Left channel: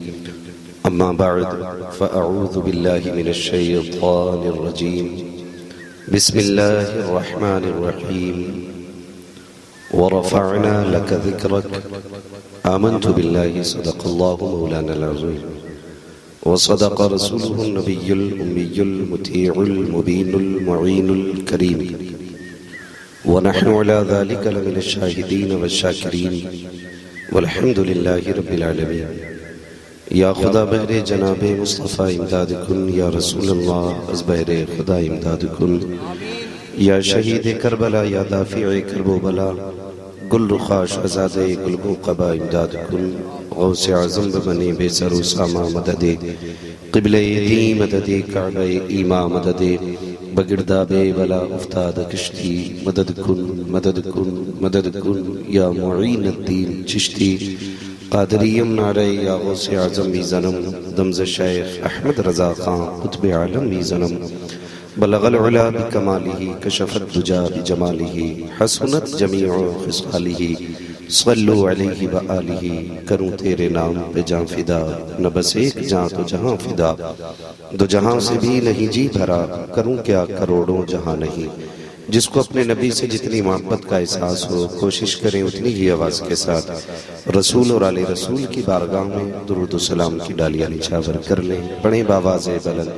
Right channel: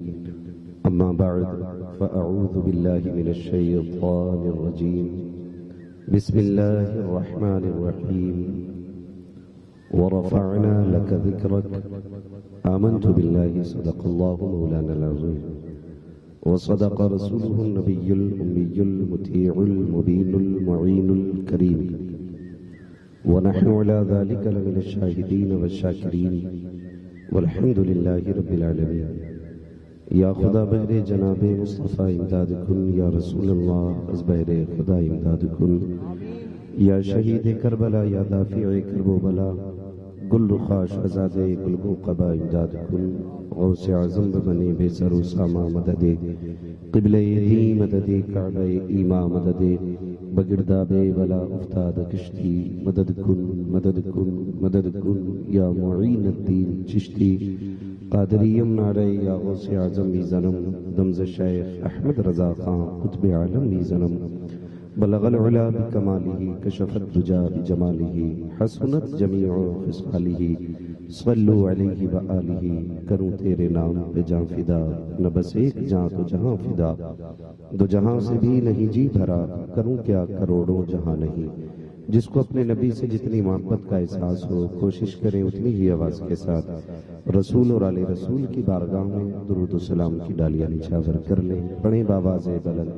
अम्मा बअद फ़अऊज़ु बिल्लाहि मिनश्शैतानिर्रजीम बिस्मिल्लाहिर्रहमानिर्रहीम वरफ़अना लका ज़िक्रक आमन्तु बिल्लाहि सदक़ल्लाहु मौलाना अज़ीम वसदक़ रसूलुहुन नबियुल उम्मियुल मुतीउल मुबीनुल मुईनुल करीम वनहनु अला ज़ालिका लमिनश शाहिदीन वश्शाकिरीन वल्हम्दुलिल्लाहि रब्बिल आलमीन। या खुदा बहरे जनाबे मुस्तफ़ा इमदाद कुन, या रसूल अल्लाह अज़ बहरे खुदा इमदाद कुन, या शहीद करबला, या दाफ़िए करबो बला, गुल रुखाश आज़ादे गुलबो क़बा इमदाद कुन, गौसे आज़म बने बेसरो सामा मददे क़िबले दी मददे काबे ईमा मददे बगिरदा बे बला उफ्ताद किश्ती मदद कुन मदद कुन मदद कुन, या मुईन अद्दीन चिश्ती कादरियम नारे या गौसे आज़म मीज़नम दमज़ शेख अहमद रज़ा खां कुतुब आलम मीज़नम बलगल उला बिकमालिही कशफत दुजा बिजमालिही हसनत जमीउ खिसालिही सल्लु अलैहि व आलिही। करूं तेरे नाम पे जान फिदा, न बस एक जान तो जहां फिदा, दो जहां से भी नहीं जी भरा, करूं क्या करोड़ों जहां नहीं। जिसको अपने नबी से जितनी मोहब्बत का एहसास हो, कोशिश करें उतनी ही आवाज़ के साथ रसूल और आले रसूल की बारगाह में दुरूद व सलाम की डालियाँ निछावर कर लें। पढ़ें बावाज़े बुलंद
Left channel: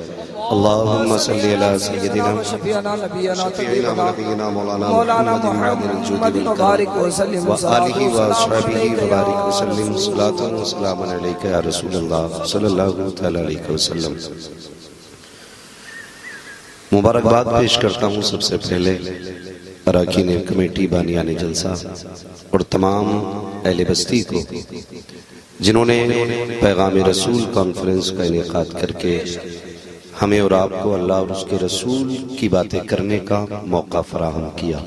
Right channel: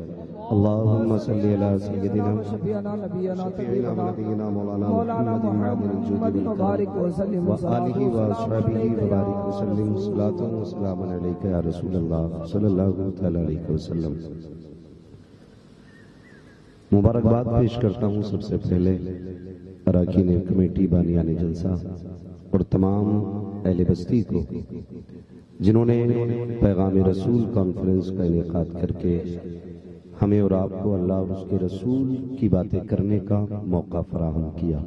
अल्लाहुम्मा सल्ली अला सय्यिदिना शफीअना नबीना मौलाना मुहम्मदिन व बारिक व सल्लिम व आलिहि व अस्हाबिहि व बारिक व सल्लिम सलातन व सलामन अलैका या रसूलल्लाह सल्लल्लाहु तआला अलैहि वसल्लम। मुबारकबाद पेश करता हूँ सबसे पहले अरकान कमेटी बानियाने जलसा और तमाम अहले बस्ती को, जिन्होंने पैगाम रसूल कॉन्फ्रेंस का इनेकाद करके हमें और आपको अल्लाह और उसके रसूल की बातें करने का मौका फराहम किया।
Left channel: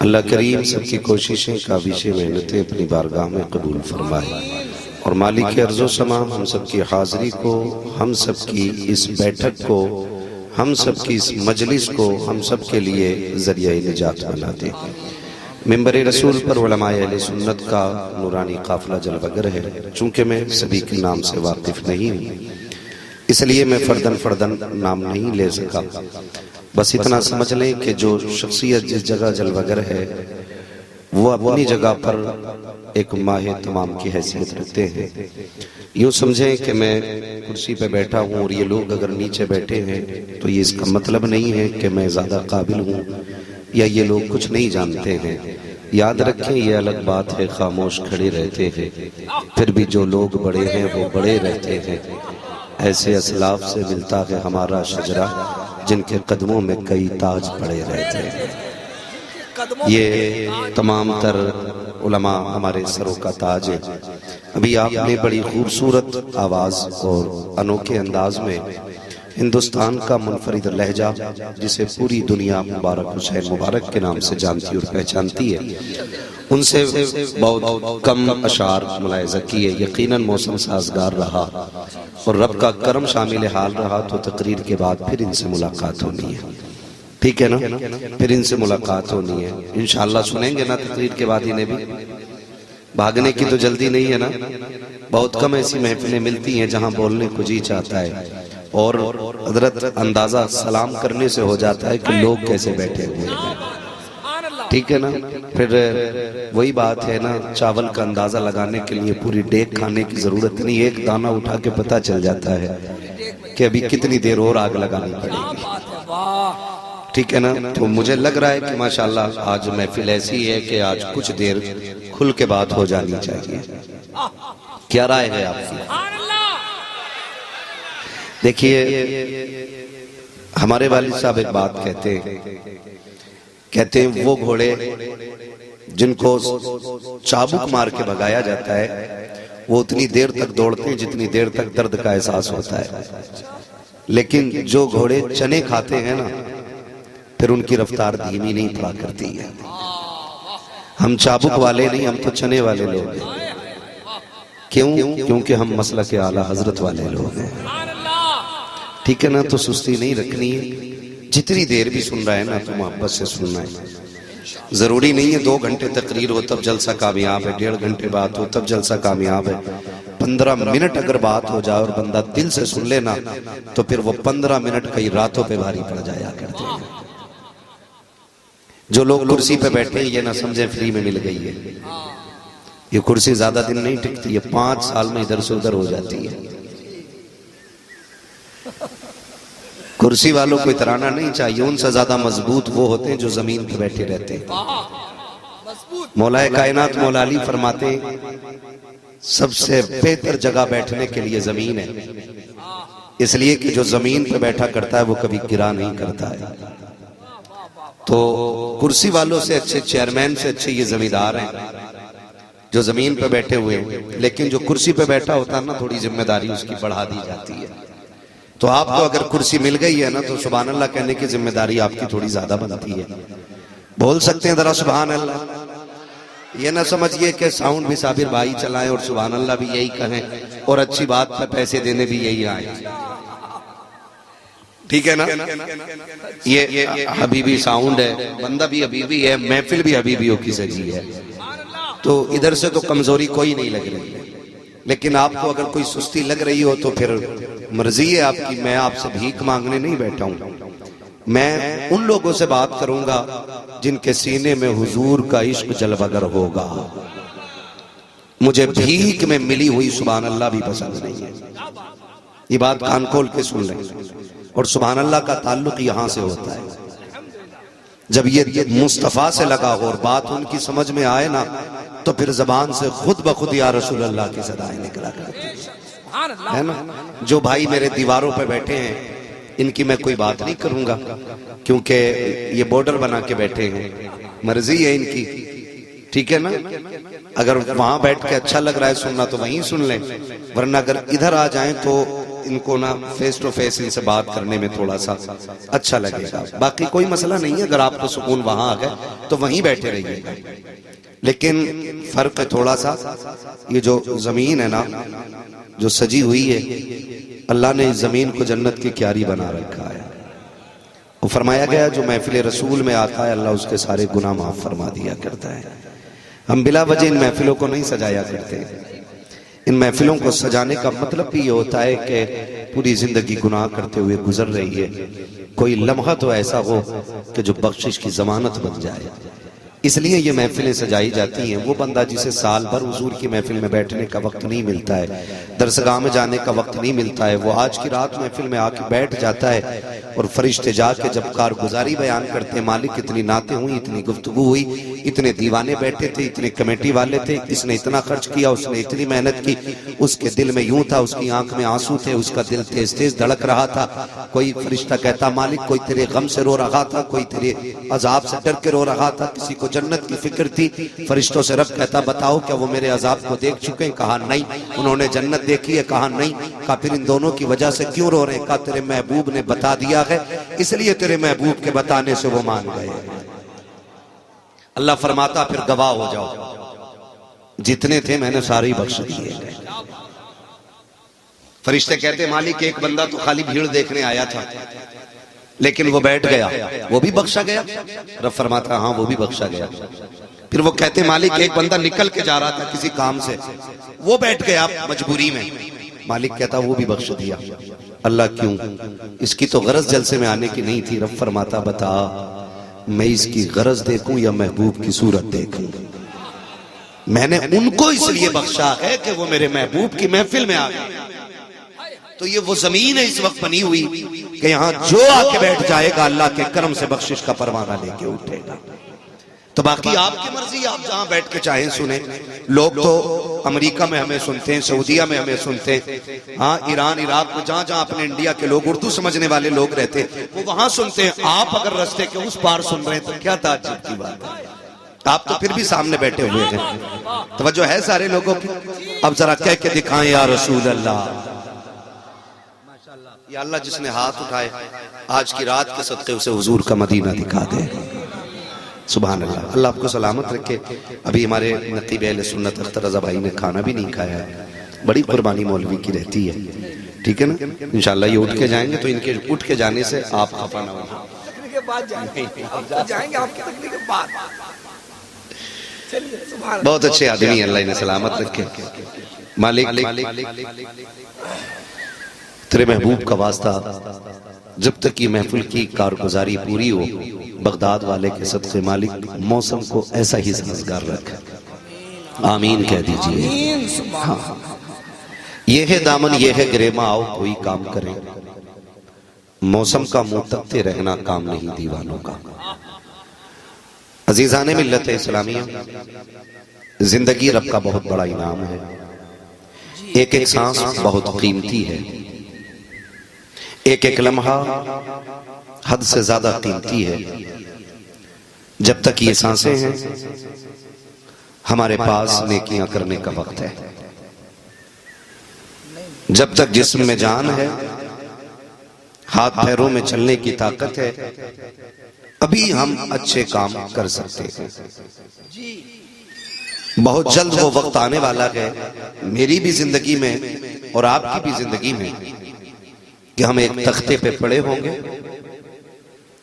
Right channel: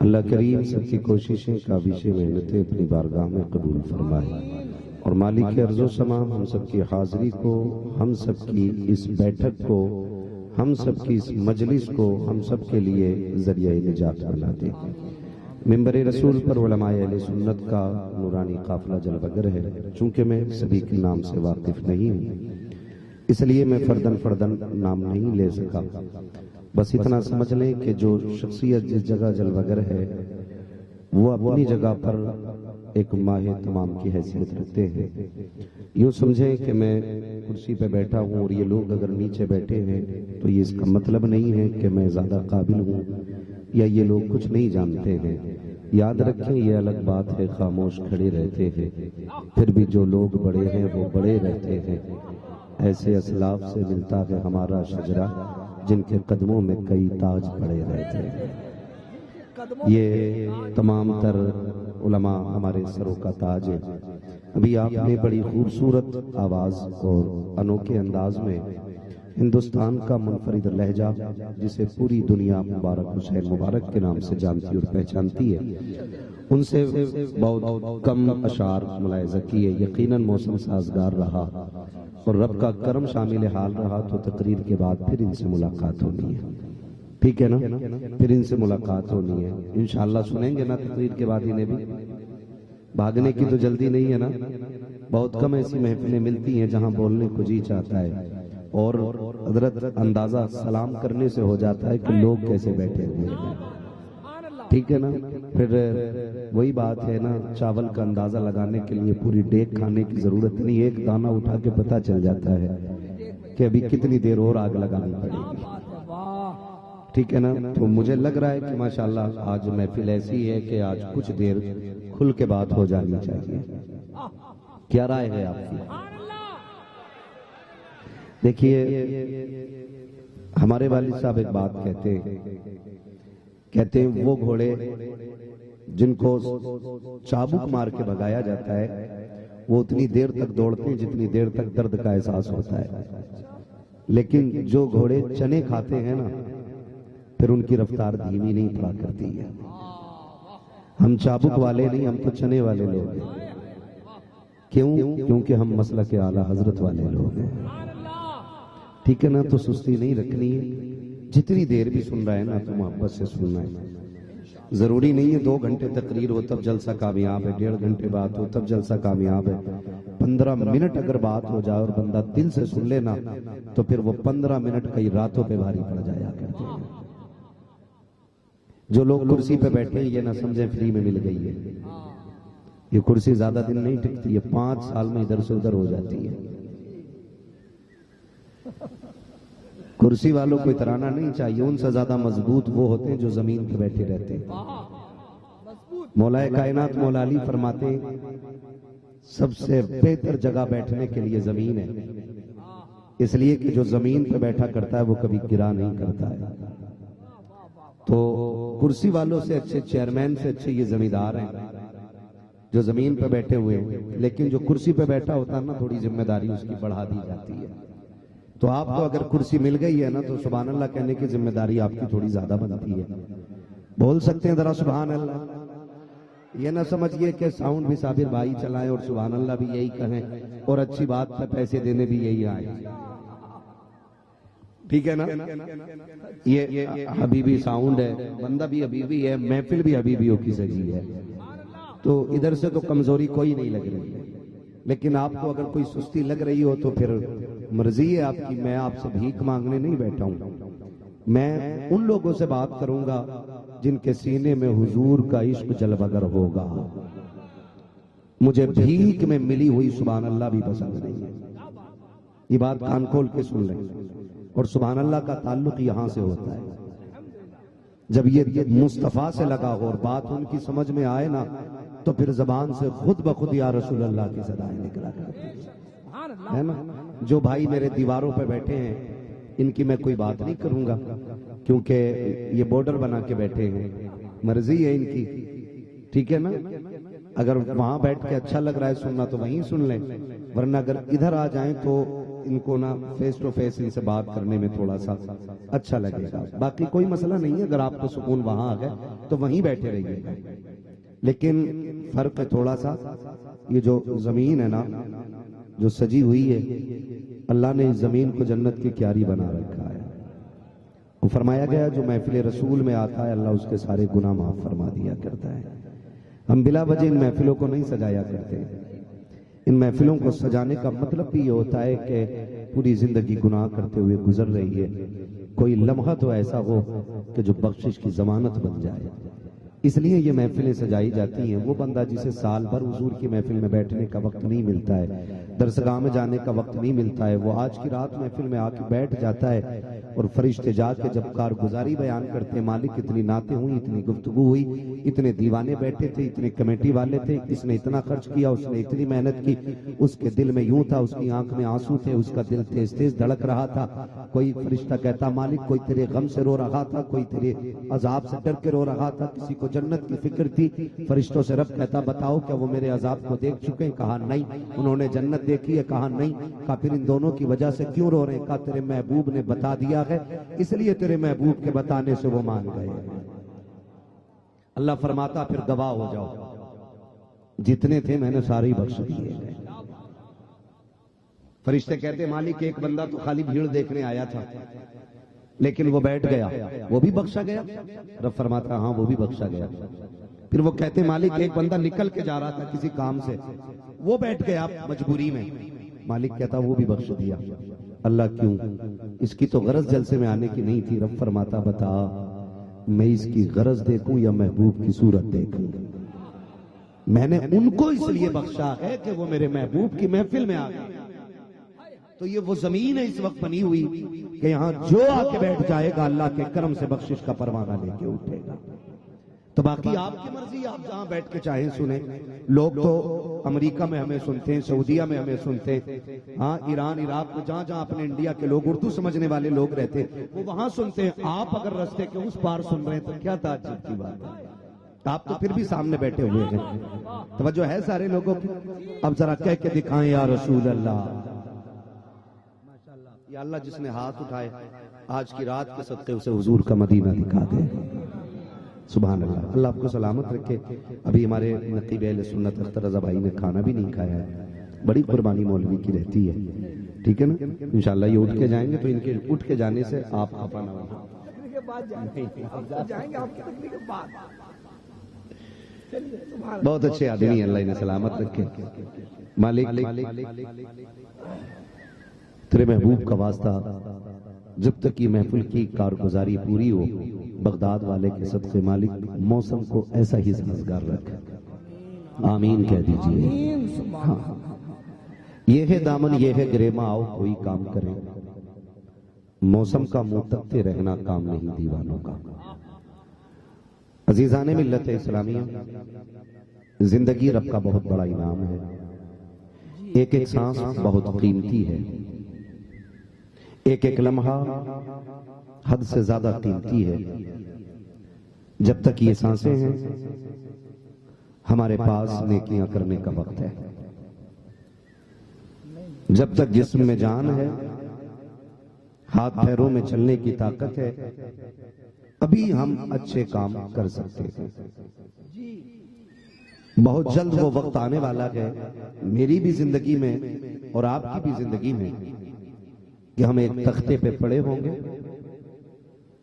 अल्लाह करीम सबकी कोशिशें, काबिशें, मेहनतें अपनी बारगाह में कबूल फरमाए और मालिक अर्ज़ो समा हम सबकी हाज़िरी को, हम सबकी इस बैठक को, हम सबकी इस मजलिस को हम सब के लिए ज़रिया निजात बना दे। मिंबर रसूल पर उलमाए अहले सुन्नत का नूरानी काफ़िला जलवागर है। चूँकि मैं सभी के नाम से वाकिफ़ नहीं हूँ, इसलिए मैं फ़र्दन नाम नहीं ले सका। बस इतना समझ लें कि जो शख्सियत जिस जगह जलवागर है वो अपनी जगह पर एक माहे तमाम की हैसियत रखते हैं। यूँ समझें कि मैं कुर्सी पे बैठा हूँ और ये लोग अगर नीचे बैठे हैं तो ये इसका मतलब नहीं है कि मैं ज़्यादा काबिल हूँ या ये लोग कुछ नहीं जानते हैं। याद रखें, ये अलग बात है खामोश खड़े रहते हैं, फिर भी जो लोग बड़े हैं वो बड़े रहते हैं। ऐसे असलाफ से मिलता है हमारा शजरा, जिनके कदमों में कई ताज पड़े रहते हैं। ये तमाम तर उलमा हमारे सरों का ताज है। अभी आपने बड़ी खूबसूरत आवाज़ और अनोखे अंदाज में हिंदुस्तान का मुनफरिद लहजा, जिसे पूरी दुनिया मुबारक हुसैन मुबारक के नाम से जानती और पहचानती है, उनसे बहुत कम अशार मुलाहिज़ा किए। यकीनन मौसम साजगार रहा और रब का करम शामिल हाल रहा तो तकरीर के बाद फिर इनसे मुलाकात होनी है। ठीक है ना, फिर इनसे मुलाकात होनी है इंशाअल्लाह। सुनेंगे ना तकरीर के बाद इन्हें भी? भागने की तो जल्दी नहीं है ना। बहुत कम ऐसी महफिलें मिलती हैं जहां बोलने को जी चाहता है और हजरत अंदाजा सलाम करने से हो जाता है कि लोग कैसे बैठे हुए हैं। ठीक है ना, फिर वही बात है ना, चावल का अंदाजा लगाने के लिए पूरी डेग खाने की जरूरत नहीं, एक दाना उठा के पता चल जाता है कि अभी कितनी देर और आग लगानी पड़ेगी। ठीक है ना, तो मुझे लग रहा है कि माशाल्लाह आज महफिल ऐसी है कि आज कुछ देर खुल के बात हो जानी चाहिए। क्या राय है आपकी? देखिए, हमारे वालिद साहब एक बात कहते हैं वो घोड़े जिनको चाबुक मार के भगाया जाता है वो उतनी देर तक दौड़ते हैं जितनी देर तक दर्द का एहसास होता है, लेकिन जो घोड़े चने खाते हैं ना फिर उनकी रफ्तार धीमी नहीं पड़ा करती है। हम चाबुक वाले नहीं, हम तो चने वाले लोग हैं। क्यों? क्योंकि हम मसलक के आला हजरत वाले लोग हैं। ठीक है ना, तो सुस्ती नहीं रखनी है। जितनी देर भी सुन रहा है ना तो मोहब्बत से सुनना है। जरूरी नहीं है 2 घंटे तकरीर हो तब जलसा कामयाब है, 1.5 घंटे बात हो तब जलसा कामयाब है। 15 मिनट अगर बात हो जाए और बंदा दिल से सुन लेना तो फिर वो 15 मिनट कई रातों पे भारी पड़ जाया करते हैं। जो लोग कुर्सी पे बैठे हैं ये ना समझे फ्री में मिल गई है। ये कुर्सी ज्यादा दिन नहीं टिकती है, 5 साल में इधर से उधर हो जाती है। कुर्सी वालों को इतराना नहीं चाहिए, उनसे ज्यादा मजबूत वो होते हैं जो जमीन पे बैठे रहते हैं। मौलाए कायनात मौला अली फरमाते सबसे बेहतर जगह बैठने के लिए जमीन है, इसलिए कि जो जमीन पे बैठा करता है वो कभी गिरा नहीं करता है। तो कुर्सी वालों से अच्छे, चेयरमैन से अच्छे ये जमींदार हैं जो जमीन पे बैठे हुए हैं। लेकिन जो कुर्सी पे बैठा होता है ना, थोड़ी जिम्मेदारी उसकी बढ़ा दी जाती है। तो आपको अगर कुर्सी मिल गई है ना तो सुभान अल्लाह कहने की जिम्मेदारी आपकी थोड़ी ज्यादा बनती है। बोल सकते हैं जरा सुभान अल्लाह? ये ना समझिए कि साउंड भी साबिर भाई चलाएं और सुभान अल्लाह भी यही कहें और अच्छी बात पे पैसे देने भी यही आए, ठीक है ना? ये हबीबी साउंड है, बंदा भी हबीबी है, महफिल भी हबीबियों की सजी है। तो इधर से तो कमजोरी कोई नहीं लग रही, लेकिन आपको अगर कोई सुस्ती लग रही हो तो फिर मर्जी है आपकी। मैं आपसे भीख मांगने नहीं बैठा हूं, मैं उन लोगों से बात करूंगा जिनके सीने में हुजूर का इश्क जलवगर होगा। मुझे भीख में मिली हुई सुभान अल्लाह भी पसंद नहीं है। ये बात कान खोल के सुन लें। और सुभान अल्लाह का ताल्लुक यहां से होता है, जब ये मुस्तफा से लगा हो और बात उनकी समझ में आए ना तो फिर जबान से खुद ब खुद या रसूल अल्लाह की सदाएं निकला करती है ना। जो भाई मेरे दीवारों पे बैठे हैं इनकी मैं कोई बात नहीं करूंगा, क्योंकि ये बॉर्डर बना के बैठे हैं, मर्जी है इनकी, ठीक है ना? अगर वहां बैठ के अच्छा लग रहा है सुनना तो वहीं सुन लें, वरना अगर इधर आ जाएं तो इनको ना फेस टू फेस इनसे बात करने में थोड़ा सा अच्छा लगेगा। बाकी कोई मसला नहीं है, अगर आपको सुकून वहां आ गए तो वहीं बैठे रहिएगा। लेकिन फर्क है थोड़ा सा, ये जो जमीन है ना जो सजी हुई है, अल्लाह ने इस जमीन को जन्नत की क्यारी बना रखा है। वो फरमाया गया जो महफिल रसूल में आता है अल्लाह उसके सारे गुनाह माफ फरमा दिया करता है। हम बिला वजह इन महफिलों को नहीं सजाया करते। इन महफिलों को सजाने का मतलब भी ये होता है कि पूरी जिंदगी गुनाह करते हुए गुजर रही है, कोई लम्हा तो ऐसा हो कि जो बख्शिश की जमानत बन जाए, इसलिए ये महफिलें सजाई जाती हैं। वो बंदा जिसे साल भर हुजूर की महफिल में बैठने का वक्त नहीं मिलता है, दरसगाह में जाने का वक्त नहीं मिलता है, वो आज की रात महफिल में आके बैठ जाता है और फरिश्ते जाके जब कारगुजारी बयान करते हैं, मालिक इतनी नातें हुई, इतनी गुफ्तगू हुई, इतने दीवाने बैठे थे, इतने कमेटी वाले थे, इसने इतना खर्च किया, उसने इतनी मेहनत की, उसके दिल में यूं था, उसकी आंख में आंसू थे, उसका दिल तेज तेज धड़क रहा था। कोई फरिश्ता कहता मालिक कोई तेरे गम से रो रहा था, कोई तेरे अजाब से डर के रो रहा था, किसी को जन्नत की फिक्र थी। फरिश्तों से रब कहता बताओ क्या वो मेरे अजाब को देख चुके हैं? कहा नहीं। उन्होंने जन्नत देखी है? कहा नहीं। कहा फिर इन दोनों की वजह से क्यों रो रहे हैं? कहा तेरे महबूब ने बता दिया है, इसलिए तेरे महबूब के बताने से वो मान गए। अल्लाह फरमाता फिर गवाह हो जाओ, जितने थे मैंने सारे ही बख्श दिए। फरिश्ते कहते मालिक एक बंदा तो खाली भीड़ देखने आया था लेकिन वो बैठ गया, वो भी बख्शा गया? रब फरमाता हाँ वो भी बख्शा गया। फिर वो कहते मालिक एक बंदा निकल के जा रहा था किसी काम से, वो बैठ गया मजबूरी में, मालिक कहता वो भी बख्श दिया। अल्लाह क्यों? इसकी तो गरज जलसे में आने की नहीं थी। रब फरमाता बता मैं इसकी गरज देखूं या महबूब की सूरत देखूं? मैंने उनको इसलिए बख्शा है कि वो मेरे महबूब की महफिल में आ गए। तो ये वो जमीन है इस वक्त बनी हुई कि यहाँ जो आके बैठ जाएगा अल्लाह के करम से बख्शिश का परवाना लेके उठेगा। तो बाकी आपकी मर्जी, आप जहां बैठ के चाहें सुने। लोग तो अमेरिका में हमें सुनते हैं, सऊदीया में हमें सुनते हैं, हाँ ईरान इराक में जहां जहां अपने इंडिया के लोग उर्दू समझने वाले लोग रहते हैं वो वहां सुनते हैं। आप अगर रास्ते के उस पार सुन रहे हैं तो क्या ताज्जुब की बात है, आप तो फिर भी सामने बैठे हुए हैं। तवज्जो है सारे लोगों की? अब जरा कह के दिखाएं या रसूल अल्लाह। या अल्लाह जिसने हाथ उठाए आज की रात के सदक़े उसे हुजूर का मदीना दिखा दे। सुभान अल्लाह। अल्लाह आपको सलामत रखे। अभी हमारे नकीब अहले सुन्नत अख्तर रज़ा भाई ने खाना भी नहीं खाया है, बड़ी कुर्बानी मौलवी की रहती है, ठीक है ना? इंशाल्लाह ये उठ के जाएंगे तो इनके उठ के जाने से आप खफा ना हो। बहुत अच्छे आदमी, अल्लाह इन्हें सलामत रखे। मालिक तेरे महबूब का वास्ता, जब तक ये महफिल की कारगुजारी पूरी हो, बगदाद वाले के सदक़े मालिक मौसम को ऐसा ही साजगार रख। आमीन कह दीजिए। हाँ, ये है दामन, ये है गिरेमा, आओ कोई काम करें। मौसम का मुंह तकते रहना काम नहीं दीवानों का। अजीजाने मिल्लत इस्लामिया, जिंदगी रब का बहुत बड़ा इनाम है। एक एक सांस बहुत कीमती है, एक एक लम्हा हद से ज्यादा कीमती है। जब तक ये सांसें हैं हमारे पास नेकियां करने का वक्त है। जब तक जिस्म में जान है, हाथ पैरों में चलने की ताकत है, अभी हम अच्छे काम कर सकते हैं। बहुत जल्द वो वक्त आने वाला है, मेरी भी जिंदगी में और आपकी भी जिंदगी में, कि हम एक तख्ते पे पड़े होंगे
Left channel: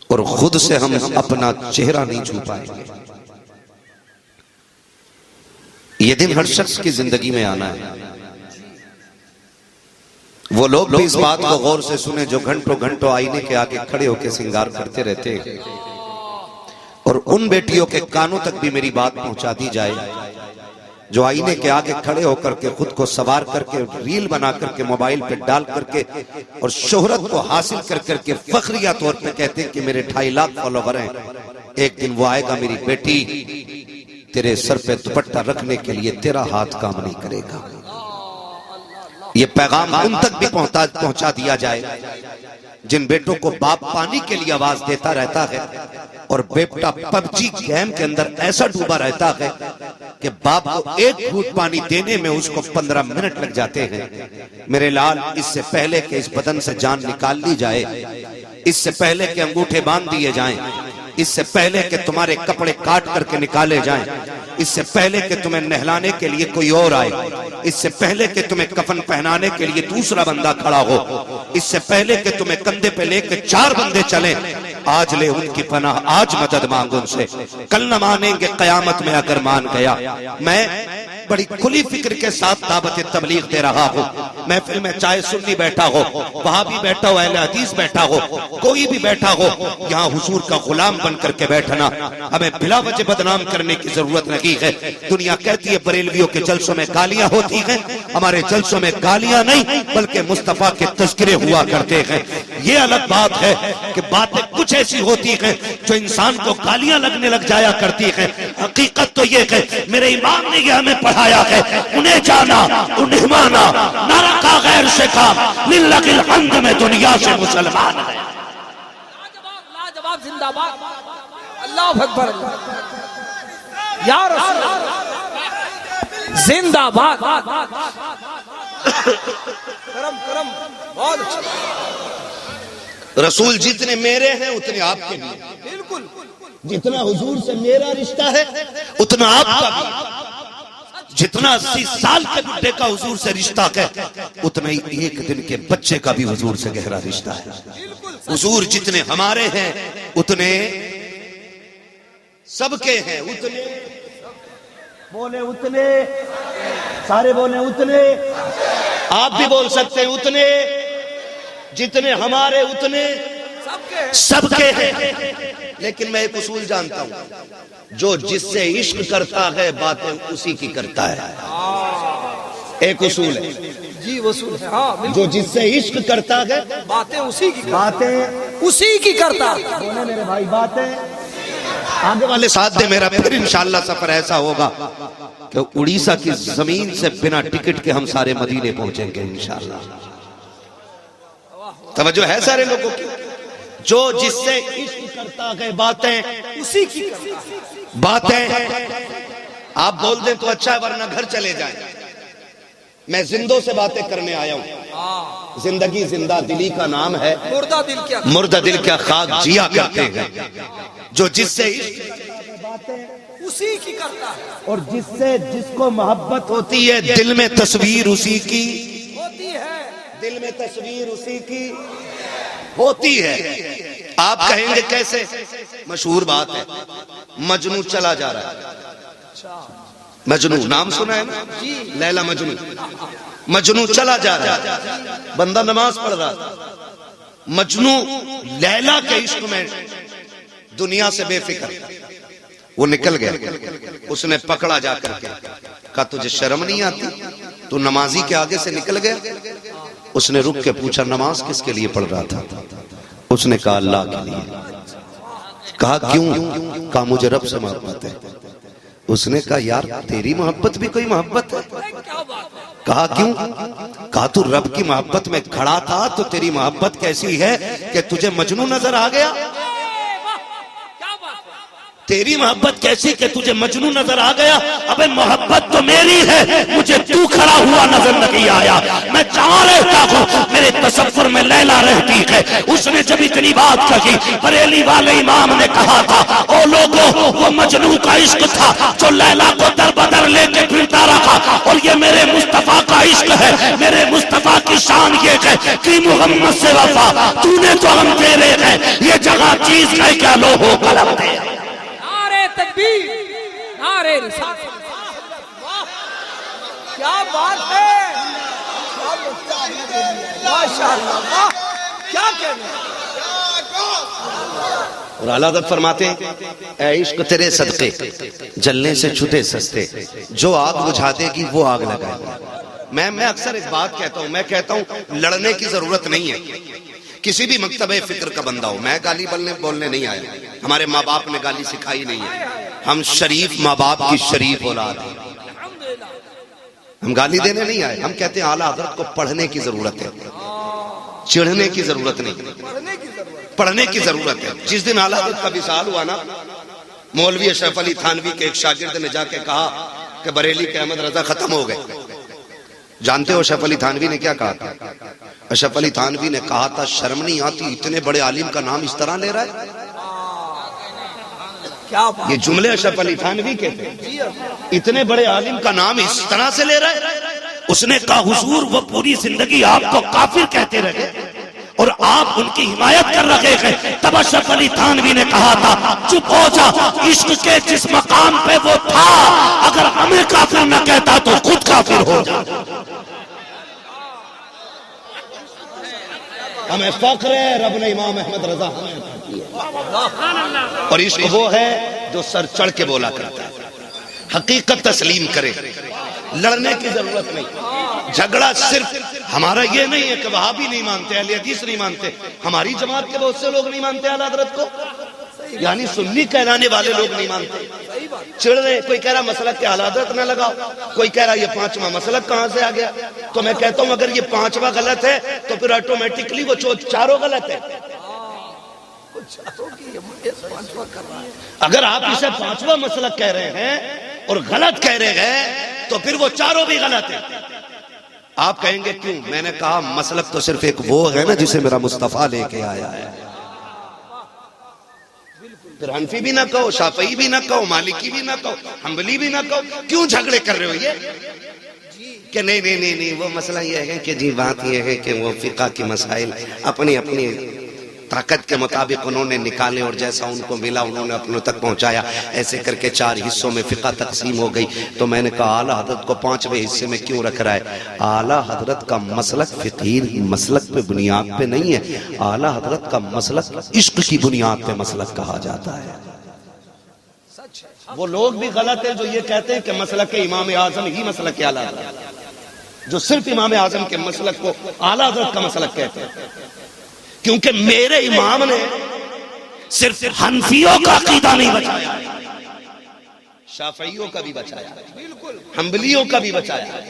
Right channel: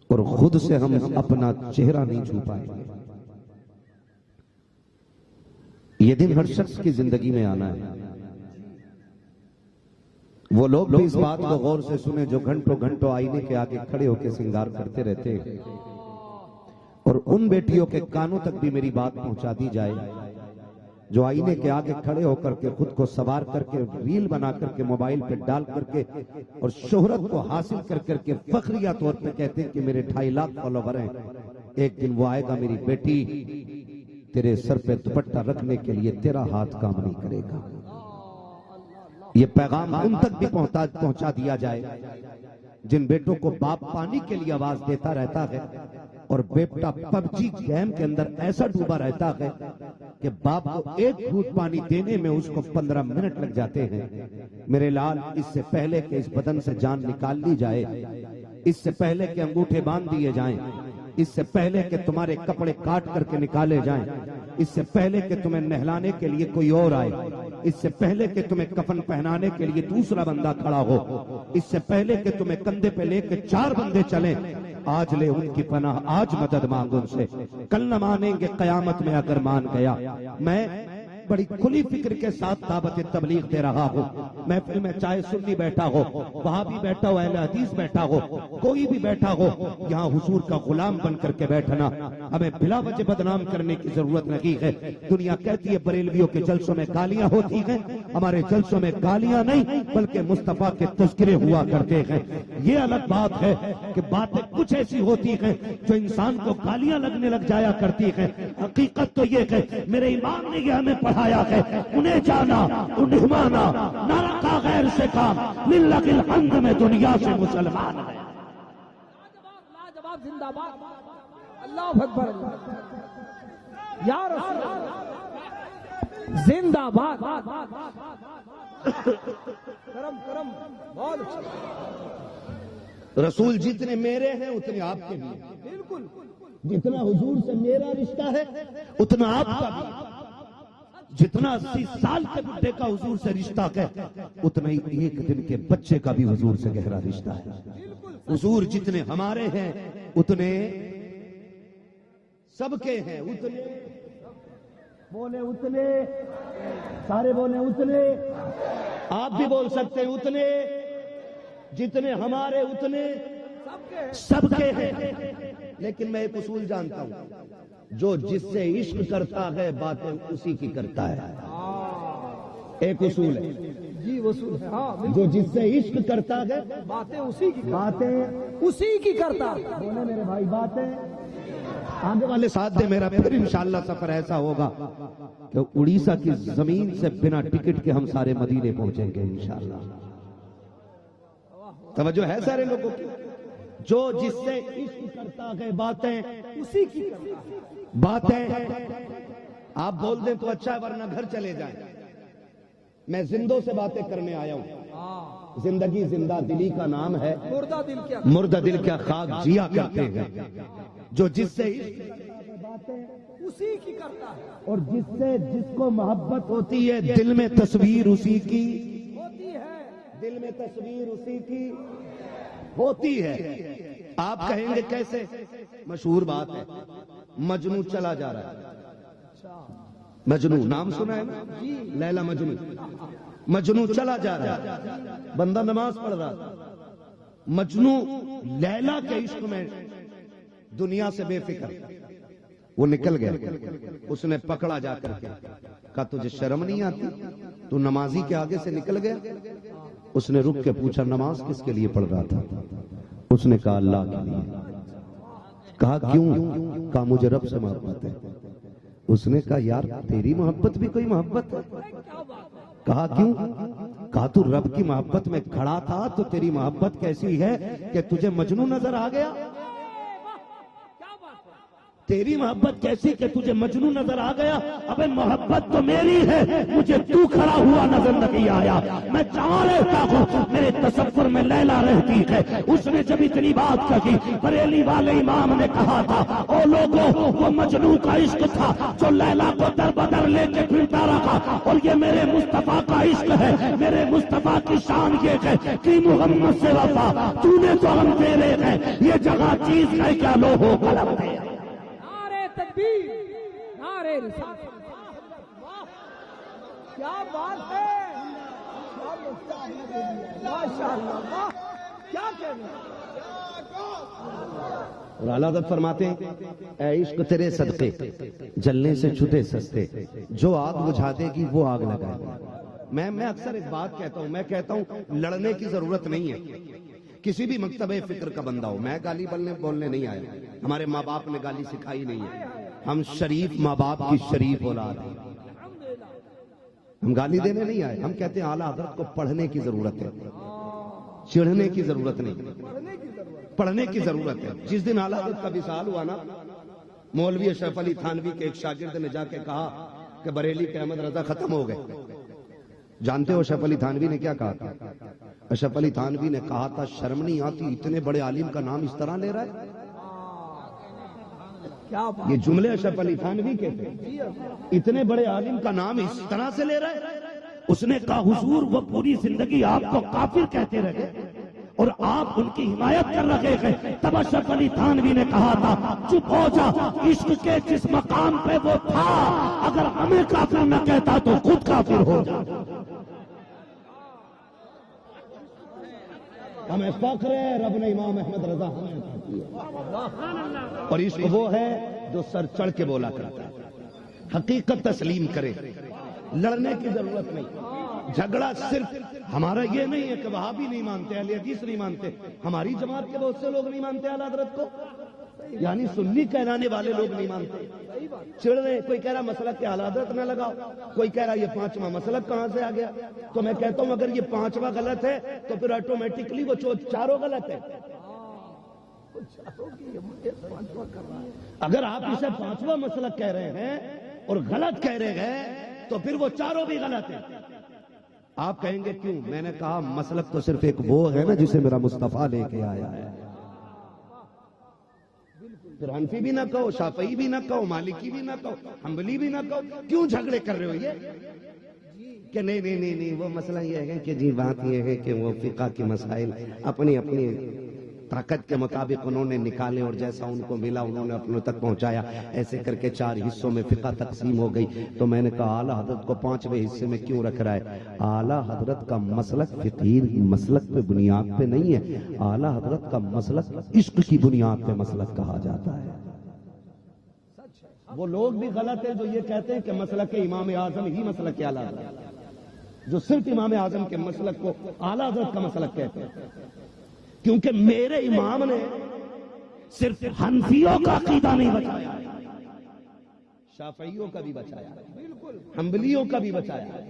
और खुद से हम अपना चेहरा नहीं छू पाएंगे। ये दिन हर शख्स की जिंदगी में आना है। वो लोग भी इस बात को गौर से सुने जो घंटों घंटों आईने के आगे खड़े होकर श्रृंगार करते रहते हैं, और उन बेटियों के कानों तक भी मेरी बात पहुंचा दी जाए जो आईने के आगे खड़े होकर के खुद को सवार करके रील बना करके मोबाइल पे डाल करके और शोहरत को हासिल कर करके फखरिया तौर पे कहते हैं कि मेरे 2.5 लाख फॉलोवर हैं। एक दिन वो आएगा मेरी बेटी, तेरे सर पे दुपट्टा रखने के लिए तेरा हाथ काम नहीं करेगा। ये पैगाम उन तक भी पहुंचा दिया जाए जिन बेटों को बाप पानी के लिए आवाज देता रहता है और बेटा पबजी गेम के अंदर ऐसा डूबा रहता है कि बाप को एक घूंट पानी देने में उसको 15 मिनट लग जाते हैं। मेरे लाल, इससे पहले कि इस बदन से जान निकाल ली जाए, इससे पहले कि अंगूठे बांध दिए जाएं, इससे पहले कि तुम्हारे कपड़े काट करके निकाले जाएं, इससे पहले कि तुम्हें नहलाने के लिए कोई और आए, इससे पहले कि तुम्हें कफन पहनाने के लिए दूसरा बंदा खड़ा हो, इससे पहले कि तुम्हें कंधे पे लेके 4 बंदे चले, आज ले उनकी पनाह, आज मदद मांग उनसे। कल न मानेंगे कयामत में अगर मान गया। मैं बड़ी खुली फिक्र के साथ दावत तबलीग दे रहा हूँ। महफिल में चाहे सुन्नी बैठा हो, वहां भी बैठा हो, अहले हदीस बैठा हो, कोई भी बैठा हो, यहाँ हुजूर का गुलाम बन करके बैठना। हमें बिला वजह बदनाम करने की जरूरत नहीं है। दुनिया कहती है बरेलवियों के जलसों में गालियां होती हैं, हमारे जलसों में गालियां नहीं बल्कि मुस्तफा के तज़किरे हुआ करते हैं। ये अलग बात है कि बातें कुछ ऐसी होती हैं जो इंसान को गालियां लगने लग जाया करती हैं। हकीकत तो ये है, मेरे इमाम ने ये हमें पढ़ाया है, उन्हें जाना उन्हें माना, ना रखा गैर से काम, लिल्लाहिल हम्द में दुनिया से मुसलमान है। लाजवाब, जिंदाबाद, अल्लाह अकबर, या रसूल जिंदाबाद। करम करम, बहुत अच्छा। रसूल जितने मेरे हैं उतने आपके भी, बिल्कुल। जितना हुजूर से मेरा रिश्ता है उतना आपका भी। जितना 80 साल के बुढ़े का हुजूर से रिश्ता है, उतना ही एक दिन के बच्चे का भी हुजूर से गहरा रिश्ता है। हुजूर जितने हमारे हैं उतने सबके हैं, उतने बोले उतने, सारे बोले उतने, आप भी बोल सकते हैं उतने, जितने हमारे उतने सबके हैं। लेकिन मैं एक उसूल जानता हूं, जो जिससे इश्क करता है बातें उसी की करता है। एक उसूल है जी, वसूल है। हाँ, जो जिससे इश्क करता है बातें उसी की, बातें उसी की करता। बोले मेरे भाई, बातें आगे वाले साथ दे मेरा। फिर इंशाअल्लाह सफर ऐसा होगा कि उड़ीसा की जमीन से बिना टिकट के हम सारे मदीने पहुंचेंगे इंशाअल्लाह। तवज्जो है सारे लोगों की। जो जिससे इश्क करता है बातें उसी की बातें आप बोल दें तो अच्छा है, वरना घर चले जाएं। मैं जिंदों से बातें करने आया हूं। जिंदगी जिंदा दिली का नाम है, मुर्दा दिल क्या, मुर्दा दिल क्या खाक जिया करते हैं। जो जिससे इश्क बातें उसी की करता है, और जिससे जिसको मोहब्बत होती है दिल में तस्वीर उसी की होती है, दिल में तस्वीर उसी की होती है। आप कहेंगे कैसे? मशहूर बात है, मजनू चला जा रहा है, मजनू नाम सुना है ना, लैला मजनू। मजनू चला जा रहा है, बंदा नमाज पढ़ रहा था। मजनू लैला के इश्क में दुनिया से बेफिक्र, वो निकल गया। उसने पकड़ा जाकर के, कहा तुझे शर्म नहीं आती, तू नमाजी के आगे से निकल गया। उसने रुक के पूछा नमाज किसके लिए पढ़ रहा था? उसने कहा अल्लाह के लिए। कहा क्यों? कहा मुझे रब से मोहब्बत है। उसने कहा यार तेरी मोहब्बत भी कोई मोहब्बत है? कहा क्यों? कहा तू रब की मोहब्बत में खड़ा था तो तेरी मोहब्बत कैसी है कि तुझे मजनू नजर आ गया? तेरी मोहब्बत कैसी कि तुझे मजनू नजर आ गया? अबे मोहब्बत तो मेरी है, मुझे तू खड़ा हुआ नजर नहीं आया। मैं जहां रहता हूँ मेरे तसव्वुर में लैला रहती है। उसने जब इतनी बात कही, बरेली वाले इमाम ने कहा था ओ लोगों, वो मजनू का इश्क था जो लैला को दर बदर लेके फिरता रहा। और ये मेरे मुस्तफा का इश्क है। मेरे मुस्तफा की शान ये है कि मोहम्मद से वफा तूने तो हम तेरे हैं। ये जगह चीज है क्या लो हो कलम दे। तकबीर, नारे रिसालत। वाह क्या बात है, माशाअल्लाह, वाह क्या कहने। और आला हज़रत फरमाते हैं ऐ इश्क तेरे सदके जलने से छूटे सस्ते, जो आग बुझा देगी वो आग लगाएगी। मैं अक्सर इस बात कहता हूं, मैं कहता हूं लड़ने की जरूरत नहीं है। किसी भी मकतबे फिक्र का बंदा हो, मैं गाली बोलने नहीं आया। हमारे माँ बाप ने गाली सिखाई नहीं है। हम शरीफ माँ बाप की शरीफ औलाद हैं। हम गाली देने नहीं आए। हम कहते हैं आला हज़रत को पढ़ने की जरूरत है, चिढ़ने की जरूरत नहीं, पढ़ने की जरूरत है। जिस दिन आला हज़रत का विसाल हुआ ना, मौलवी अशरफ अली थानवी के एक शागिर्द ने जाके कहा कि बरेली के अहमद रजा खत्म हो गए। जानते हो अशरफ अली थानवी ने क्या कहा था? अशरफ अली थानवी ने कहा था शर्म नहीं आती इतने बड़े आलिम का नाम इस तरह ले रहा है। क्या बात। ये जुमले अशरफ अली थानवी के थे, इतने बड़े आलिम का नाम इस तरह से ले रहा है। उसने कहा हुजूर वो पूरी जिंदगी आपको काफिर कहते रहे और आप उनकी हिमायत कर रहे हैं। तब अशरफ अली थानवी ने कहा था चुप हो जा, इश्क के जिस मकाम पे वो था अगर हमें काफिर न कहता तो खुद काफिर हो जा। हमें फख्र है रब ने इमाम अहमद रजा हमें अता किया। और इश्क वो है जो सर चढ़ के बोला करता है, हकीकत तस्लीम करे, लड़ने की जरूरत नहीं। झगड़ा सिर्फ हमारा ये नहीं है कि वहाबी नहीं मानते, अहले हदीस नहीं मानते, हमारी जमात के बहुत से लोग नहीं मानते आला हज़रत को, यानी सुन्नी कहलाने वाले लोग नहीं मानते। चिढ़ रहे, कोई कह रहा मसलक के आला हज़रत न लगाओ, कोई कह रहा ये पांचवा मसलक कहां से आ गया। तो मैं कहता हूं अगर ये पांचवा गलत है तो फिर ऑटोमेटिकली वो चारों गलत है। अगर आप इसे पांचवा मसलक कह रहे हैं और गलत कह रहे हैं तो फिर वो चारों भी गलत है। आप कहेंगे क्यों? मैंने कहा मसलक तो सिर्फ एक वो है ना जिसे मेरा मुस्तफा लेके आया है। फिर हनफी भी ना कहो, शाफई भी ना कहो, मालिकी भी ना कहो, हम्बली भी ना कहो। क्यों झगड़े कर रहे हो ये कि नहीं नहीं नहीं नहीं वो मसला ये है कि जी बात ये है कि वो फिका की मसाइल अपनी अपनी ताकत के मुताबिक उन्होंने निकाले और जैसा उनको मिला उन्होंने अपनों तक पहुंचाया। ऐसे करके 4 हिस्सों में फिका तकसीम हो गई। तो मैंने कहा आला हज़रत को 5वें हिस्से में क्यों रख रहा है? आला हज़रत का मसलक फिकीर मसलक पे बुनियाद पे नहीं है। आला हज़रत का मसलक इश्क की बुनियाद पे मसलक कहा जाता है। वो लोग भी गलत है जो ये कहते हैं कि मसलक इमाम आजम ही मसलक आला हज़रत, जो सिर्फ इमाम आजम के मसलक को आला हज़रत का मसलक कहते हैं। क्योंकि मेरे इमाम ने सिर्फ हनफियों का अकीदा नहीं बचाया, शाफियों का भी बचाया, हम्बलियों का भी बचाया,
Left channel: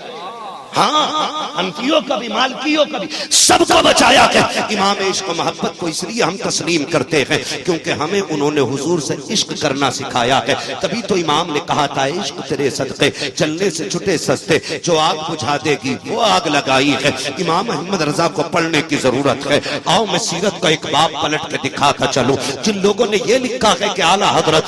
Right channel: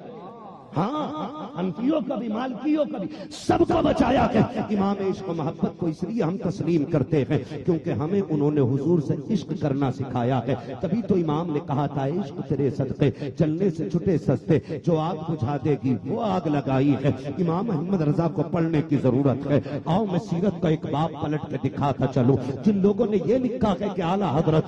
हाँ हनफियों का भी, मालिकियों का भी, सबको बचाया है। इमाम इश्क मोहब्बत को इसलिए हम तस्लीम करते हैं क्योंकि हमें उन्होंने हुजूर से इश्क करना सिखाया है। तभी तो इमाम ने कहा था इश्क तेरे सदके जलने से छुटे सस्ते, जो आग बुझा देगी वो आग लगाई है। इमाम अहमद रजा को पढ़ने की जरूरत है। आओ मैं सीरत का एक बाब पलट के दिखा कर चलूं। जिन लोगों ने ये लिखा है कि आला हज़रत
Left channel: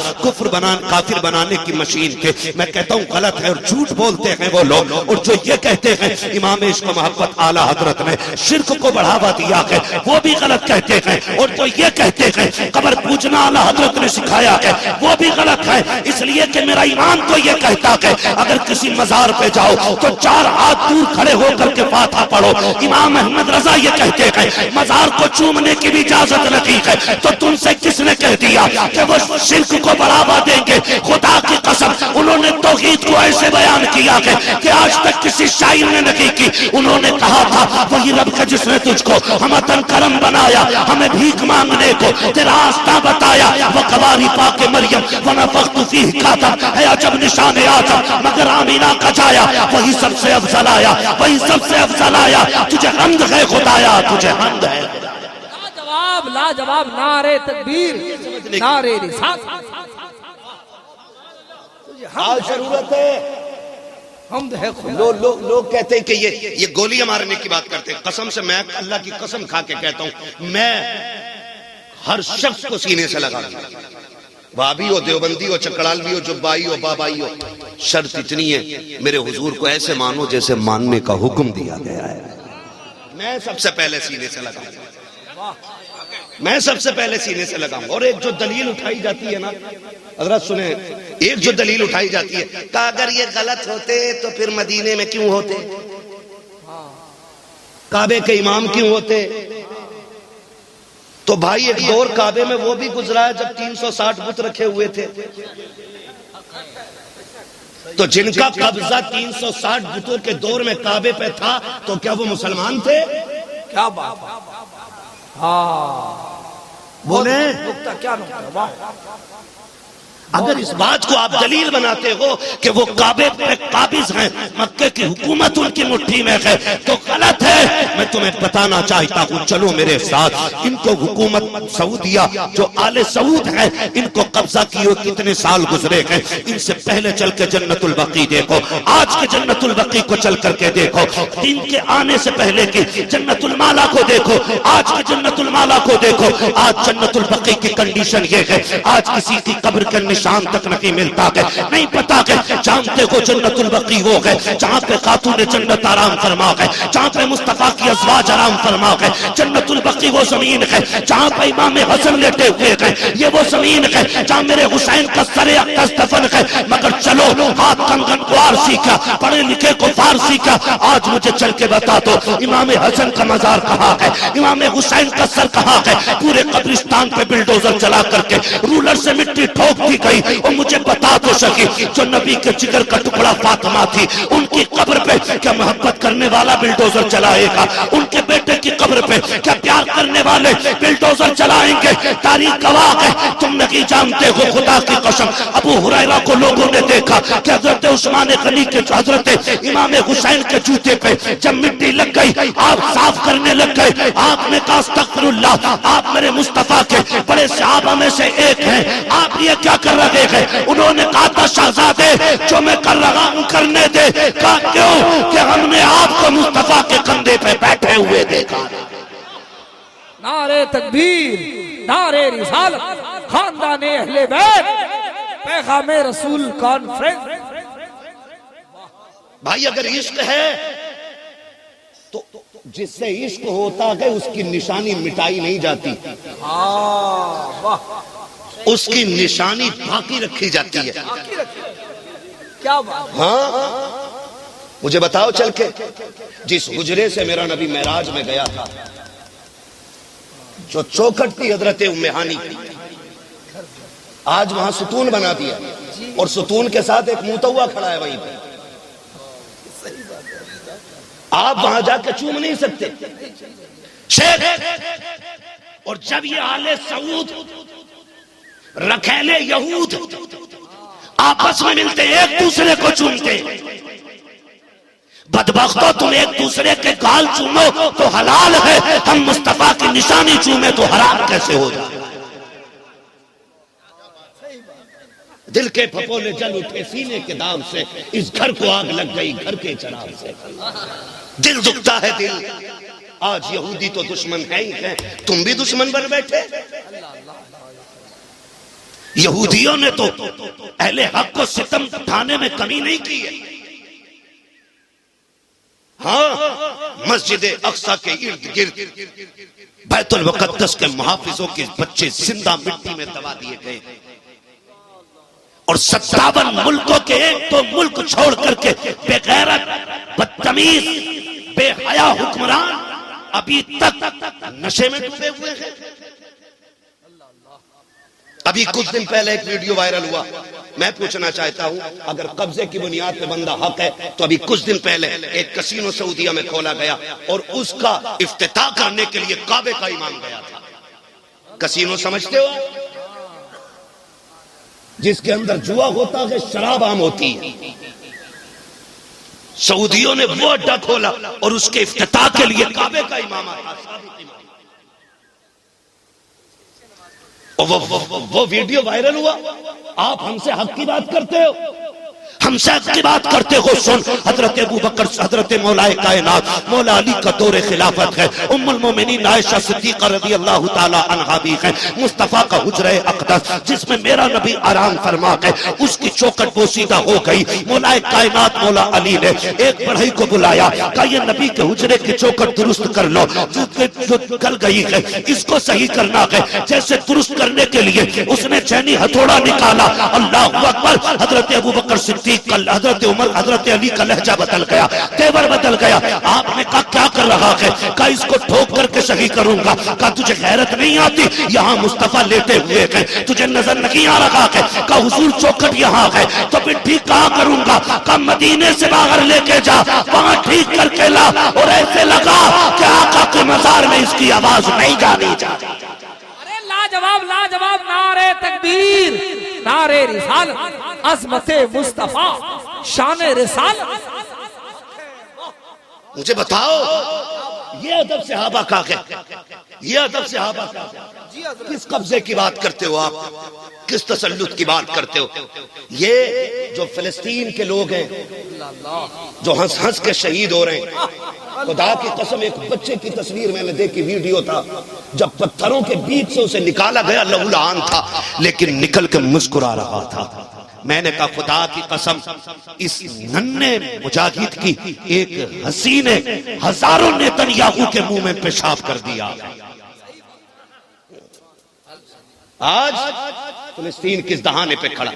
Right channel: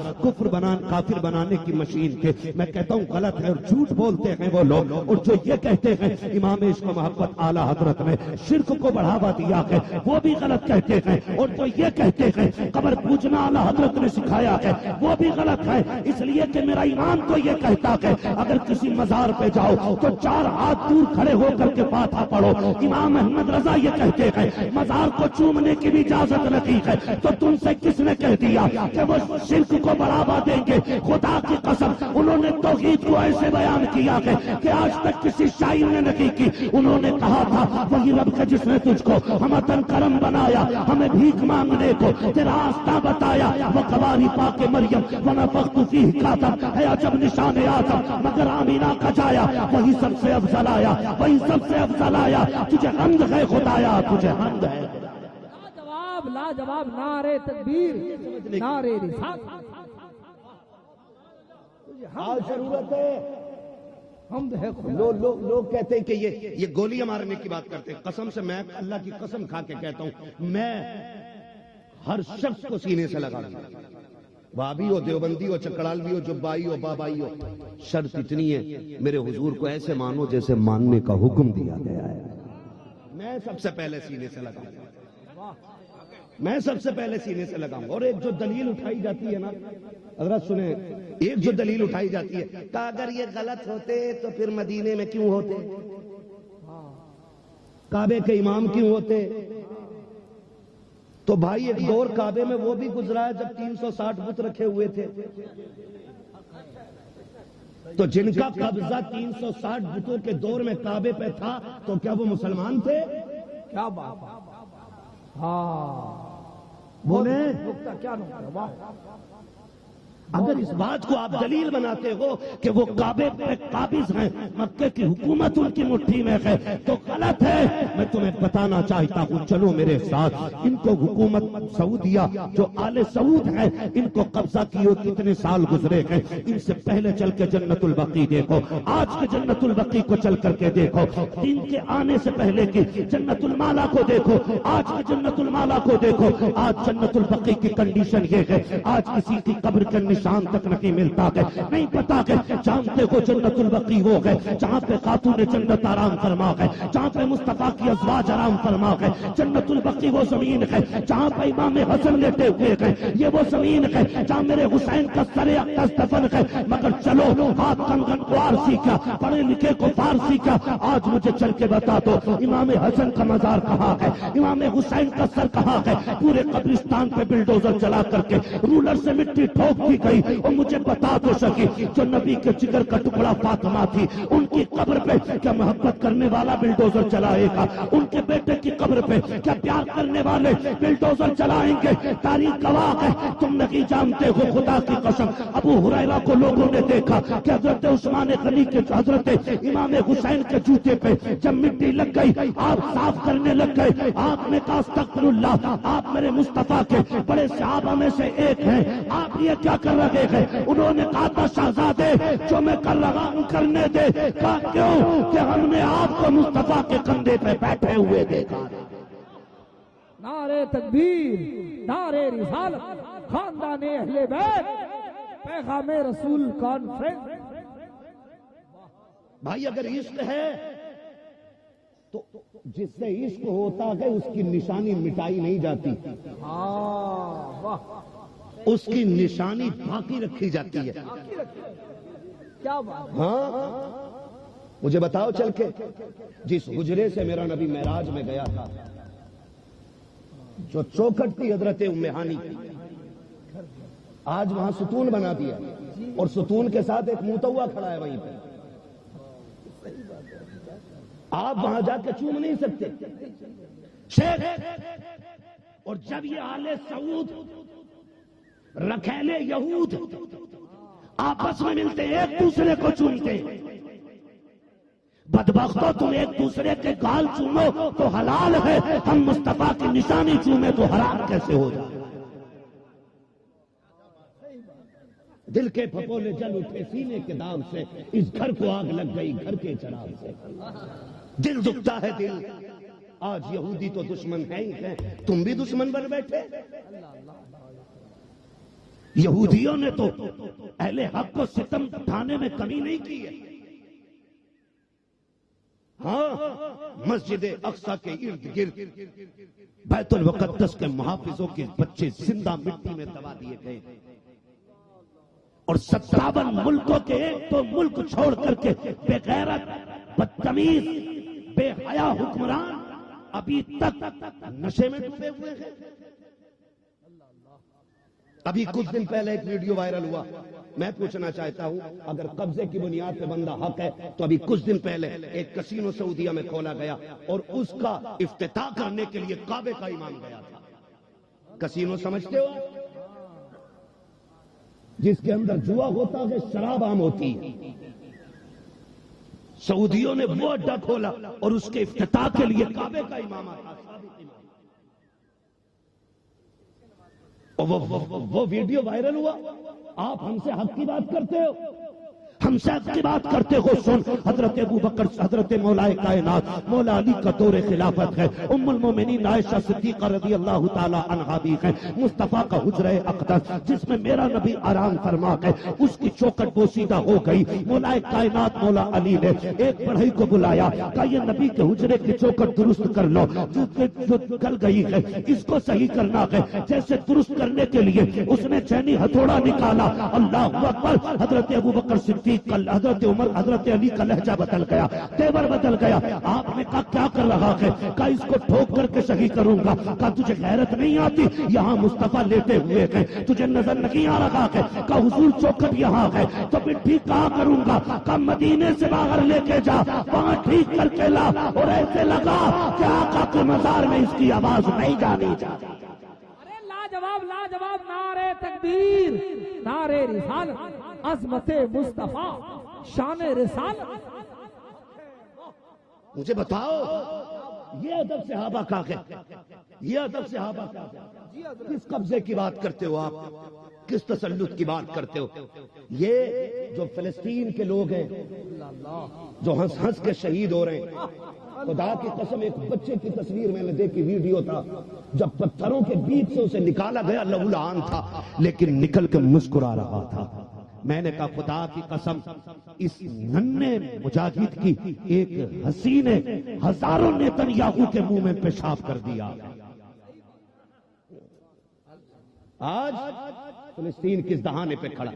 काफिर बनाने की मशीन थे, मैं कहता हूँ गलत है और झूठ बोलते हैं वो लोग। और जो ये कहते हैं इमाम इश्क मोहब्बत आला हजरत ने शिर्क को बढ़ावा दिया है, वो भी गलत कहते हैं। और जो ये कहते हैं कब्र पूजना आला हजरत ने सिखाया है, वो भी गलत है। इसलिए कि मेरा ईमान तो ये कहता है अगर किसी मजार पे जाओ तो 4 हाथ दूर खड़े होकर के फातिहा पढ़ो। इमाम अहमद रजा ये कहते हैं मजार को चूमने की भी इजाजत नहीं है। तो तुमसे किसने कह दिया कि वो शिर्क को बढ़ावा देंगे? खुदा की कसम उन्होंने तौहीद को ऐसे बयान किया है कि आज तक किसी शायर ने नहीं की। उन्होंने कहा था वही रब का जिसने तुझको हमतन करम बनाया, हमें भीख मांगने को तेरा रास्ता बताया। वो कवारी पाके मरियम वनफ़ख़्तु फ़ीह कातम है अजब निशान आजम, मगर आमीना का जाया वही सबसे अफजल आया, वही सबसे अफजल आया। तुझे हम्द है खुदाया, तुझे हम्द है। लाजवाब लाजवाब, नारे तकबीर, नारे रिसालत। आज जरूरत है। हमद है खुदा। लोग कहते हैं कि ये गोलियां मारने की बात करते हैं। कसम से मैं अल्लाह की कसम खा के कहता हूं, मैं हर शख्स को सीने से लगा दूंगा, भाभी हो, देवबंदी हो, चकड़ालवी हो, जुब्बाई हो, बाबाई हो। शर्त इतनी है मेरे हुजूर को ऐसे मानो जैसे मानने का हुक्म दिया गया है। मैं सबसे पहले सीने से लगाऊंगा, मैं सबसे पहले सीने से लगाऊंगा। और एक जो दलील उठाई जाती है ना हज़रत सुने, एक जो दलील उठाई जाती है कि अगर ये गलत होते तो फिर मदीने में क्यों होते, काबे के इमाम क्यों होते? तो भाई एक दौर काबे में वो भी गुजरा है जब 360 बुत रखे हुए थे। तो जिनका कब्जा 360 बुतों के दौर में काबे पे था तो क्या वो मुसलमान थे? क्या बात है। हाँ बोले नुक्ता, क्या नुक्ता। वाह, अगर इस बात को आप दलील बनाते हो कि वो काबे पे काबिज हैं, मक्के की हुकूमत उनकी मुट्ठी में है, तो गलत है। मैं तुम्हें बताना चाहता हूँ, चलो मेरे साथ। इनको हुकूमत सऊदिया जो आले सऊद है इनको कब्जा किए कितने साल गुजरे हैं। इनसे पहले चल के जन्नतुल बकी देखो, आज के जन्नतुल बकी को चल करके देखो, इनके आने से पहले की जन्नतुल माला को देखो, आज के जन्नतुल माला को देखो। आज जन्नतुल बकी की कंडीशन ये है, आज किसी की कब्र के शाम तक नहीं मिलता है, नहीं पता है। जानते हो जन्नतुल बकी वो है जहां पे खातून जन्नत आराम फरमा है, जहां पे मुस्तफा की अज़वाज आराम फरमा है। जन्नतुल बकी वो जमीन है जहां पे इमाम हसन लेटे हुए हैं, ये वो जमीन है जहां मेरे हुसैन का सरे अक़दस दफन है। मगर चलो हाथ कंगन को आरसी का, पढ़े लिखे को फारसी का, आज मुझे चल के बता दो इमाम हसन का मजार कहाँ है, इमाम हुसैन का सर कहाँ है। पूरे कब्रिस्तान पे बिल्डोजर चला करके रूलर से मिट्टी ठोक दी गई। और मुझे बता तो सकी जो नबी के जिगर का टुकड़ा फातिमा थी, उनकी कब्र पे क्या मोहब्बत करने वाला बिल्डोजर चलाएगा? उनके बेटे की कब्र पे क्या प्यार करने वाले बिल्डोजर चलाएंगे? तारीख गवाह है, तुम नहीं जानते हो। खुदा की कसम, अबू हुरैरा को लोगों ने देखा कि हजरत उस्मान गनी के, हजरत इमाम हुसैन के जूते पे जब मिट्टी लग गई आप साफ करने लग गए। आपने कहा अस्तगफिरुल्लाह, आप मेरे मुस्तफा के बड़े सहाबा में से एक हैं, आप ये क्या कर रहे हैं? उन्होंने कहा था शहजादे जो मैं कर रहा हूं करने दे। कहा क्यों? कि हमने आपको मुस्तफा के कंधे पे बैठे हुए देखा। नारे तकबीर, नारे रिसालत, खानदाने अहले बैत, पैगामे रसूल कॉन्फ्रेंस। भाई अगर इश्क है तो जिससे इश्क होता है उसकी निशानी मिटाई नहीं जाती, उसकी निशानी बाकी रखी जाती है। क्या बात। हाँ मुझे बताओ चल के, जिस हुजरे से मेरा नबी मेराज में गया था, जो चौखट थी हजरत उम्मे हानी की, आज वहां सुतून बना दिया और सुतून के साथ एक मुतव्वा खड़ा है वहीं पे। आप वहां जाकर चूम नहीं सकते शेख। और जब ये आले सऊद रखेले यहूद आपस में मिलते एक दूसरे को चूमते, बदबख्तो तुम एक दूसरे के गाल चूमो तो हलाल है, हम मुस्तफा की निशानी चूमे तो हराम कैसे हो जाए? दिल के फपोले जल उठे सीने के दाम से, इस घर को आग लग गई घर के चराग से। दिल दुखता है दिल, आज यहूदी तो दुश्मन है ही है, तुम भी दुश्मन बन बैठे। यहूदियों ने तो अहले हक को सितम उठाने में कमी नहीं की है। हाँ, मस्जिद अक्सा के इर्द गिर्द बैतुल मुकद्दस के मुहाफिजों के बच्चे जिंदा मिट्टी में दबा दिए गए और 57 मुल्कों के एक तो मुल्क छोड़ करके बेगैरत, बदतमीज, बेहया हुक्मरान अभी तक नशे में डूबे हुए हैं। अभी कुछ दिन पहले एक वीडियो वायरल हुआ, मैं पूछना चाहता हूं, अगर कब्जे की बुनियाद पे बंदा हक है तो अभी कुछ दिन पहले एक कसीनो सऊदिया में खोला गया और उसका इफ्तिताह करने के लिए काबे का इमाम गया था। कसीनो समझते हो, जिसके अंदर जुआ होता है, शराब आम होती है। सऊदियों ने वो अड्डा खोला और उसके इफ्तिताह के लिए काबे का इमाम आता, और वो वीडियो वायरल हुआ। आप हमसे हक की बात करते हो, हमसे हक की बात करते हो। सुन, हजरत अबू बकर, हजरत मौलाए कायनात मौला अली का दौरे खिलाफत है, उम्मुल मोमिनीन आयशा सिद्दीका रज़ी अल्लाह ताला अन्हा भी है, मुस्तफा का हुजरे अक़दस जिसमें मेरा नबी आराम फरमा है, उसकी चौखट पोशीदा हो गई। मौलाए कायनात मौला अली ने एक बढ़ई को बुलाया, कहा ये नबी के हुजरे की चौखट दुरुस्त कर लो, जो गल गई है इसको सही करना है। जैसे दुरुस्त करने के लिए उसने चैनी हथौड़ा निकाला, अल्लाहु अकबर, हजरत अबू बकर सिद्दीक, हजरत उमर, हजरत अली का लहजा बदल गया, तेवर बदल गया। आपने कहा क्या कर रहा है? कहा इसको ठोक करके सही करूंगा। कहा तुझे गैरत नहीं आती? यहाँ मुस्तफा लेटे हुए हैं, तुझे नजर नहीं आ रहा है? कहा हुजूर चौखट यहाँ है, तो फिर ठीक कहाँ करूंगा? कहा मदीने से बाहर लेके जा, वहां ठीक करके ला और ऐसे लगा कि आका के मजार में इसकी आवाज नहीं जानी चाहिए। अरे लाजवाब लाजवाब, नारे तकबीर, नारे रिसालत, अज़मते मुस्तफा, शाने रिसालत। मुझे बताओ, ये अदब सहाबा का है, ये अदब सहाबा का है। किस कब्जे की बात करते हो आप? किस तसल्लुत की बात करते हो? ये जो फिलिस्तीन के लोग हैं, जो हंस हंस के शहीद हो रहे हैं, खुदा की कसम, एक बच्चे की तस्वीर मैंने देखी, वीडियो था, जब पत्थरों के बीच से उसे निकाला गया, लहूलुहान था लेकिन निकल के मुस्कुरा रहा था। मैंने कहा खुदा की कसम, इस नन्हे मुजाहिद की एक हंसी ने हजारों नेतन्याहू के मुंह में पेशाब कर दिया। आज फिलिस्तीन किस दहाने पे खड़ा,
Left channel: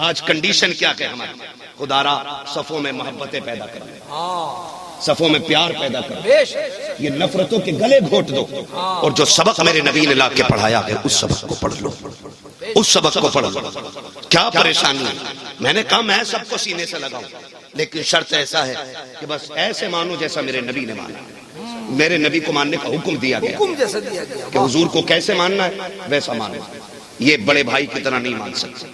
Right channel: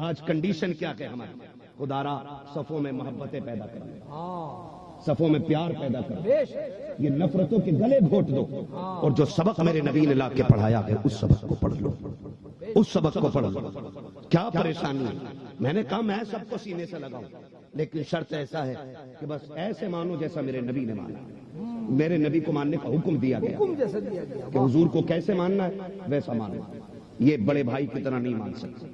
आज कंडीशन क्या है हमारी? खुदारा सफों में मोहब्बतें पैदा कर, सफों में प्यार पैदा कर, ये नफरतों के गले घोट दो, और जो सबक मेरे नबी ने ला के पढ़ाया है उस सबक को पढ़ लो, उस सबक को पढ़ लो। क्या परेशानी है? मैंने कहा मैं सबको सीने से लगाऊं, लेकिन शर्त ऐसा है कि बस ऐसे मानो जैसा मेरे नबी ने माना। मेरे नबी को मानने का हुक्म दिया गया, हुक्म जैसा दिया गया कि हुजूर को कैसे मानना है वैसा मानना। ये बड़े भाई की तरह नहीं मान सकते,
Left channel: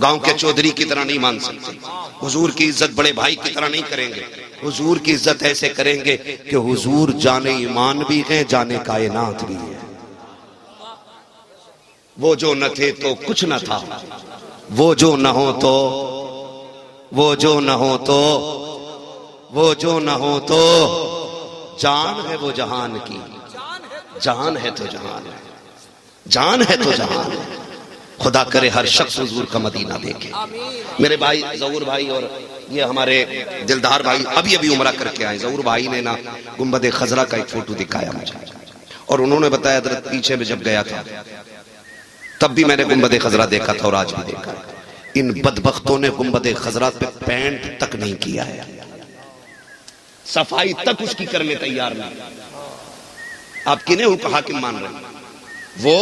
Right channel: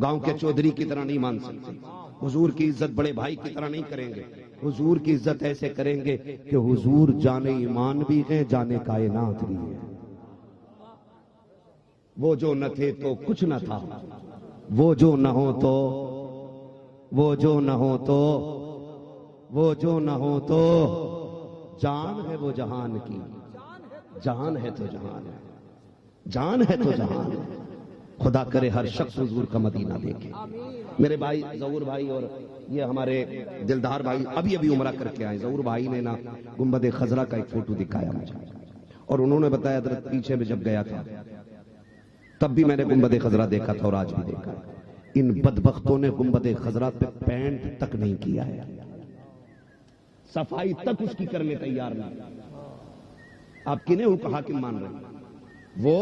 गांव के चौधरी की तरह नहीं मान सकते। हुजूर की इज्जत बड़े भाई की तरह नहीं करेंगे, हुजूर की इज्जत ऐसे करेंगे कि हुजूर जाने ईमान भी हैं, जाने कायनात भी है। वो जो न थे तो कुछ न था, वो जो न हो तो, वो जो न हो तो, वो जो न हो तो, जान है वो जहान की, जान है तो जहान है, जान है तो जहान है। खुदा करे हर शख्स हुजूर का मदीना देखे। मेरे भाई ज़हूर भाई और ये हमारे दिलदार भाई अभी अभी उमरा करके आए। ज़हूर भाई ने ना गुंबद खजरा का एक फोटो दिखाया मुझे, और उन्होंने बताया हज़रत पीछे में जब गया था तब भी मैंने गुंबद खजरा देखा था और आज भी देखा। इन बदबख्तों ने गुंबद खजरा पे पेंट तक नहीं किया है, सफाई तक उसकी करने तैयार नहीं। आप किन्हें हाकिम मान रहे हैं? वो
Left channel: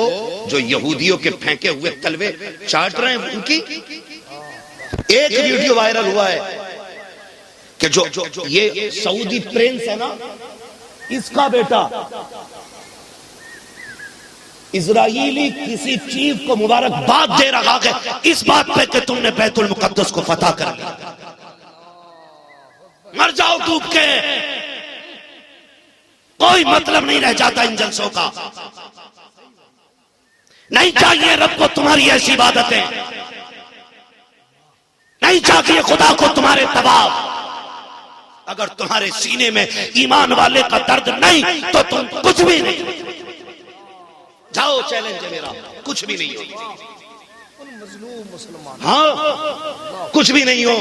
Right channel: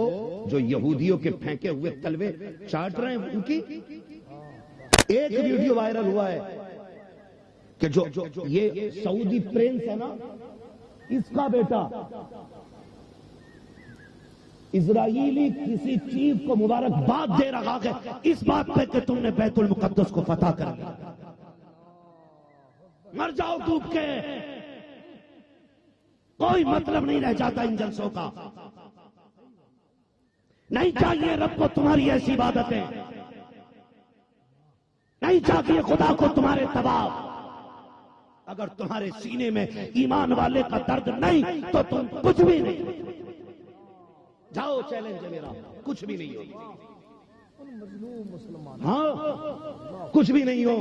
जो यहूदियों के फेंके हुए तलवे चाट रहे हैं उनकी। एक वीडियो वायरल हुआ है कि जो ये सऊदी प्रिंस है ना, इसका बेटा इजरायली किसी चीफ को मुबारकबाद दे रहा है इस बात पे कि तुमने बैतुल मुकद्दस को फतह कर लिया। मर जाओ डूब के, कोई मतलब नहीं रह जाता इन जलसों का। नहीं चाहिए रब को तुम्हारी ऐसी इबादतें, नहीं चाहिए खुदा को तुम्हारे तवाफ। अगर तुम्हारे सीने में ईमान वाले का दर्द नहीं तो तुम कुछ भी नहीं। जाओ, चैलेंज है मेरा, कुछ भी नहीं हो। हाँ, कुछ भी नहीं हो।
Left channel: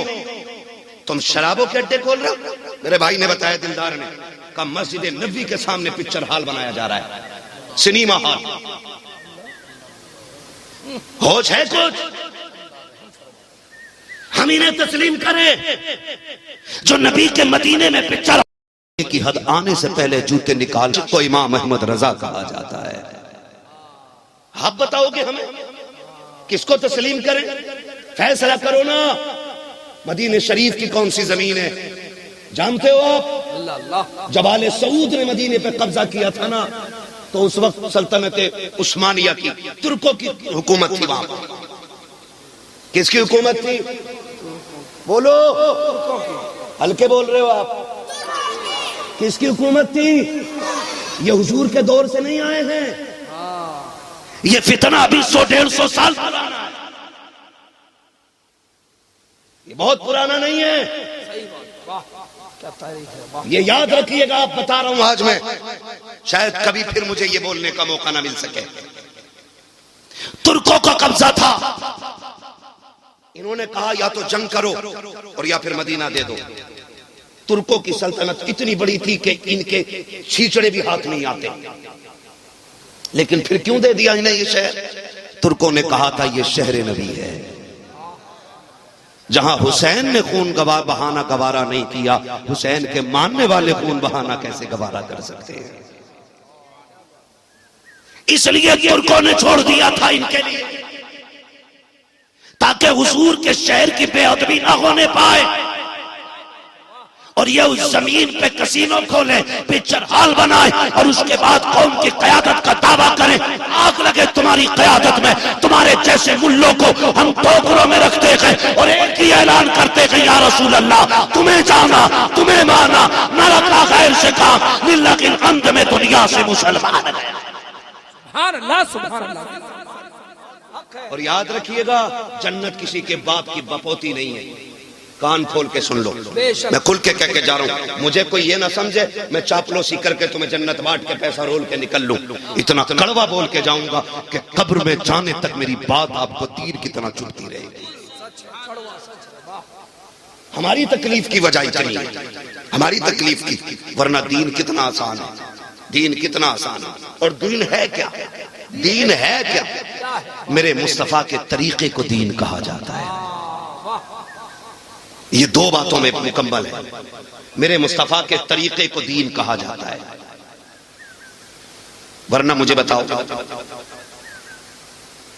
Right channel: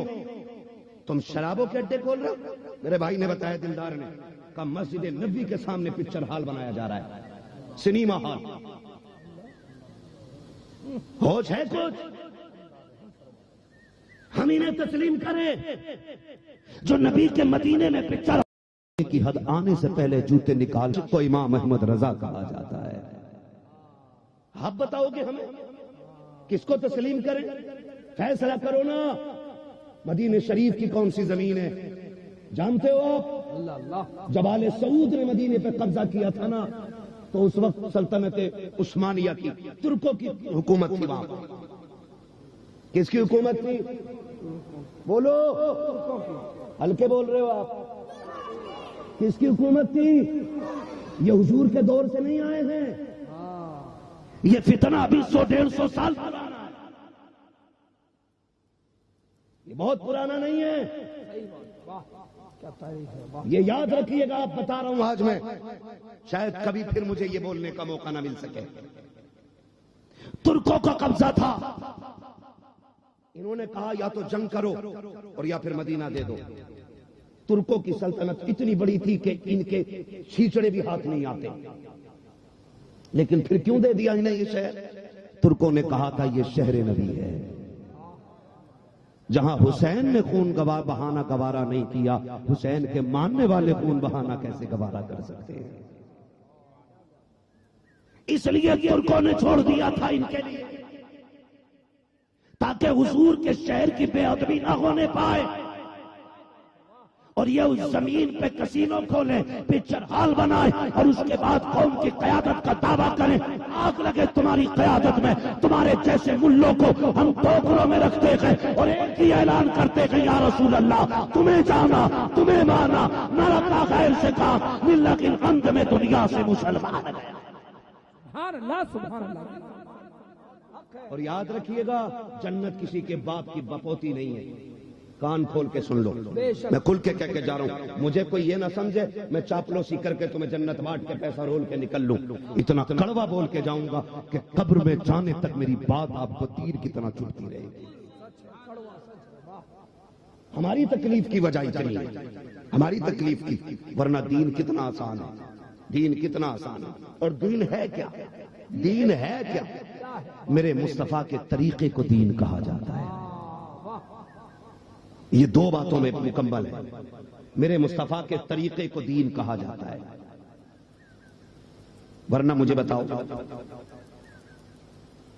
तुम शराबों के अड्डे खोल रहे हो? मेरे भाई ने बताया, दिलदार ने कहा, मस्जिद नबी के सामने पिक्चर हॉल बनाया जा रहा है, सिनेमा हॉल। होश है कुछ? हम इन्हें तस्लीम करें जो नबी के मदीने में पिक्चर की हद आने से पहले जूते निकाल को इमाम अहमद रजा कहा जाता है। आप बताओगे हमें किसको तस्लीम करें? फैसला करो ना। मदीने शरीफ की कौन सी जमीन है जानते हो आप? जब आले सऊद ने मदीने पे कब्जा किया था ना, तो उस वक्त सल्तनत उस्मानिया की, तुर्कों की हुकूमत थी वहां। किसकी हुकूमत थी? बोलो, हल्के बोल रहे हो आप। किसकी हुकूमत थी? ये हुजूर के दौर से नहीं आए हैं, ये फितना अभी 100-150 साल पुराना है, ये बहुत पुराना नहीं है। ये याद रखिएगा, आप बता रहा हूं आज मैं, शायद कभी फिर मुझे ये बोलने का मौका ना मिल सके। तुर्कों का कब्जा था, इन्होंने कहा या तो जंग करो और या फिर मदीना दे दो। तुर्कों की सल्तनत इतनी बड़ी थी कि इनके छींचड़े भी हाथ नहीं आते, लेकिन फिर क्यों दे दिया इन्हें ये शहर? तुर्कों ने कहा था ये शहर नबी है। जहां हुसैन ने खून बहाना गवारा नहीं किया, हुसैन के मानने वाले खून बहाना कैसे गवारा कर सकते हैं? इसलिए तुर्कों ने छोड़ दिया था इनके लिए, ताकि हुजूर के शहर की बेअदबी ना होने पाए, और ये उस जमीन पे कसीनो खोले, पिक्चर हॉल बनाए, और उसके बाद कौम की क़यादत का दावा करें। आग लगे तुम्हारी क़यादत में, तुम्हारे जैसे मुल्लों को हम टोकरों में रखते गए और एक ही ऐलान करते गए, या रसूल अल्लाह, तुम्हें जाना, तुम्हें माना, न रखा गैर से काम, लेकिन अंत में दुनिया से मुसलमान गया। और याद रखिएगा, जन्नत किसी के बाप की बपोती नहीं है। कान खोल के सुन लो, मैं खुल के कह के जा रहा हूं। मुझे कोई ये ना समझे मैं चापलूसी करके तुम्हें जन्नत बांट के पैसा रोल के निकल लूं। इतना कड़वा बोल के जाऊंगा कि कब्र में जाने तक मेरी बात आपको तीर की तरह चुभती रहेगी। हमारी तकलीफ की वजह इतनी है, हमारी तकलीफ की, वरना दीन कितना आसान है, दीन कितना आसान है। और दीन है क्या? दीन है क्या? मेरे मुस्तफा के तरीके को दीन कहा जाता है। ये दो बातों में मुकम्मल है। मेरे मुस्तफा के तरीके को दीन कहा जाता है, वरना मुझे बताओ,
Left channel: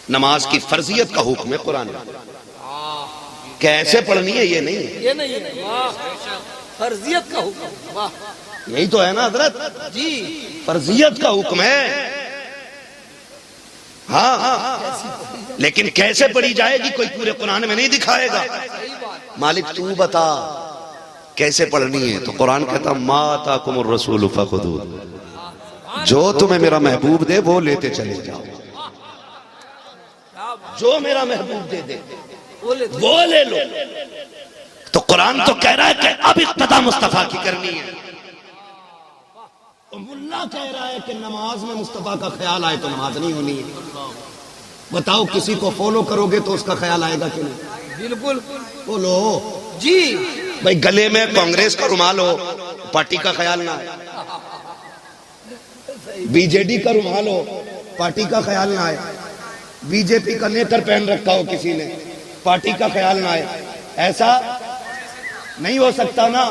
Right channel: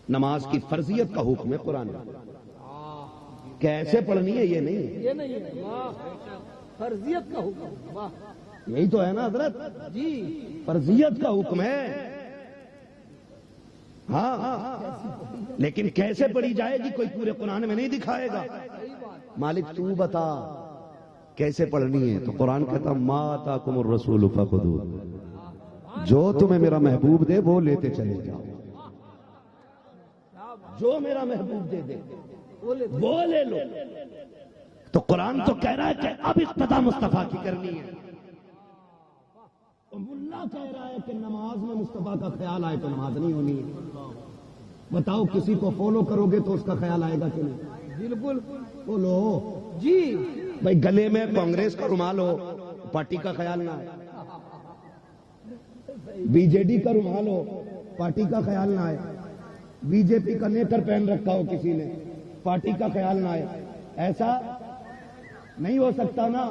नमाज की फर्जियत का हुक्म है कुरान में, कैसे पढ़नी है ये नहीं है, ये नहीं है। वाह, फर्जियत का हुक्म, वाह, यही तो है ना हजरत जी, फर्जियत का हुक्म है। हाँ, लेकिन कैसे पढ़ी जाएगी कोई पूरे कुरान में नहीं दिखाएगा। मालिक तू बता कैसे पढ़नी है, तो कुरान कहता माता कुमुर रसूल फखुदू, जो तुम्हें मेरा महबूब दे वो लेते चले जाओ, जो मेरा महबूब दे दे वो ले लो। तो कुरान तो कह रहा है कि अब इक्तदा मुस्तफा की करनी है। तो मुल्ला कह रहा है कि नमाज में मुस्तफा का ख्याल आए तो नमाज नहीं होनी है। बताओ किसी को फॉलो करोगे तो उसका ख्याल आएगा कि नहीं? बिल्कुल। बोलो जी भाई, गले में कांग्रेस का रुमाल हो, पार्टी का ख्याल ना आए, बीजेडी का रुमाल हो, पार्टी का ख्याल ना आए, बीजेपी का नेकर पहन रखा हो किसी ने, पार्टी का ख्याल ना आए, ऐसा नहीं हो सकता ना।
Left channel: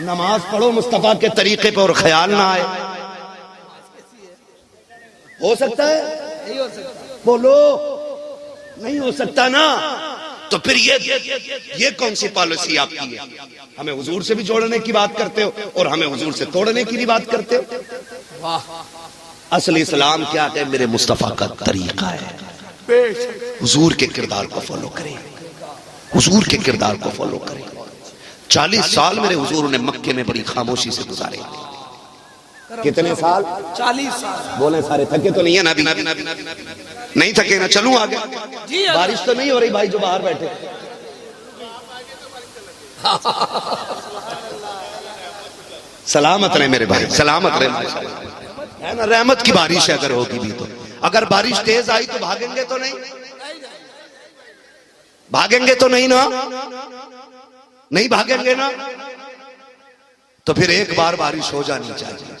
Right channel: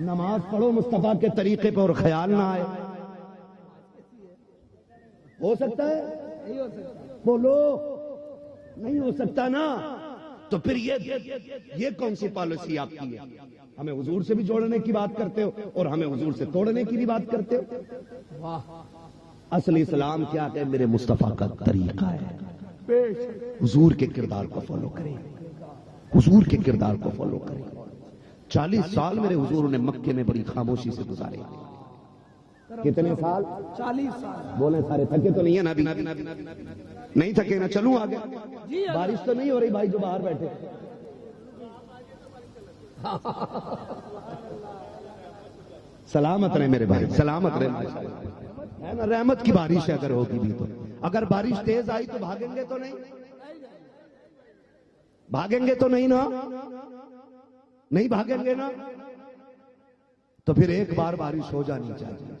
नमाज पढ़ो मुस्तफा के तरीके पर और ख्याल ना आए, हो सकता है? नहीं हो सकता। बोलो, नहीं हो सकता ना। तो फिर ये कौन सी पॉलिसी आपकी है? हमें हुजूर से भी जोड़ने की बात करते हो और हमें हुजूर से तोड़ने की भी बात करते हो। वाह, असल इस्लाम क्या है? मेरे मुस्तफा का तरीका है। हुजूर के किरदार को फॉलो करें, हुजूर के किरदार को फॉलो करें। 40 साल मेरे हुजूर ने मक्के में बड़ी खामोशी से गुजारे। कितने साल? 40 साल। बोले सारे थके तो नहीं है ना? अभी नहीं थके ना? चलूं आगे? बारिश तो नहीं हो रही भाई जो बाहर बैठे? सलामत रहे मेरे भाई, सलामत रहे, है ना? रहमत की बारिश है अगर होगी भी तो। अगर बारिश तेज आई तो भागेंगे तो नहीं? भागेंगे तो नहीं ना? नहीं भागेंगे ना तो फिर एक बार बारिश हो जानी चाहिए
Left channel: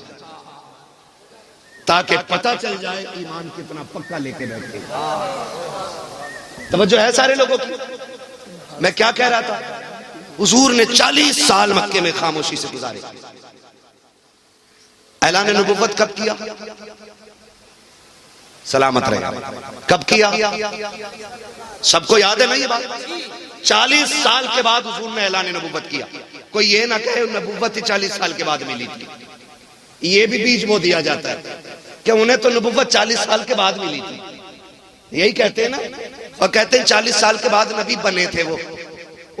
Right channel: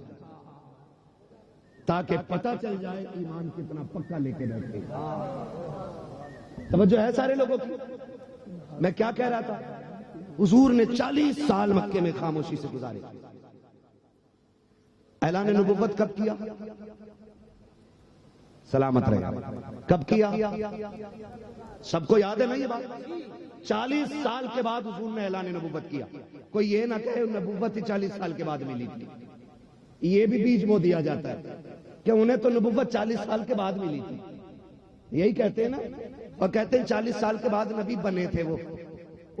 ताकि पता चल जाए ईमान कितना पक्का लेके बैठे। तवज्जो है सारे लोगों की। मैं क्या कह रहा था, हुजूर ने 40 साल मक्के में खामोशी से गुजारे। ऐलान नबुव्वत कब किया? सलामत रहे, कब किया? सबको याद है ना ये बात? 40 साल के बाद हुजूर ने ऐलान नबुव्वत किया। कोई ये ना कहे नबुव्वत ही 40 साल के बाद मिली थी, ये भी बीच बो दिया जाता है कि उन्हें तो नबुव्वत 40 साल के बाद मिली थी, यही कहते हैं ना। और कहते हैं 40 साल के बाद नबी बने थे वो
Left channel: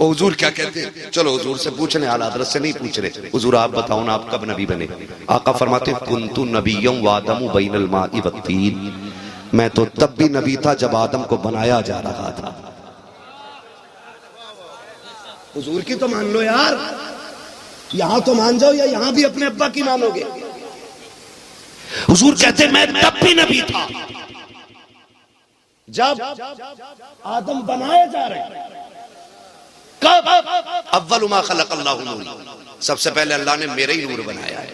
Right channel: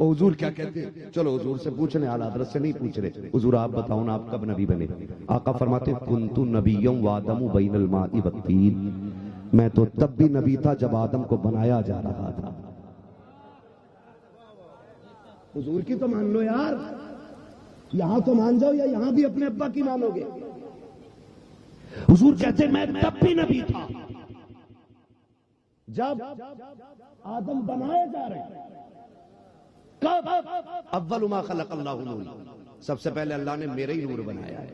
हुजूर क्या कहते हैं? चलो हुजूर से पूछने, आला हज़रत से नहीं पूछ रहे। हुजूर आप बताओ ना, आप कब नबी बने? आका फरमाते कुंतु नबिय्यम वादमु बैनल माइ वत्तीन, मैं तो तब भी नबी था जब आदम को बनाया जा रहा था। हुजूर की तो मान लो यार, यहां तो मान जाओ या यहां भी अपने अब्बा की मानोगे? हुजूर कहते मैं तब भी नबी था जब आदम बनाए जा रहे हैं। कब? अव्वल मा खलक़ल्लाहु नूर, सबसे पहले अल्लाह ने मेरे ही नूर बनाया है।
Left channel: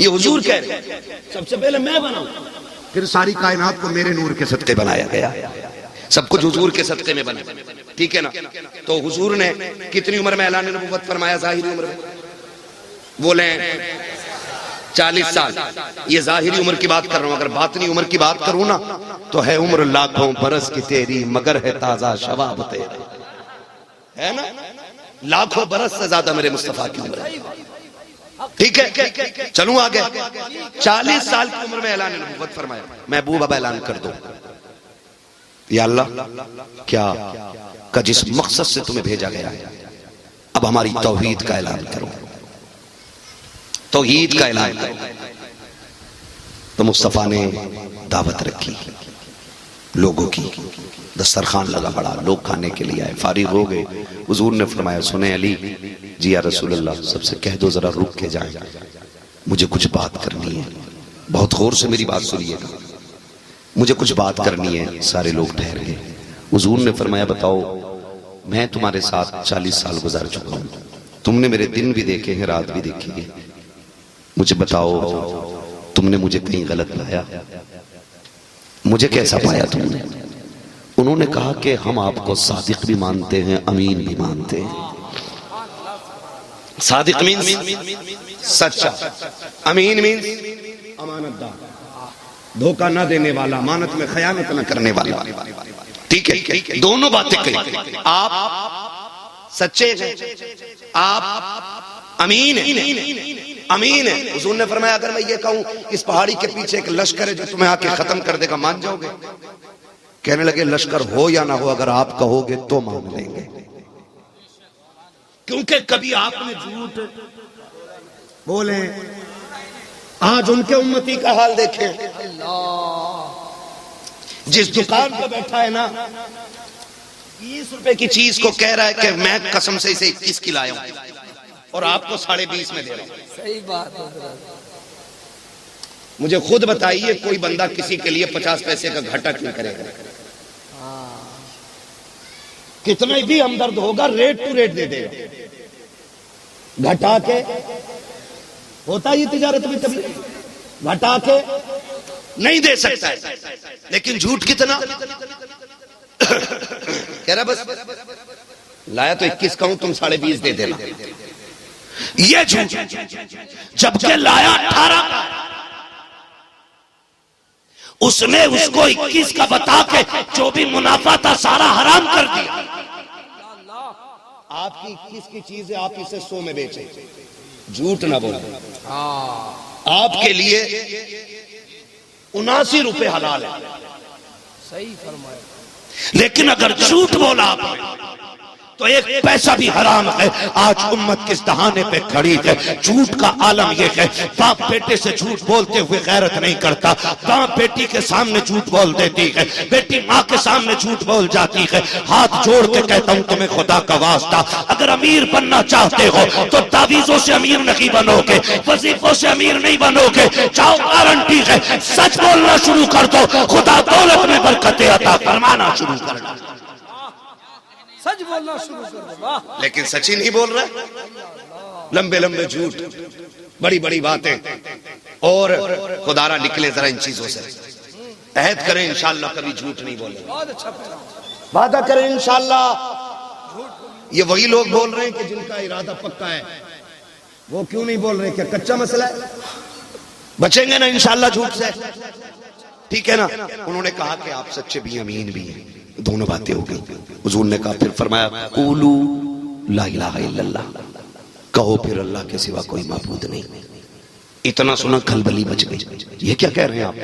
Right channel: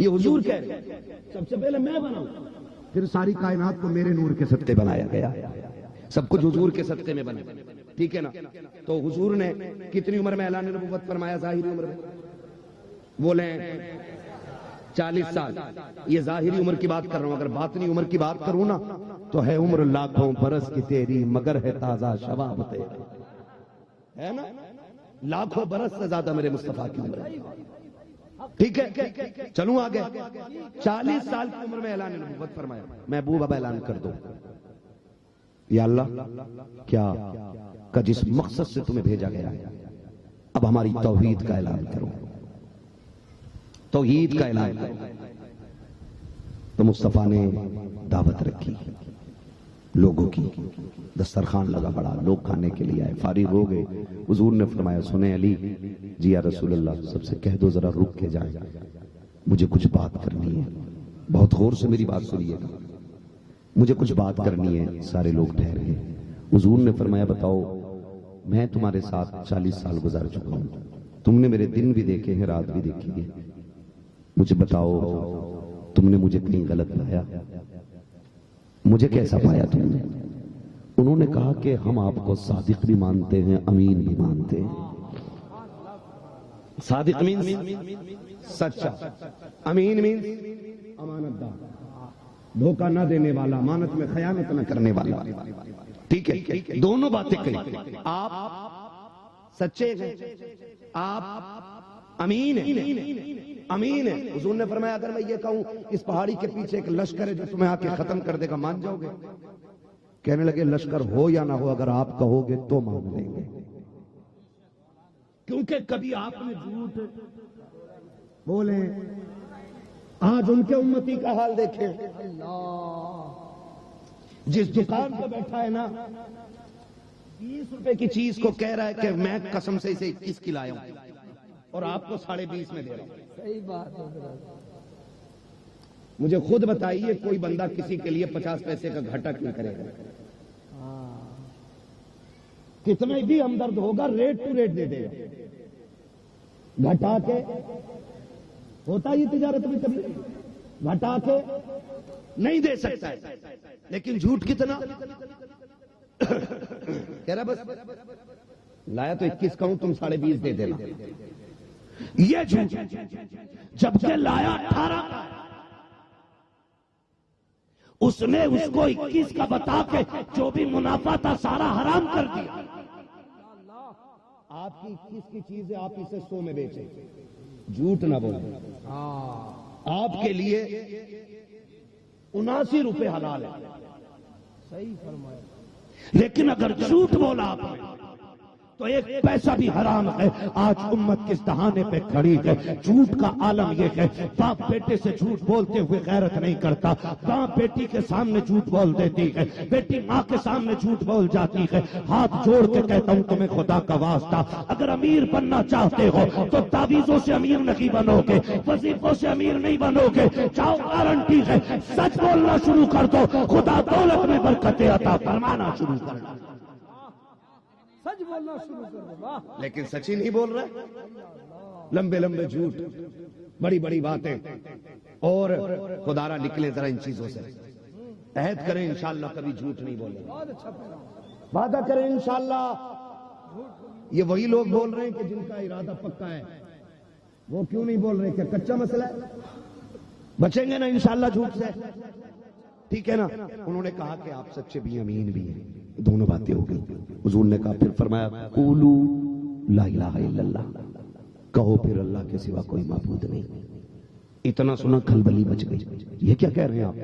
ये हुजूर कह रहे हैं सबसे पहले मैं बनाऊं, फिर सारी कायनात को मेरे नूर के सदके बनाया गया। सब कुछ हुजूर के सदके में बना, ठीक है ना। तो हुजूर ने कितनी उम्र में ऐलान नबुव्वत फरमाया? ज़ाहिरी उम्र में बोले 40 साल। ये ज़ाहिरी उम्र की बात कर रहा हूं, अगर बातनी उम्र की बात करूं ना तो है उम्र लाखों बरस की तेरी, मगर है ताजा शबाब तेरा, है ना। लाखों बरस से ज्यादा मेरे मुस्तफा की उम्र है, ठीक है। चलूं आगे। 40 साल की उम्र में ऐलान नबुव्वत फरमाया। महबूब अब ऐलान कर दो, या अल्लाह क्या का जिस मकसद से तुम्हें भेजा गया है, अब हमारी तौहीद का ऐलान करो, तौहीद का ऐलान करो। तो मुस्तफा ने दावत रखी लोगों की, दस्तरखान लगा पड़ा, लोग खाने के लिए आए, फारिग हो गए। हुजूर ने फरमाया सुने अली जी या रसूल अल्लाह, सबसे कह दो जरा रुक के जाए, मुझे कुछ बात करनी है। बहुत गौर से मेरी बात सुनिएगा, मुझे कुछ बात करनी है। सारे लोग ठहर गए। हुजूर ने फरमाया बताओ, मैं तुम्हारे साथ 40 साल गुजार चुका हूं, तुमने मेरे दिन भी देखे हैं, रात भी देखी है, मुझे बताओ तुमने मुझे कहीं गलत पाया? मुझे कैसा पाया तुमने? उन्होंने कहा कि हम आपको सादिक भी मानते हैं, अमीन भी मानते हैं। सादिक मीन्स सच्चा, अमीन मीन्स अमानतदार, धोखा ना देने वाला, अमानत में खयानत ना करने वाला, ठीक है। दोनों बातें कही। आप सच्चे हैं, आप अमीन है, अमीन है। हुजूर ने फरमाया अगर मैं ये कहूं इस पहाड़ी के पीछे एक लश्कर है जो तुम्हें आके खत्म कर देगा, मान जाओगे? कहने लगे लश्कर हो या ना हो, अगर आप कहोगे तो मान लेंगे, क्योंकि कभी आपने झूठ बोले। आज उनके उम्मती का हाल देखें, जिस दुकान पे बैठा है ना 20 रुपए की चीज को कह रहा है कि मैं कसम से इसे 21 की लाया हूं और आपको 20.5 में दे रहा हूं। सही बात है। मुझे खुद बताइए कोई बंदा किसी के लिए 50 पैसे का घाटा क्यों करेगा? कितना भी हमदर्द होगा रेट टू रेट दे देगा। घटा के होता ही तिजारत में, कभी घटा के नहीं दे सकता है, लेकिन झूठ कितना कह रहा, बस लाया तो 21 का हूं, तुम 20.5 दे देना, ये झूठ। जबकि लाया 18, उसने उसको 21 का बता के जो भी मुनाफा था सारा हराम कर दिया। आपकी 21 की चीज है, आप इसे 100 में बेचे, झूठ ना बोले। आपके लिए 79 रुपए हलाल है, सही फरमाया। लेकिन अगर झूठ बोला आपने तो 1 पैसा भी हराम है। आज उम्मत किस दहाने पे खड़ी है। झूठ का आलम यह है, बाप बेटे से झूठ बोलते हुए गैरत नहीं करता, बाप बेटी के सामने झूठ बोल देती है, बेटी माँ के सामने झूठ बोल जाती है। हाथ जोड़ के कहता हूं तुम्हें खुदा का वास्ता, अगर अमीर बनना चाहते हो तो तावीजों से अमीर नहीं बनोगे, वजीफों से अमीर नहीं बनोगे। जाओ, गारंटी है, सच बोलना शुरू कर दो, खुदा दौलत में बरकतें अता फरमाना शुरू कर दो। सच बोलना शुरू कर दो। वाह, लेकिन सच ही नहीं बोल रहा, लंबे लंबे झूठ, बड़ी बड़ी बातें। और खुदारा निकले जरा इन चीजों से, अहद करें इंशाअल्लाह कभी झूठ नहीं बोलेंगे, बहुत अच्छा पहला। वादा करें इंशाअल्लाह। ये वही लोग बोल रहे हैं कि जिनका इरादा पक्का है, वो क्यों नहीं बोल रहे? क्या कच्चा मसला है? बचेंगे ना इंशाअल्लाह झूठ से, ठीक है ना? उन्होंने कहा कि आप सच्चे भी अमीन भी हैं, दोनों बातें हो गई। हुजूर ने कहा, फिर फरमाया कूलू ला इलाहा इल्लल्लाह, कहो फिर अल्लाह के सिवा कोई माबूद नहीं। इतना सुना खलबली मच गई, ये क्या कह रहे हैं आप?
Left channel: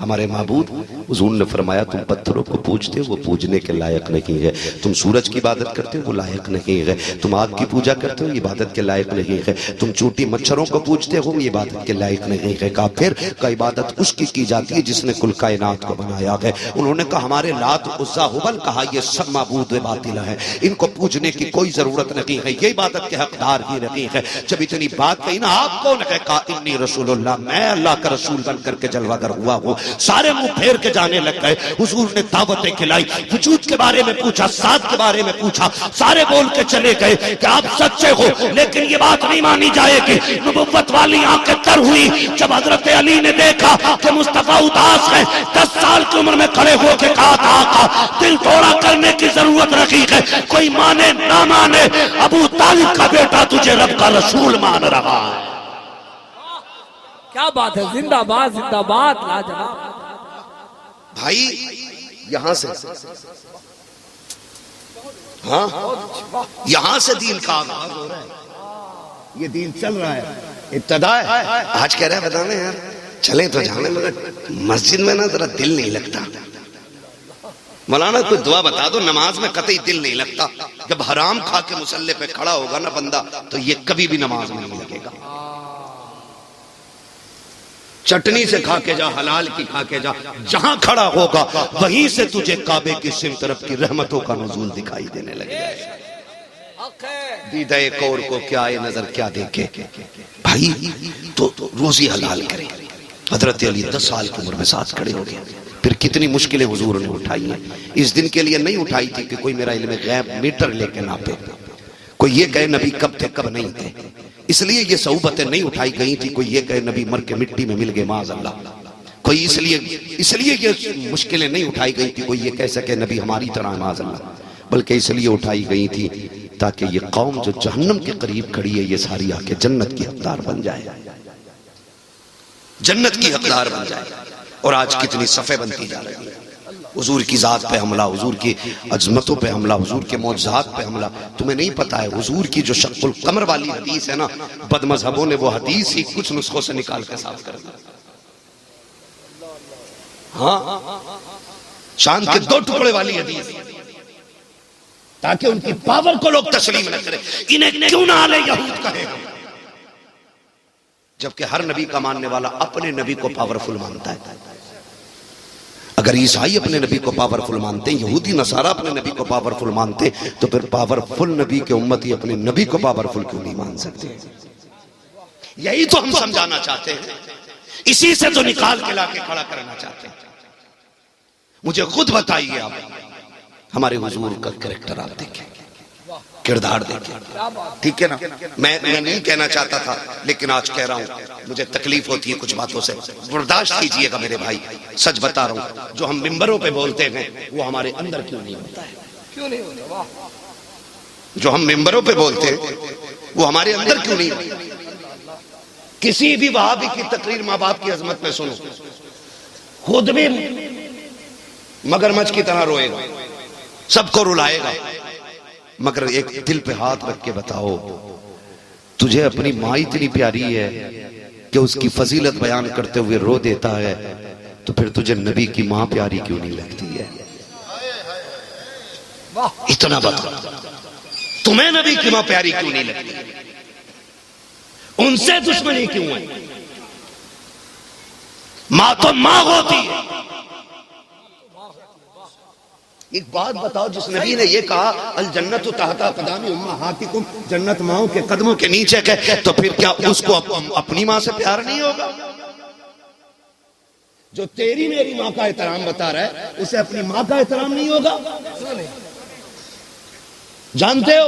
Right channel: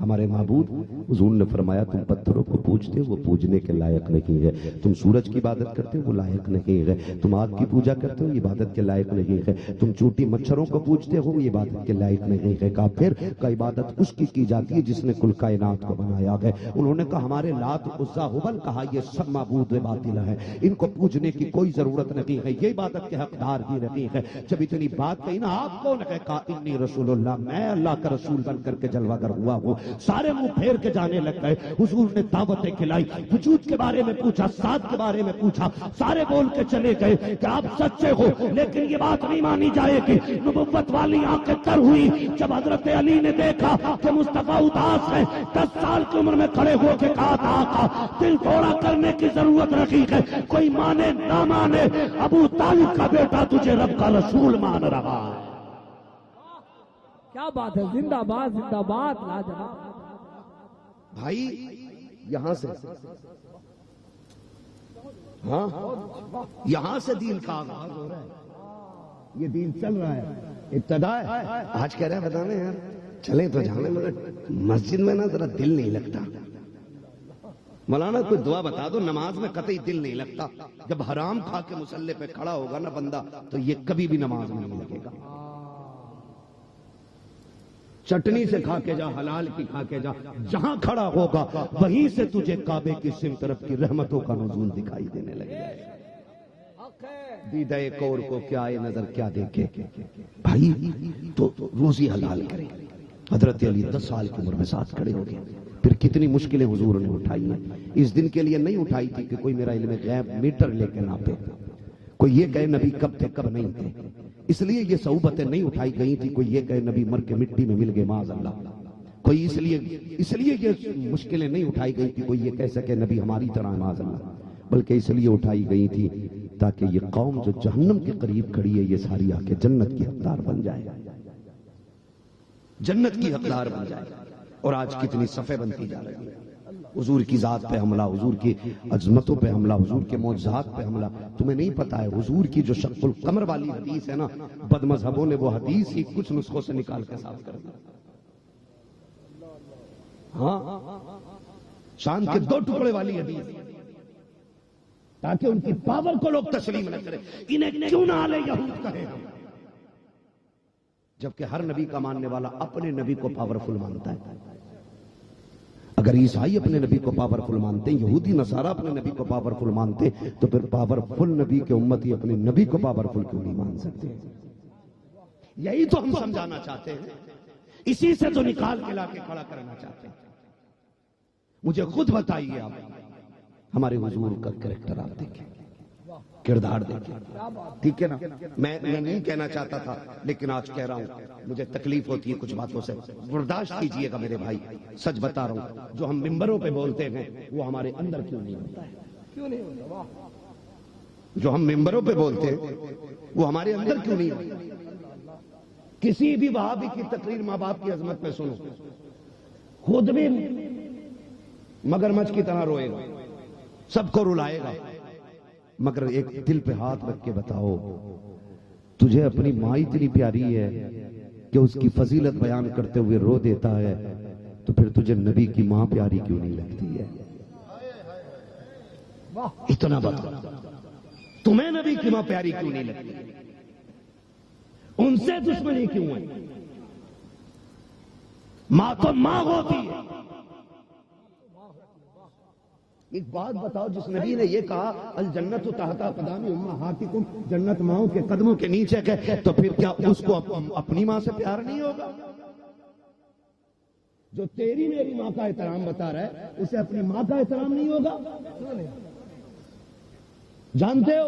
हमारे माबूद? हुजूर ने फरमाया, तुम पत्थरों को पूजते हो, वो पूजने के लायक नहीं है। तुम सूरज की इबादत करते हो, वो लायक नहीं है। तुम आग की पूजा करते हो, इबादत के लायक नहीं है। तुम चूटी मच्छरों को पूजते हो, ये इबादत के लायक नहीं है। कहा, फिर का इबादत उसकी की जाती है जिसने कुल कायनात को बनाया है। उन्होंने कहा, हमारे लात उज़्ज़ा हुबल, कहा ये सब माबूद बातिल है, इनको पूजने की कोई जरूरत नहीं है, ये इबादत के हकदार ही नहीं है। जब इतनी बात कही ना, आप कौन है? कहा, इन्नी रसूलुल्लाह, मैं अल्लाह का रसूल बनकर के जलवागर हुआ हूँ। सारे मुंह फेर के जाने लग गए। हुजूर ने दावतें खिलाई, वजूद के बारे में पूछा, साथ के बारे में पूछा, सारे बोल के चले गए कि आप सच्चे हो, लेकिन ये बात नहीं मानी जाएगी। नबुव्वत वाली आंखें तर हुई जब हजरत अली ने देखा कि मुस्तफा उदास है। 10 साल की उम्र में खड़े होकर कहा था, आका दिल थोड़ा करने की जरूरत रखी है, कोई माने ना माने, अबू तालिब का बेटा तुझे रब का रसूल मान रहा है। क्या बात है, जिंदाबाद जिंदाबाद, लाजवाब। भाई यहां से, हाँ, यहां से दीन का आगाज हो रहा है, ये दीन चल रहा है, इब्तदा है। आज कह रहा है बताने यार, चले तो जाने, मगर मस्जिद में ना जरा दिल नहीं लगता। मौलाना कोई दुआ बता दो, नमाज में कतई दिल नहीं लगता। जब हराम खा के मुसल्ले पे खड़ा होगा ना बंदा, तो ये कभी भी नमाज में नहीं लगेगा। चटनी से खा के जा, हलाल की खा के जा, जहां खड़ा होगा वहीं से तुझे काबे की सिम तरफ की रहमतों का नुज़ूल दिखाई देने लगेगा। दीदाए कौर को क्या ये नजर क्या देखे भाई, तो रोजी हलाल करे। हजरत अली 10 साल की उम्र में साथ खड़े हो गए। फिर कितनी मुश्किलें हुजूर ने उठाई हैं। इस दिन के लिए नहीं उठाई थी कि कोई मेरा इल्म गैब मीटर लेके नापे, कोई ये कहे नबी कब थे कब नहीं थे। इसलिए ये सऊबतें नहीं उठाई गई थी कोई ये कहे नबी मर के मिट्टी में मिल गए माज़अल्लाह। कोई इसलिए ये मुश्किलें नहीं उठाई गई थी कोई ये कह सके नबी हमारी तरह माज़अल्लाह, बल्कि इसलिए उठाई गई थी ताकि ये कौम जो जहन्नम के करीब खड़ी है, ये सारी आके जन्नत की हकदार बन जाए, जन्नत की हकदार बन जाए। और आज कितनी सफ़े बनती जा रही है। हुजूर की जात पे हमला, हुजूर की अजमतों पे हमला, हुजूर के मौजज़ात पे हमला। तुम्हें नहीं पता है हुजूर की जो शक्कुल कमर वाली हदीस है ना, बदमज़हबों ने वो हदीस ही कुछ नुस्खों से निकाल के साफ कर दिया। हाँ, चांद के 2 टुकड़े वाली हदीस, ताकि उनकी पावर को लोग तस्लीम न करें। इन्हें क्यों ना आले यहूद कहे, जबकि हर नबी का मानने वाला अपने नबी को पावरफुल मानता है। अगर ईसाई अपने नबी को पावरफुल मानते, यहूदी नसारा अपने नबी को पावरफुल मानते, तो फिर पावरफुल नबी के उम्मती अपने नबी को पावरफुल क्यों नहीं मान सकते? यही तो हम समझाना चाहते हैं, इसी से तो निकाल के लाके खड़ा करना चाहते हैं। मुझे खुद बताइए आप, हमारे हुजूर का कैरेक्टर आप देखें, किरदार देखें, ठीक है ना? मैं नहीं कहना चाहता था, लेकिन आज कह रहा हूं। मुझे तकलीफ होती है कुछ बातों से, बर्दाश्त कीजिएगा मेरे भाई। सच बता रहा हूं, जो हम मिंबरों पे बोलते हैं वो हमारे अंदर क्यों नहीं होता है? क्यों नहीं होता? वाह, जो हम मिंबरों पे बोलते हैं वो हमारे अंदर क्यों नहीं होता? किसी भी वहाबी की तकरीर माँ बाप की अजमत पे सुनो, खुद भी मगरमच्छ की तरह रोएगा, सबको रुलाएगा, मगर एक दिल पे हाथ रख के बताओ, तुझे अपनी माँ इतनी प्यारी है कि उसकी फजीलत बयान करते हुए रो देता है, तो फिर तुझे नबी की माँ प्यारी क्यों नहीं लगती है? इतना बता, तुम्हें नबी की माँ प्यारी क्यों नहीं लगती? उनसे दुश्मनी क्यों है? माँ तो माँ होती है। एक बात बताओ, जिस नबी ने ये कहा अल जन्नतु तहता क़दामी उम्महातिकुम, जन्नत माओं के कदमों के नीचे है, तो फिर क्या उसको अपनी माँ से प्यार नहीं होगा? जो तेरी मेरी माँ का एहतराम बता रहा है, उसे अपनी माँ का एहतराम नहीं होगा? जानते हो?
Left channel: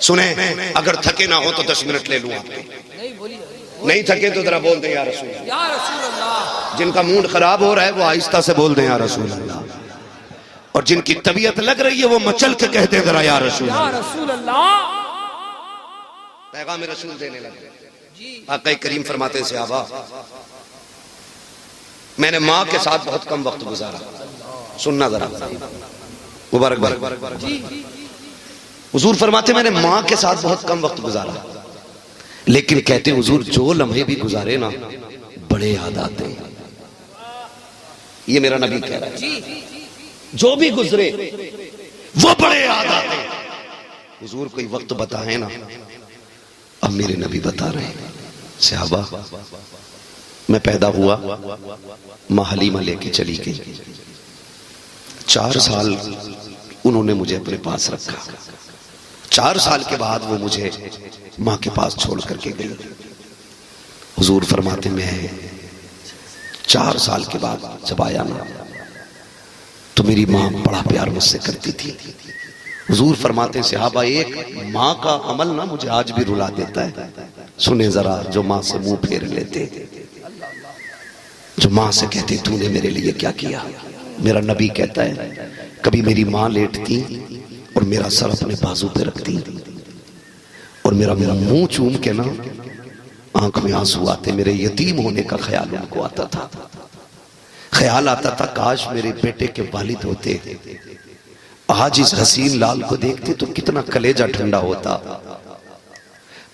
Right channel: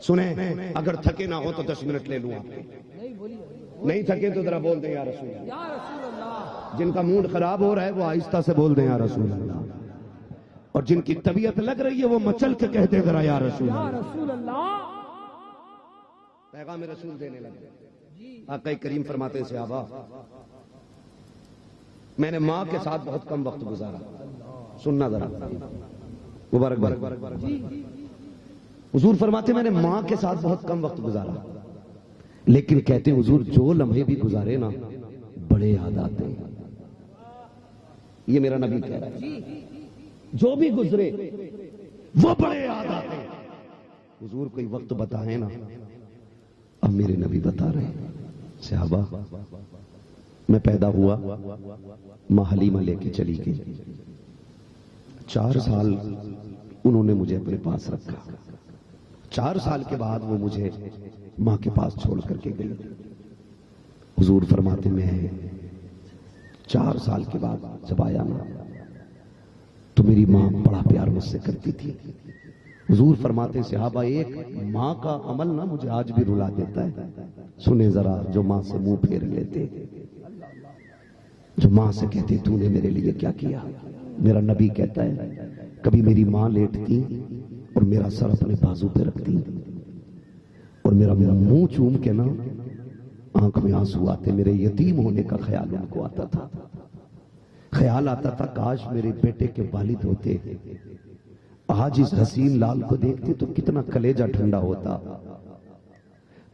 सुने, अगर थके ना हो तो 10 मिनट ले लूं आपके। नहीं बोलिए, नहीं थके तो जरा बोल दें या रसूल अल्लाह। या रसूल अल्लाह। जिनका मूड खराब हो रहा है वो आहिस्ता से बोल दें या रसूल अल्लाह, और जिनकी तबीयत लग रही है वो मचल के कह दें जरा या रसूल या अल्लाह। रसूल अल्लाह। पैगाम रसूल देने लगे। आका करीम फरमाते हैं सहाबा, मैंने माँ के साथ बहुत कम वक्त गुजारा। सुनना जरा, मुबारकबाद। हुजूर फरमाते मैंने माँ के साथ बहुत कम वक्त गुजारा, लेकिन कहते हुजूर जो लम्हे भी गुजारे ना बड़े याद आते हैं। ये मेरा नबी कह रहा है, जो भी गुजरे वो बड़े याद आते हैं। हुजूर कोई वक्त बताए ना, अब मेरे नबी बता रहे हैं सहाबा, मैं पैदा हुआ, माँ हलीमा लेके चली गई। 4 साल उन्होंने मुझे अपने पास रखा। 4 साल के बाद वो मुझे माँ के पास छोड़ करके गई। हुजूर फरमाते मैं 4 साल के बाद जब आया ना तो मेरी माँ बड़ा प्यार मुझसे करती थी। हुजूर फरमाते सहाबा, एक माँ का अमल ना मुझे आज भी रुला देता है। सुने जरा, जो माँ से मुंह फेर लेते, जो माँ से कहते तूने मेरे लिए क्या किया। मेरा नबी कहता है कभी मेरी माँ लेटती और मेरा सर अपने बाजू पे रखती और मेरा मुंह चूम के ना आंख में आंसू आते। मेरे यतीम होने का ख्याल उनको आता था। ख्याल आता था काश मेरे बेटे के वालिद होते, आज इस हसीन लाल को देखते तो कितना कलेजा ठंडा होता।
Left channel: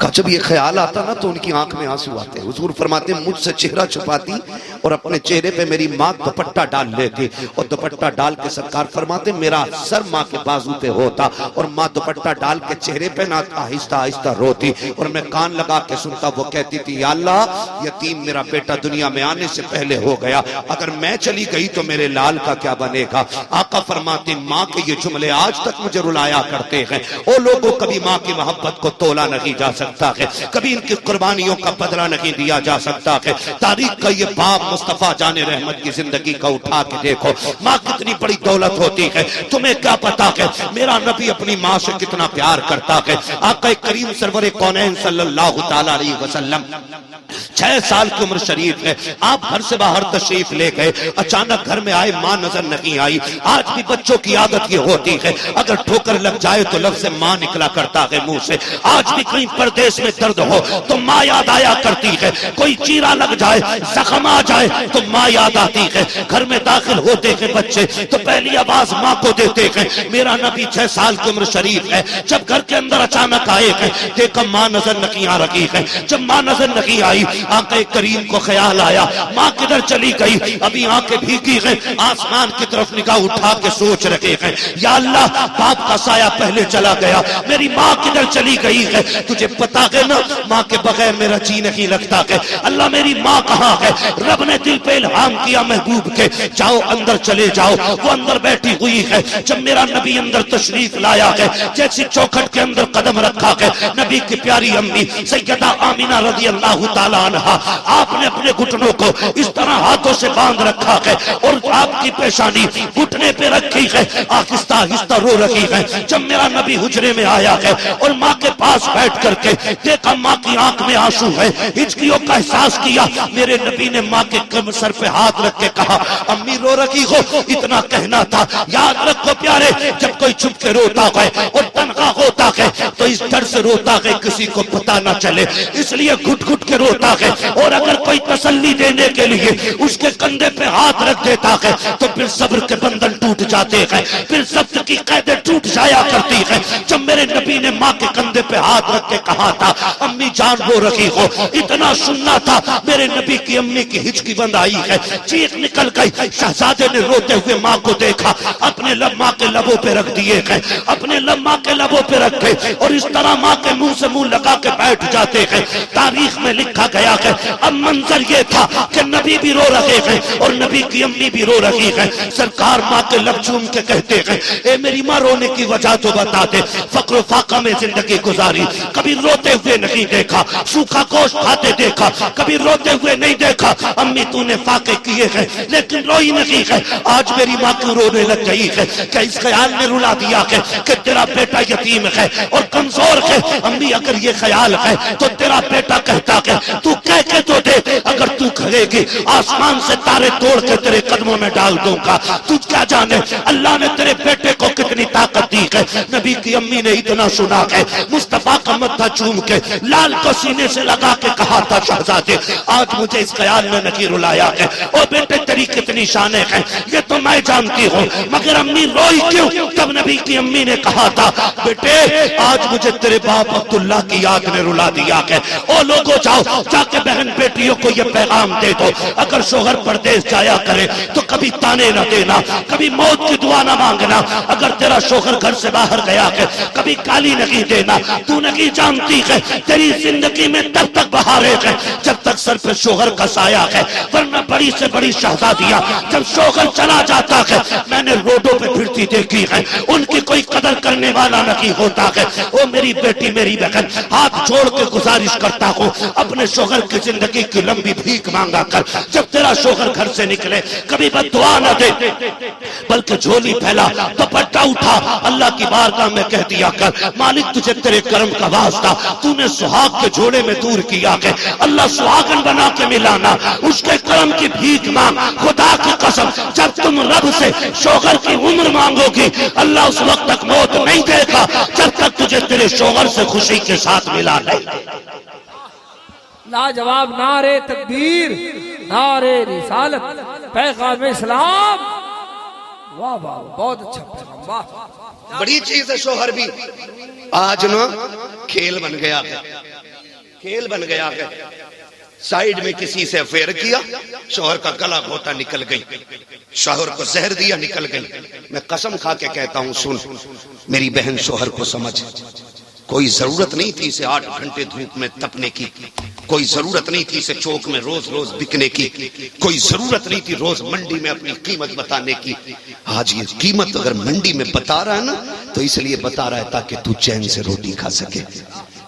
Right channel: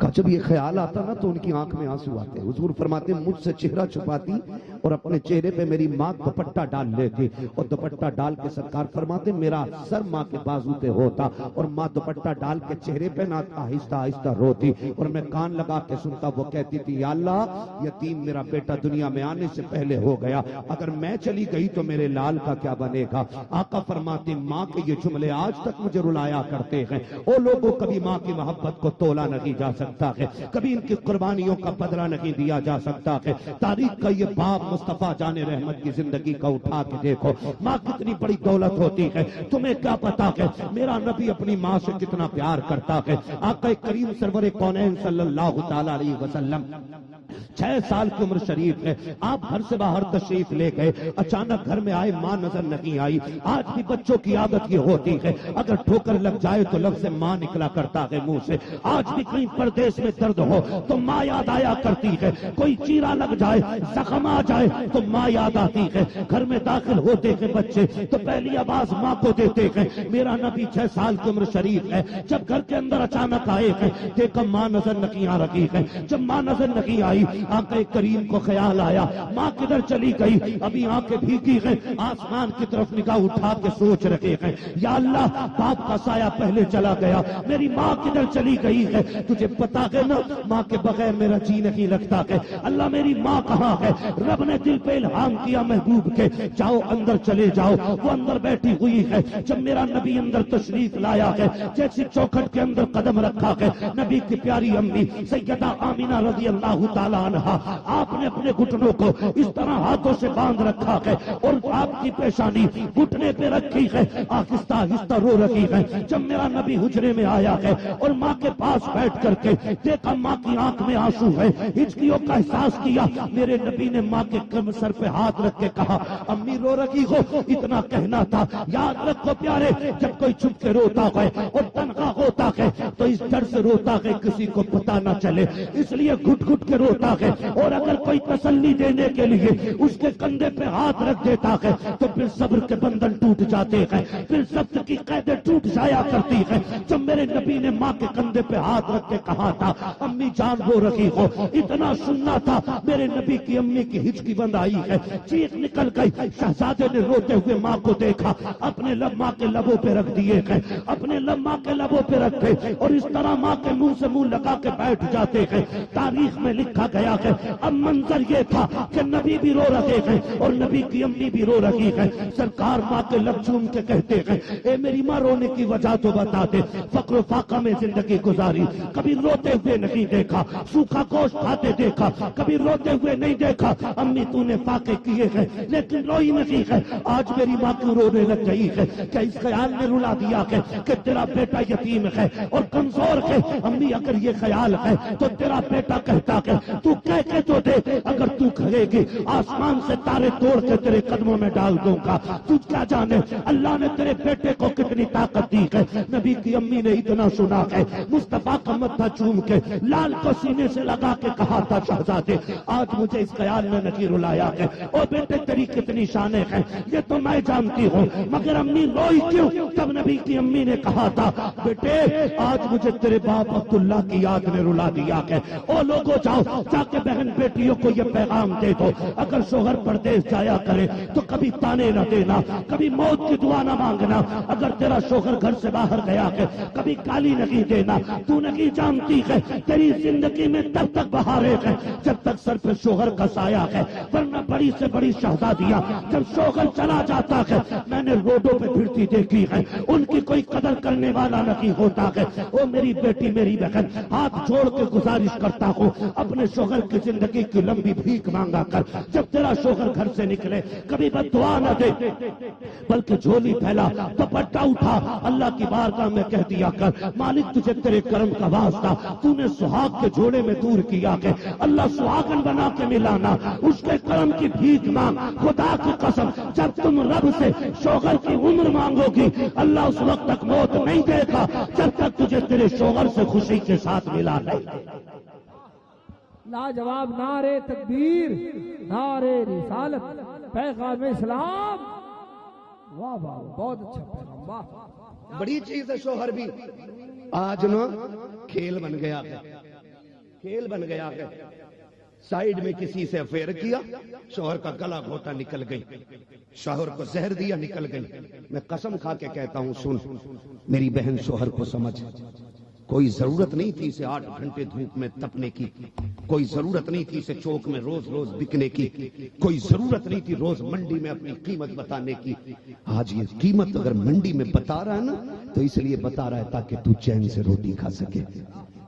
का जब ये ख्याल आता ना तो उनकी आंख में आंसू आते। हुजूर फरमाते मुझसे चेहरा छुपाती और अपने चेहरे पे मेरी माँ दुपट्टा डाल लेती, और दुपट्टा डाल के सरकार फरमाते मेरा सर माँ के बाजू पे होता और माँ दुपट्टा डाल के चेहरे पे ना आहिस्ता आहिस्ता रोती और मैं कान लगा के सुनता। वो कहती थी या अल्लाह, यतीम मेरा बेटा दुनिया में आने से पहले हो गया, अगर मैं चली गई तो मेरे लाल का क्या बनेगा। आका फरमाते माँ के ये जुमले आज तक मुझे रुलाया करते हैं। ओ लोगों, कभी माँ की मोहब्बत को तोला नहीं जा सकता है, कभी इनकी कुर्बानियों का बदला नहीं दिया जा सकता है। तारीख का ये बाप मुस्तफा जाने रहमत की जिंदगी का उठा के देखो, माँ कितनी बड़ी दौलत होती है, तुम्हें क्या पता है मेरा नबी अपनी माँ से कितना प्यार करता है। आका करीम सरवर कौनैन सल्लल्लाहु तआला अलैहि वसल्लम 6 साल की उम्र शरीफ है, आप घर से बाहर तशरीफ ले गए, अचानक घर में आए, माँ नजर नहीं आई। आज भी बच्चों की आदत ये होती है, अगर ठोकर लग जाए तो लफ्ज़ माँ निकला करता है मुंह से। आज भी कहीं परदेश में दर्द हो तो माँ याद आया करती है, कोई चीरा लग जाए, जख्म आ जाए तो माँ याद आती है। घर में दाखिल होते हैं बच्चे तो पहली आवाज माँ को देते हैं। मेरा नबी 6 साल की उम्र शरीफ है, जब घर के अंदर अचानक आए हैं, देखा माँ नजर नहीं आ रही है। जब माँ नजर नहीं आई, आका करीम को ख्याल आया माँ किधर चली गई। अभी आंखें भीगी हैं, आसमान की तरफ निगाह उठा के सोच रहे हैं, या अल्लाह, बाप का साया पहले चला गया, मेरी माँ किधर चली गई है। तुझे पता है ना, माँ के बगैर मेरा जी नहीं लगता है। अल्लाह, मेरी माँ कहाँ है। रब ने दिल पे इल्हाम किया महबूब के, जाओ अंदर चले जाओ। वो अंदर बैठी हुई है। जब मेरा नबी अंदर तशरीफ लाया है, जैसी चौखट के अंदर कदम रखा है, नबी की प्यारी अम्मी सैयदा आमिना रज़ी अल्लाह ताला अन्हा, आपने अपने घुटनों को इस तरह हाथों से बांध रखा है और आपकी पेशानी घुटने पे रखी है, आहिस्ता आहिस्ता रो रही है। जब मेरा नबी हुजरे में आया है और माँ के पास बैठ करके देखा माँ की आंख में आंसू है, हिचकियों का एहसास किया, मेरे नबी ने माँ के सर पे हाथ रख के कहा, अम्मी रो रही हो, इतना कहना था। याद रखो प्यारे, जब कोई छुप के रोता है और तनखा होता है तो इस डर से रोता है किसी को पता ना चले, इसलिए घुट घुट के रोता है। और अगर कोई तसल्ली देने के लिए उसके कंधे पे हाथ रख देता है तो फिर सब्र के बंधन टूट जाते हैं, फिर सब्र की कैदें टूट जाया करती है। जब मेरे नबी ने माँ के कंधे पे हाथ रख के कहा था, अम्मी जान रो रही हो, इतना सुनना था, मेरे नबी की अम्मी की हिचकी बंद आई है, चीख निकल गई। शहजादे ने रोते हुए माँ को देखा, अपने लब माँ के लबों पे रख दिए हैं, अपने लब माँ के लबों पे रखे और इस तरह माँ के मुंह से मुंह लगा के बैठ जाते हैं। तारीख में लिखा गया है, अब मंजर ये था कि नबी भी रो रहे हैं और नबी की अम्मी भी रो रही है। सरकार माँ के लब चूम के कहते हैं, ए मेरी माँ, रोने की वजह तो बता दे। फक्र फाका में जिंदगी गुजारी, कभी रोते हुए नहीं देखा, सूखा गोश्त खाते देखा, कभी रोते हुए नहीं देखा। अम्मी तूने फाके किए हैं लेकिन रोई नहीं है। आज मेरी माँ क्यों रोने लग गई है? क्या इस ख्याल ने रुला दिया है कि तेरा बेटा यतीम है और कमजोर है? अम्मी अगर ये ख्याल है तो तेरा बेटा कहता है तू कह के तो दे, अगर तू कहेगी आसमान से तारे तोड़ के तेरे कदमों में डाल दूंगा। तू क्या जाने अल्लाह ने तेरे बेटे को कितनी ताकत दी है। नबी की अम्मी ने इतना सुना है, मुस्तफा का मत्था चूम के लाल को सीने से लगा के कहा था शहजादे आज मुझे इस ख्याल ने नहीं रुलाया है। ओ बेटे तेरी कितनी शाने हैं ये तो मैं जानती हूँ, मगर अम्मी रोई क्यों? तब नबी की अम्मी ने कहा था बेटे आज मुझे तेरे बाप अब्दुल्ला की याद ने रुला दिया है। ओ लोगो जाओ जाके बहन बेटियों को ये पैगाम दे दो, अगर शोहर परदेश जाया करे तो कभी ताने न देना, कभी मौत की दुआ न मांगना। अगर तेरा शोहर घर से बाहर गया है कभी गाली नहीं देना। तू नहीं जानती है तेरी जिंदगी में तब तक बहारें हैं जब तक सर पे शोहर का साया है, वरना बड़ी से बड़ी शहजादियां जब शोहर चला जाता है मैंने रोडों पे फिरती देखी है, उनकी कोई कदर करने वाला नहीं होता है। ओ मेरी बेटी मेरी बहन हाथ जोड़ के गुजारिश करता हूँ अपने शोहर की जिंदगी की लंबी भीख मांगा कर। जब तेरा शोहर घर से निकले कभी बद्दुआ न दे, बल्कि झोली फैला दुपट्टा उठा अल्लाह की बारगाह में कह दिया कर मालिक तुझे तेरे कर्म का वास्ता तूने सुहाग के झोले में दूर किया है, अल्लाह सुहागन बना के मिलाना, उसके कर्म की भीख मांग। खुदा की कसम जब तुम रब से शोहर की उम्र मांगोगी अल्लाह उस वक्त तक मौत नहीं देगा जब तक तुझे तेरे शोहर से खुशी के साथ मिला नहीं। लाजवाब नारे तकबीर, नारे रिसालत, पैगाम इस्लाम। वाह वाह बहुत अच्छा पैगाम, वाह। बड़ी चीज है शोहर भी। आज ना खेल बन गया है, खेल बन गया है। साइड में किसी से अफेयर किया, शोहर का गला घोटा निकल गई, शोहर को जहर दिया निकल गई। मैं कसम खा के कहता हूं सुन मेरी बहन शोहर को समझ, कोई जरूरत नहीं थी इसे 8 घंटे धूप में तपने की, कोई जरूरत नहीं थी इसे चौक में रोज रोज बिकने की, कोई जरूरत नहीं थी रोज मंडी में अपनी कीमत बताने की। आज ये कीमत अगर मंडी में बता रहा है ना तो इसलिए बता रहा है ताकि तू चैन से रोटी खा सके,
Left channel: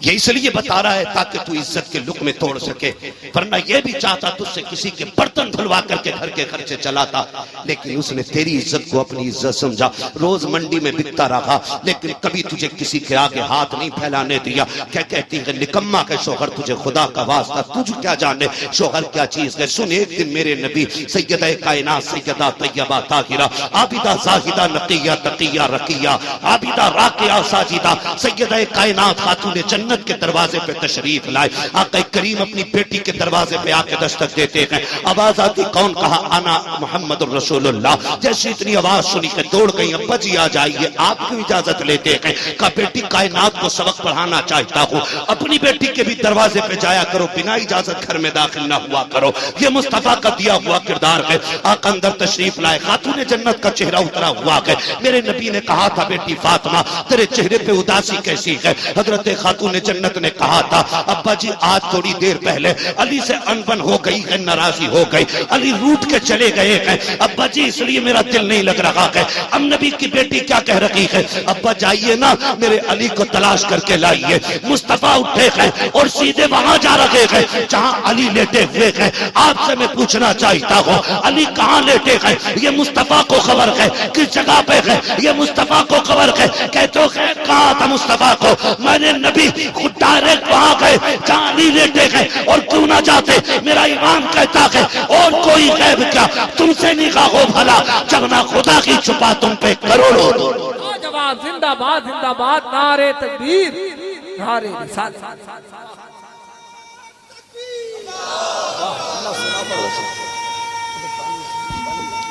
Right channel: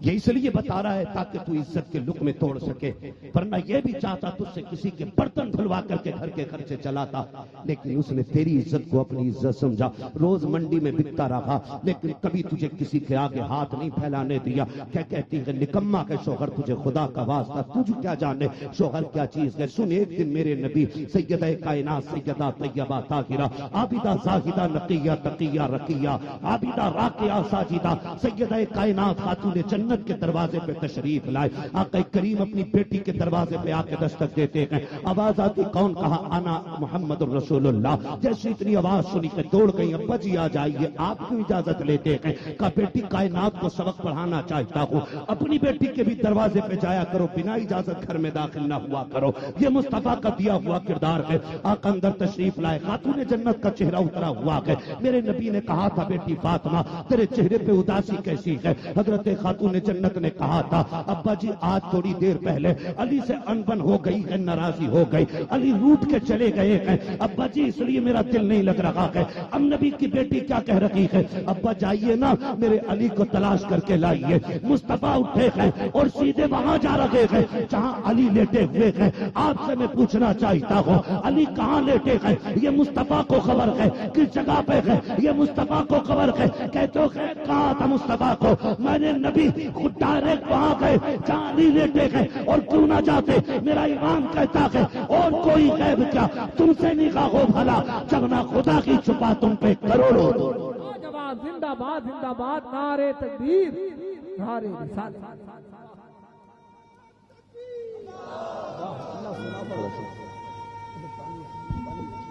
ये इसलिए बता रहा है ताकि तू इज्जत के लुक में तोड़ सके, वरना ये भी चाहता तुझसे किसी के बर्तन धुलवा करके घर के खर्चे चलाता। लेकिन उसने तेरी इज्जत को अपनी इज्जत समझा, रोज मंडी में बिकता रहा लेकिन कभी तुझे किसी के आगे हाथ नहीं फैलाने दिया। क्या कहती है निकम्मा के शोहर तुझे खुदा का वास्ता तुझ क्या जाने शोहर क्या चीज है। सुन एक दिन मेरे नबी सैयदा कायनात सैयदा तैयबा ताहिरा आबिदा जाहिदा नकिया तकिया रकिया आबिदा राकिया साजिदा सैयदा कायनात खातून जन्नत के दरवाजे पे तशरीफ लाए। आका करीम अपनी बेटी के दरवाजे पे आके दस्तक देते हैं, आवाज आती कौन? कहा आना मोहम्मद रसूलुल्लाह। जैसे इतनी आवाज सुनी के दौड़ गई, अब्बा जी आ जाइए आपकी इजाजत लेते हैं। कहा बेटी कायनात को सबक पढ़ाना चाहता हूँ, अपनी बेटी के भी दरवाजे पे जाया करो, बिना इजाजत घर में दाखिल ना हुआ करो, ये मुस्तफा का दिया हुआ किरदार है। आका अंदर तशरीफ लाए, खातून जन्नत का चेहरा उतरा हुआ है। मेरे नबी ने कहा था बेटी फातिमा तेरे चेहरे पे उदासी कैसी है? हजरत खातून जन्नत ने कहा था अब्बा जी आज थोड़ी देर पहले अली से अनबन हो गई है, नाराजगी हो गई, अली रूठ के चले गए हैं अब्बा जी, इसलिए मेरा दिल नहीं लग रहा है। अब नबी की बेटी क्या कह रही है? अब्बा जाइए ना मेरे अली को तलाश करके लाइए। मुस्तफा उठे हैं और सीधे वहां जा रहे हैं जहां अली लेटे हुए हैं। आपसे मैं पूछना चाहता हूं अली कहां लेटे हैं? ये मुस्तफा को खबर है, किस जगह पे है ये मुस्तफा को खबर है। कहते हो कहा था मुस्तफा को? मैंने नबी खुद डायरेक्ट वहां गए जहां अली लेटे हैं, और क्यों ना जाते? मेरा ईमान कहता है और कोई गैब क्या तुमसे निगाह हो भला, जब ना खुदा की छुपा तुम पे करोड़ों। जवाब जिंदाबाद जिंदाबाद, नारे तकबीर, नारे रिसालत।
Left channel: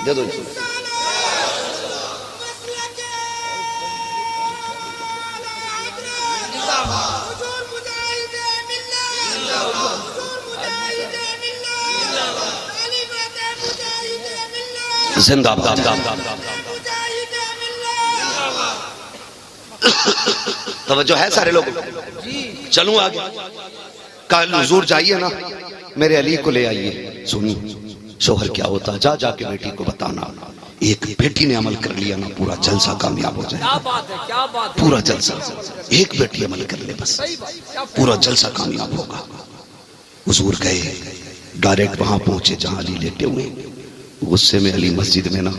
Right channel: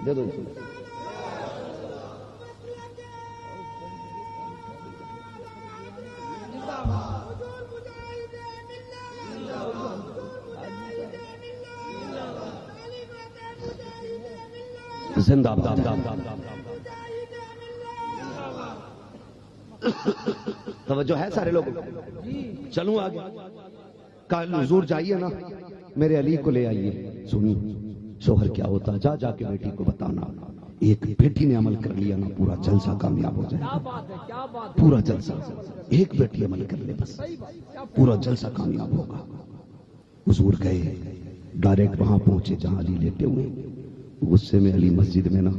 दे दो जिंदाबाद। तवज्जो है सारे लोग? चलूं आगे। कल हुजूर जाइए ना मेरे अली को ले आइए। सुनिए शोहर क्या होता, जा जाके बेटी को बताना। एक बेटी ने अमल कर लिया ना पूरा जलसा कामयाब हो जाए। क्या बात है, क्या बात है। पूरा जलसा, एक बेटी अमल कर ले बस पूरा जलसा कामयाब होगा। हुजूर गए, डायरेक्ट वहां पहुंचे जहां अली लेटे हुए। गुस्से में अली मस्जिद में ना,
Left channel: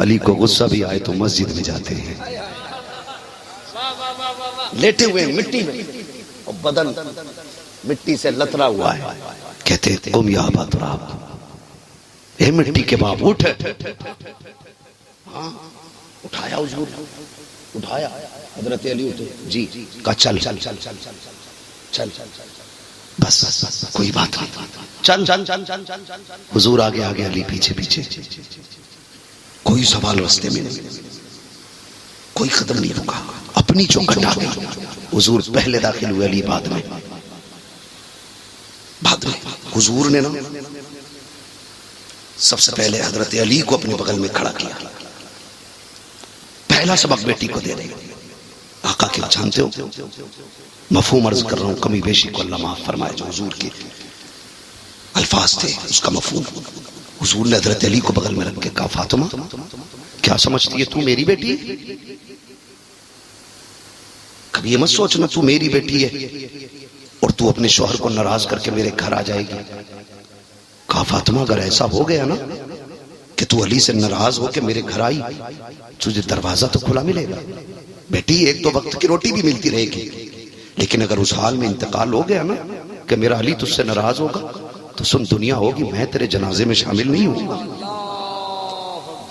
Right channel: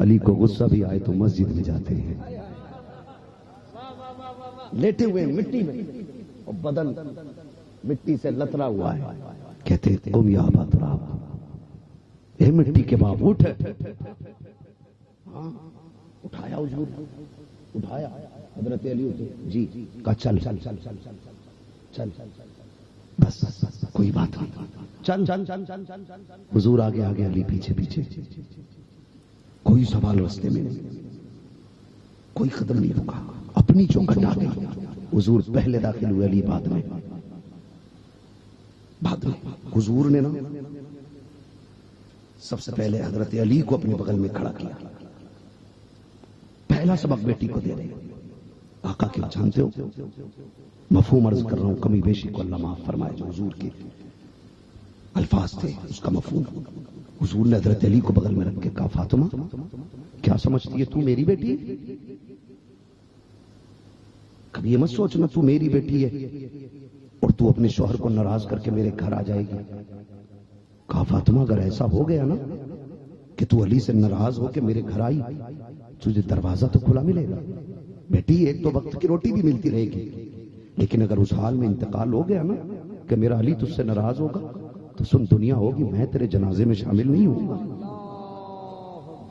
अली को गुस्सा भी आए तो मस्जिद में जाते हैं, लेटे हुए मिट्टी में और बदन मिट्टी से लतरा हुआ है। कहते हैं तुम या अबा तुराब, ए मिट्टी के बाप उठ। हाँ, उठाया हुजूर, उठाया। हजरत अली उठे जी, का चल चल चल चल चल चल चल चल बस कोई बात नहीं, चल चल चल चल चल चल। हुजूर आगे आगे, अली पीछे पीछे। कोई सवाल रास्ते में नहीं, कोई कदम नहीं रुका, अपनी चौखट आ गई। हुजूर पहले दाखिल हुए, अली बाद में। हुजूर ने ना सबसे पहले हजरत अली को अपने बगल में खड़ा किया। पहला सबक बेटी को दे रहे। आका के जानते हो, मफहूम अर्ज कर रहा हूं, कमी बेशी को अल्लाह माफ फरमाए। जो हुजूर के अल्फाज थे उसका मफहूम, हुजूर ने हजरत अली को बगल में रख के कहा, फातिमा क्या समझती है तू मेरी बेटी है? कभी ये मत सोचना तू मेरी बेटी है और तू अपने शौहर को नाराज करके मेरे घर आ जाएगी। कहा, फातिमा अगर ऐसा हो गया ना कि तू अली से नाराज होके मेरे घर आई, तुझे दरवाजा तो खुला मिलेगा बेटी, एक दो वक्त की रोटी भी मिलती रहेगी। लेकिन अगर उस हाल में इंतकाल हो गया ना कि मेरा अली तुझसे नाराज होगा, तो सुन दुनिया होगी, मैं तेरे जनाजे में शामिल नहीं हूंगा।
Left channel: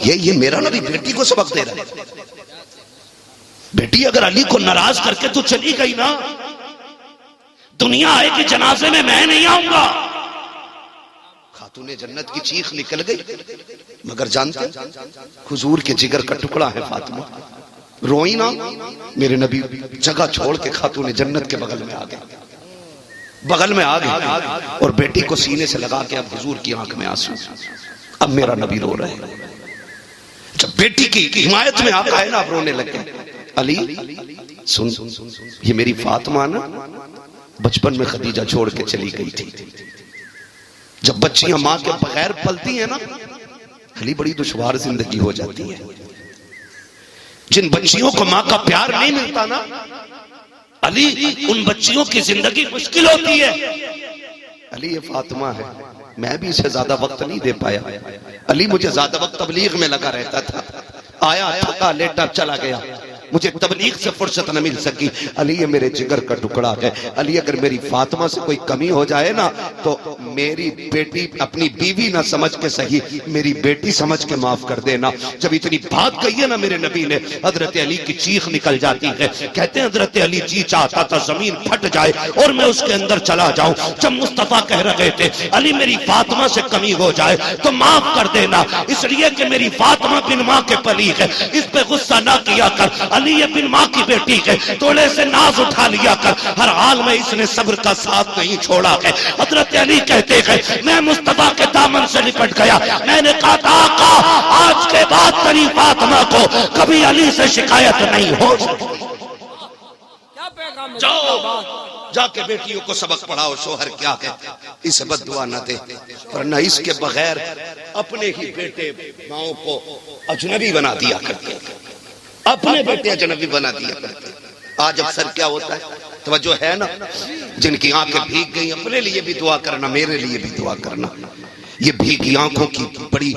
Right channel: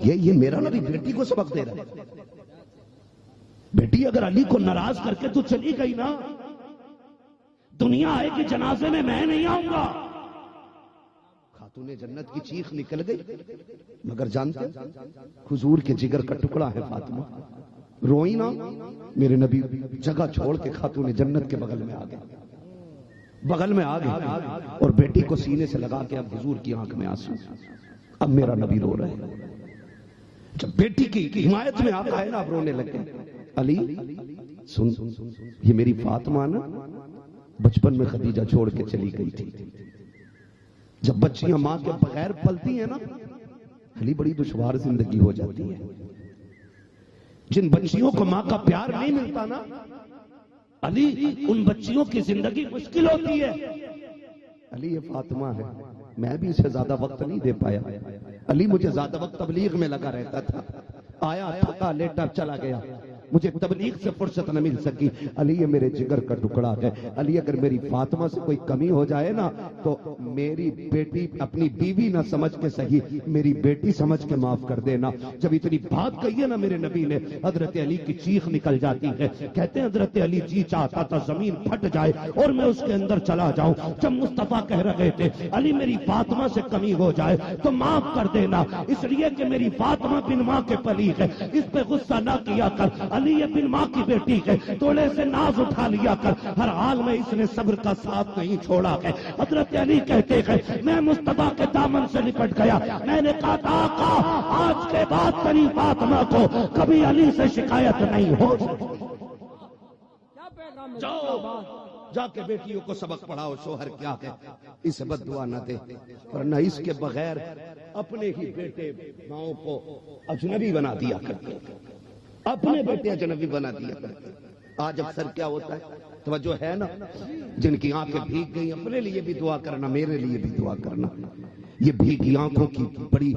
ये मेरा नबी बेटी को सबक दे रहा है। बेटी अगर अली को नाराज करके तू चली गई ना, दुनिया आएगी जनाजे में, मैं नहीं आऊंगा। खातूने जन्नत की चीख निकल गई। मगर जानते हुजूर के जिगर का टुकड़ा है फातिमा, रोई ना। मेरे नबी जगह छोड़ के खातूने जन्नत के बगल में आ गए, बगल में आ गए और बेटी को सीने से लगा के अब हुजूर की आंख में आंसू। अब मेरा नबी रो रहे हैं। जब बेटी की हिमायत में आका है ना, अब रोने लगे। अली सुन, ये मेरी फातिमा ना बचपन में खदीजा छोड़ के चली गई थी। जब बच्चियां मां के बगैर पलती हैं ना, अली बड़ी दुश्वार जिंदगी हो जाती है। जिन बच्चियों को मां का प्यार नहीं मिलता ना अली, उन बच्चियों की जिंदगी मुश्किल होती है। अली ये फातिमा है, मैं भी इसे ज्यादा वक्त नहीं दे पाया। अली मुझे ज्यादा वक्त तबलीग में लगा रहता था, आया थका लेटा चला गया, मुझे तबलीग से फुर्सत न मिल सकी। अली ये मेरे जिगर का टुकड़ा है। अली अगर मेरी फातिमा से कोई कमी हो जाए ना, तो मेरी बेटी अपनी बीवी ना समझ के सही, मेरी बेटी समझ के माफ कर देना। जब इतनी बात कही है ना मेरे नबी ने, हजरत अली की चीख निकल जाती है। कहते हैं हजरत अली जी चाहता था जमीन फट जाए और मैं उसके अंदर चला जाऊं। जब मुस्तफा कह रहे थे अली मेरी फातिमा से कमी हो जाए तो माफ कर देना, इसलिए कि मेरी फातिमा बिन मां के पली है, इस पे गुस्सा ना किया कर। अली ये बिन मां की बेटी है, थोड़े से नाज उठा लिया कर। हर हाल में इसने सब्र का साथ नहीं छोड़ा है। हजरत अली कहते हैं मैं मुस्तफा के दामन से लिपट गया, मैंने कहा था आका आज के बाद तेरी फातिमा को कभी अली से शिकायत नहीं हो सकती। जाओ जाके बेटियों को सबक पढ़ाओ, शोहर क्या कहते, इसे बद्दुआ न दे, वरना इसके बगैर अपने ही बेटे माओ को अजनबी बना दिया करते, अपने बेटे अजनबी बना दिया करते। आज अक्सर क्या होता है, तवज्जो है ना, जिनकी आंखें भीग गई अपने लिए भी दुआ करना, मेरे लिए भी दुआ करना। ये भीगी आंखों की बड़ी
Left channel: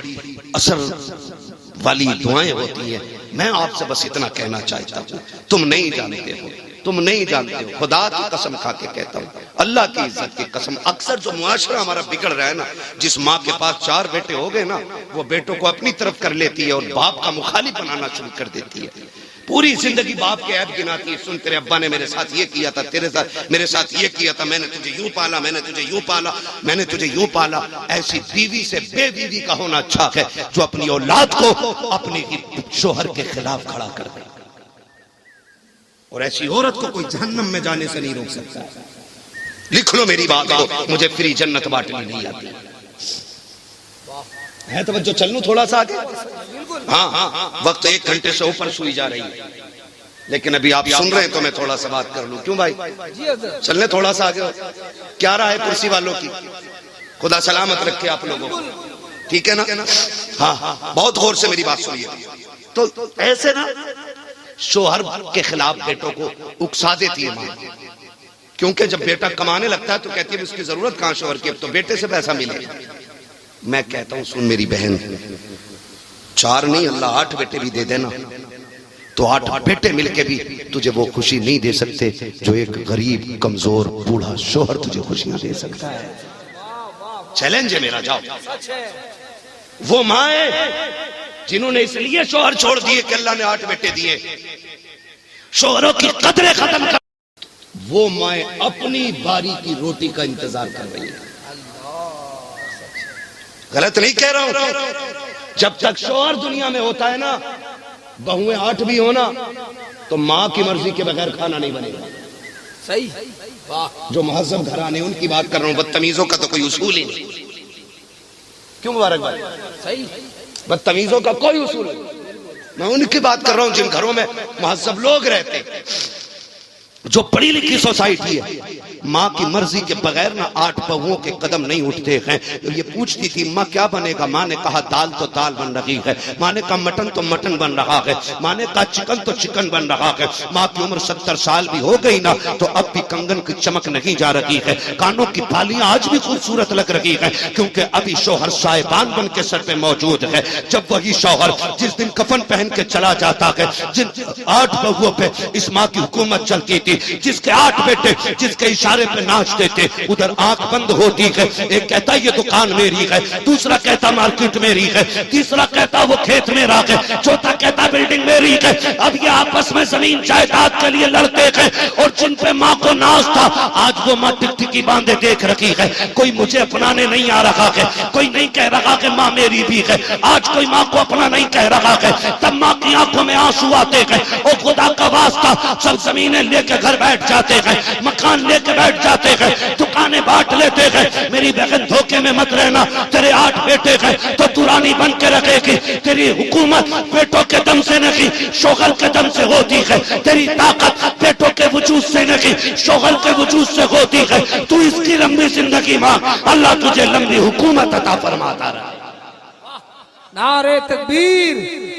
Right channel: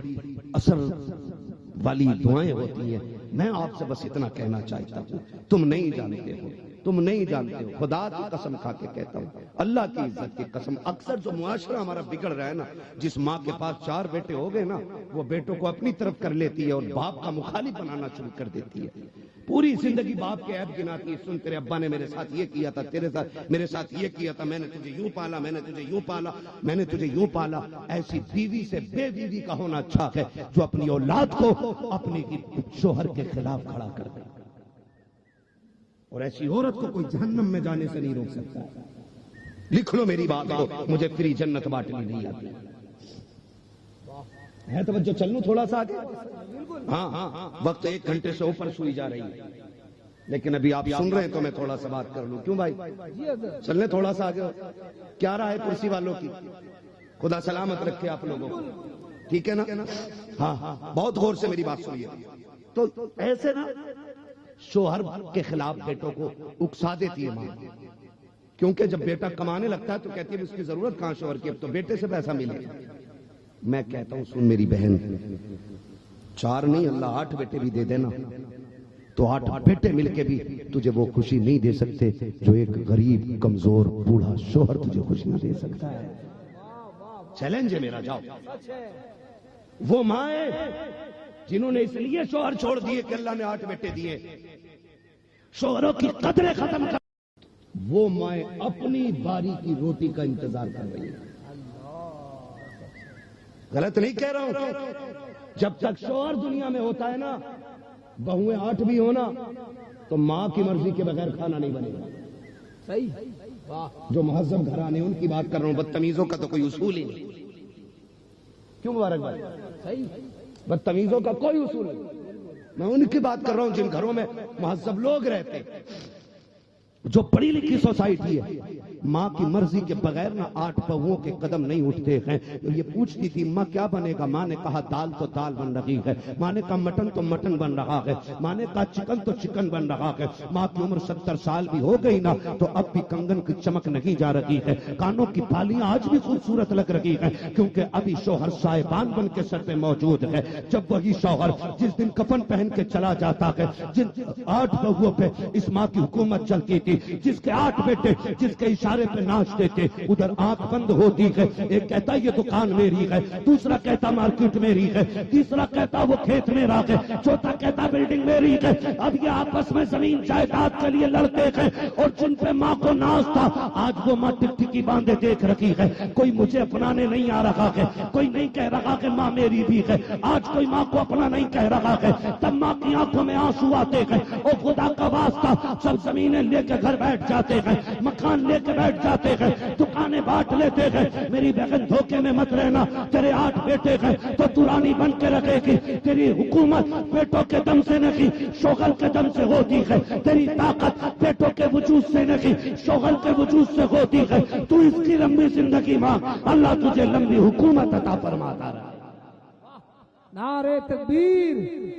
असर वाली दुआएं होती है। मैं आपसे बस इतना कहना चाहता हूं, तुम नहीं जानते हो, तुम नहीं जानते हो, खुदा की कसम खा के कहता हूं, अल्लाह की इज्जत की कसम, अक्सर जो मुआशरा हमारा बिगड़ रहा है ना, जिस माँ के पास 4 बेटे हो गए ना, वो बेटों को अपनी तरफ कर लेती है और बाप का मुखालिफ बनाना शुरू कर देती है। पूरी जिंदगी बाप के ऐब गिनाती है, सुन तेरे अब्बा ने मेरे साथ ये किया था, तेरे साथ मेरे साथ ये किया था, मैंने तुझे यूं पाला, मैंने तुझे यूं पाला, मैंने तुझे यूं पाला। ऐसी बीवी से बेबीवी का होना अच्छा है जो अपनी औलाद को अपने शोहर के खिलाफ खड़ा कर दे, और ऐसी औरत को कोई जहन्नम में जाने से नहीं रोक सकता। लिख लो मेरी बात को, मुझे फ्री जन्नत बांटनी नहीं आती है। तो जो चल लूं थोड़ा सा आगे, हाँ, वक्त 1 घंटे से ऊपर सुई जा रही है, लेकिन अभी आप सुन रहे हैं तो मैं थोड़ा सा बात कर लूं। क्यों भाई, चलने थोड़ा सा आगे। क्या रहा है कुर्सी वालों की, खुदा सलामत रखे आप लोगों को, ठीक है ना? हाँ, बहुत गौर से मेरी बात सुनिए। तो ऐसे ना शोहर के खिलाफ बेटों को उकसा देती है मां, क्योंकि जब बेटा कमाने लगता है तो कहती है उसकी जरूरत कहां शोहर की, अब तो बेटे से पैसा मिलेगा। मैं कहता हूं सुन मेरी बहन, 4 नहीं अल्लाह 8 बेटे भी दे देना तो 8 बेटे मिलके भी तुझे वो खुशी नहीं दे सकते जो एक गरीब कमजोर बूढ़ा शोहर तुझे खुशियां दे सकता है। चैलेंज है मेरा, जाओ। वो माए जिन्होंने इसलिए शोहर छोड़ दिए कि अल्लाह ने 8 बेटे दिए, शोहरों की कदरें खत्म कर, वो माए अपनी बारी की रोटी का इंतजार कर रही है। गलत नहीं कह रहा हूं। जब तक शोहर दुनिया में होता है ना, बहुएं 8 भी होना तो मां की मर्जी के बगैर खाना नहीं बनेगा। सही, वाह। जो महजब घराने उनकी बात कर रहा हूं, बदतमीजों का तो कोई उसूल ही नहीं। क्यों मुबारक भाई? सही, बदतमीजों का कोई उसूल नहीं। मैं उनकी बात कर रहा हूं जिन घरों में महजब लोग रहते, जो पढ़ी लिखी सोसाइटी है। माँ की मर्जी के बगैर ना 8 बहुओं के कदम नहीं उठते हैं। ये पूछती थी माँ क्या बनेगा, माँ ने कहा दाल तो दाल बन रही है, माँ ने कहा मटन तो मटन बन रहा है, माँ ने कहा चिकन तो चिकन बन रहा है। माँ की उम्र 70 साल भी हो गई ना तो अब भी कंगन की चमक नहीं जा रही है, कानों की बालियां आज भी खूबसूरत लग रही है, क्योंकि अभी शोहर साहिबान बन के सर पे मौजूद है। जब वही शोहर जिस दिन कफन पहन के चला जाता है, जिन 8 बहुओं पे इस माँ की हुकूमत चलती थी, जिसके 8 बेटे जिसके इशारे पे नाचते थे, उधर आंख बंद होती है। एक कहता ये दुकान मेरी है, दूसरा कहता मार्केट मेरी है, तीसरा कहता वो खेत मेरा है, चौथा कहता बिल्डिंग मेरी है। अब ये आपस में जमीन जायदाद के लिए लड़ते हैं और जिन पे माँ को नाज था आज वो माँ टिकटिकी बांधे देख रखी है। कोई मुझे अपनाने नहीं आ रहा है, कोई नहीं कह रहा कि माँ मेरी भी है। आज कोई माँ को अपना नहीं कह रहा है, तब माँ की आंखों में आंसू आते हैं। और खुदा का वास्ता सब जमीनें लेके घर बैठ जाते हैं, मकान लेके बैठ जाते हैं, दुकानें बांट लेते हैं। मेरी बहन धोखे में मत रहना, तेरे 8 बेटे हैं तो तू रानी बन के रखेगी। तेरी हुकूमत बेटों के दम से नहीं शोहर के दम से होती है, तेरी ताकत बेटों के वजूद से नहीं शोहर के वजूद से होती है। तू इसकी लंबी जिंदगी मांग, अल्लाह तुझे लंबी हुकूमत अता फरमाता रहे। नारे तकबीर,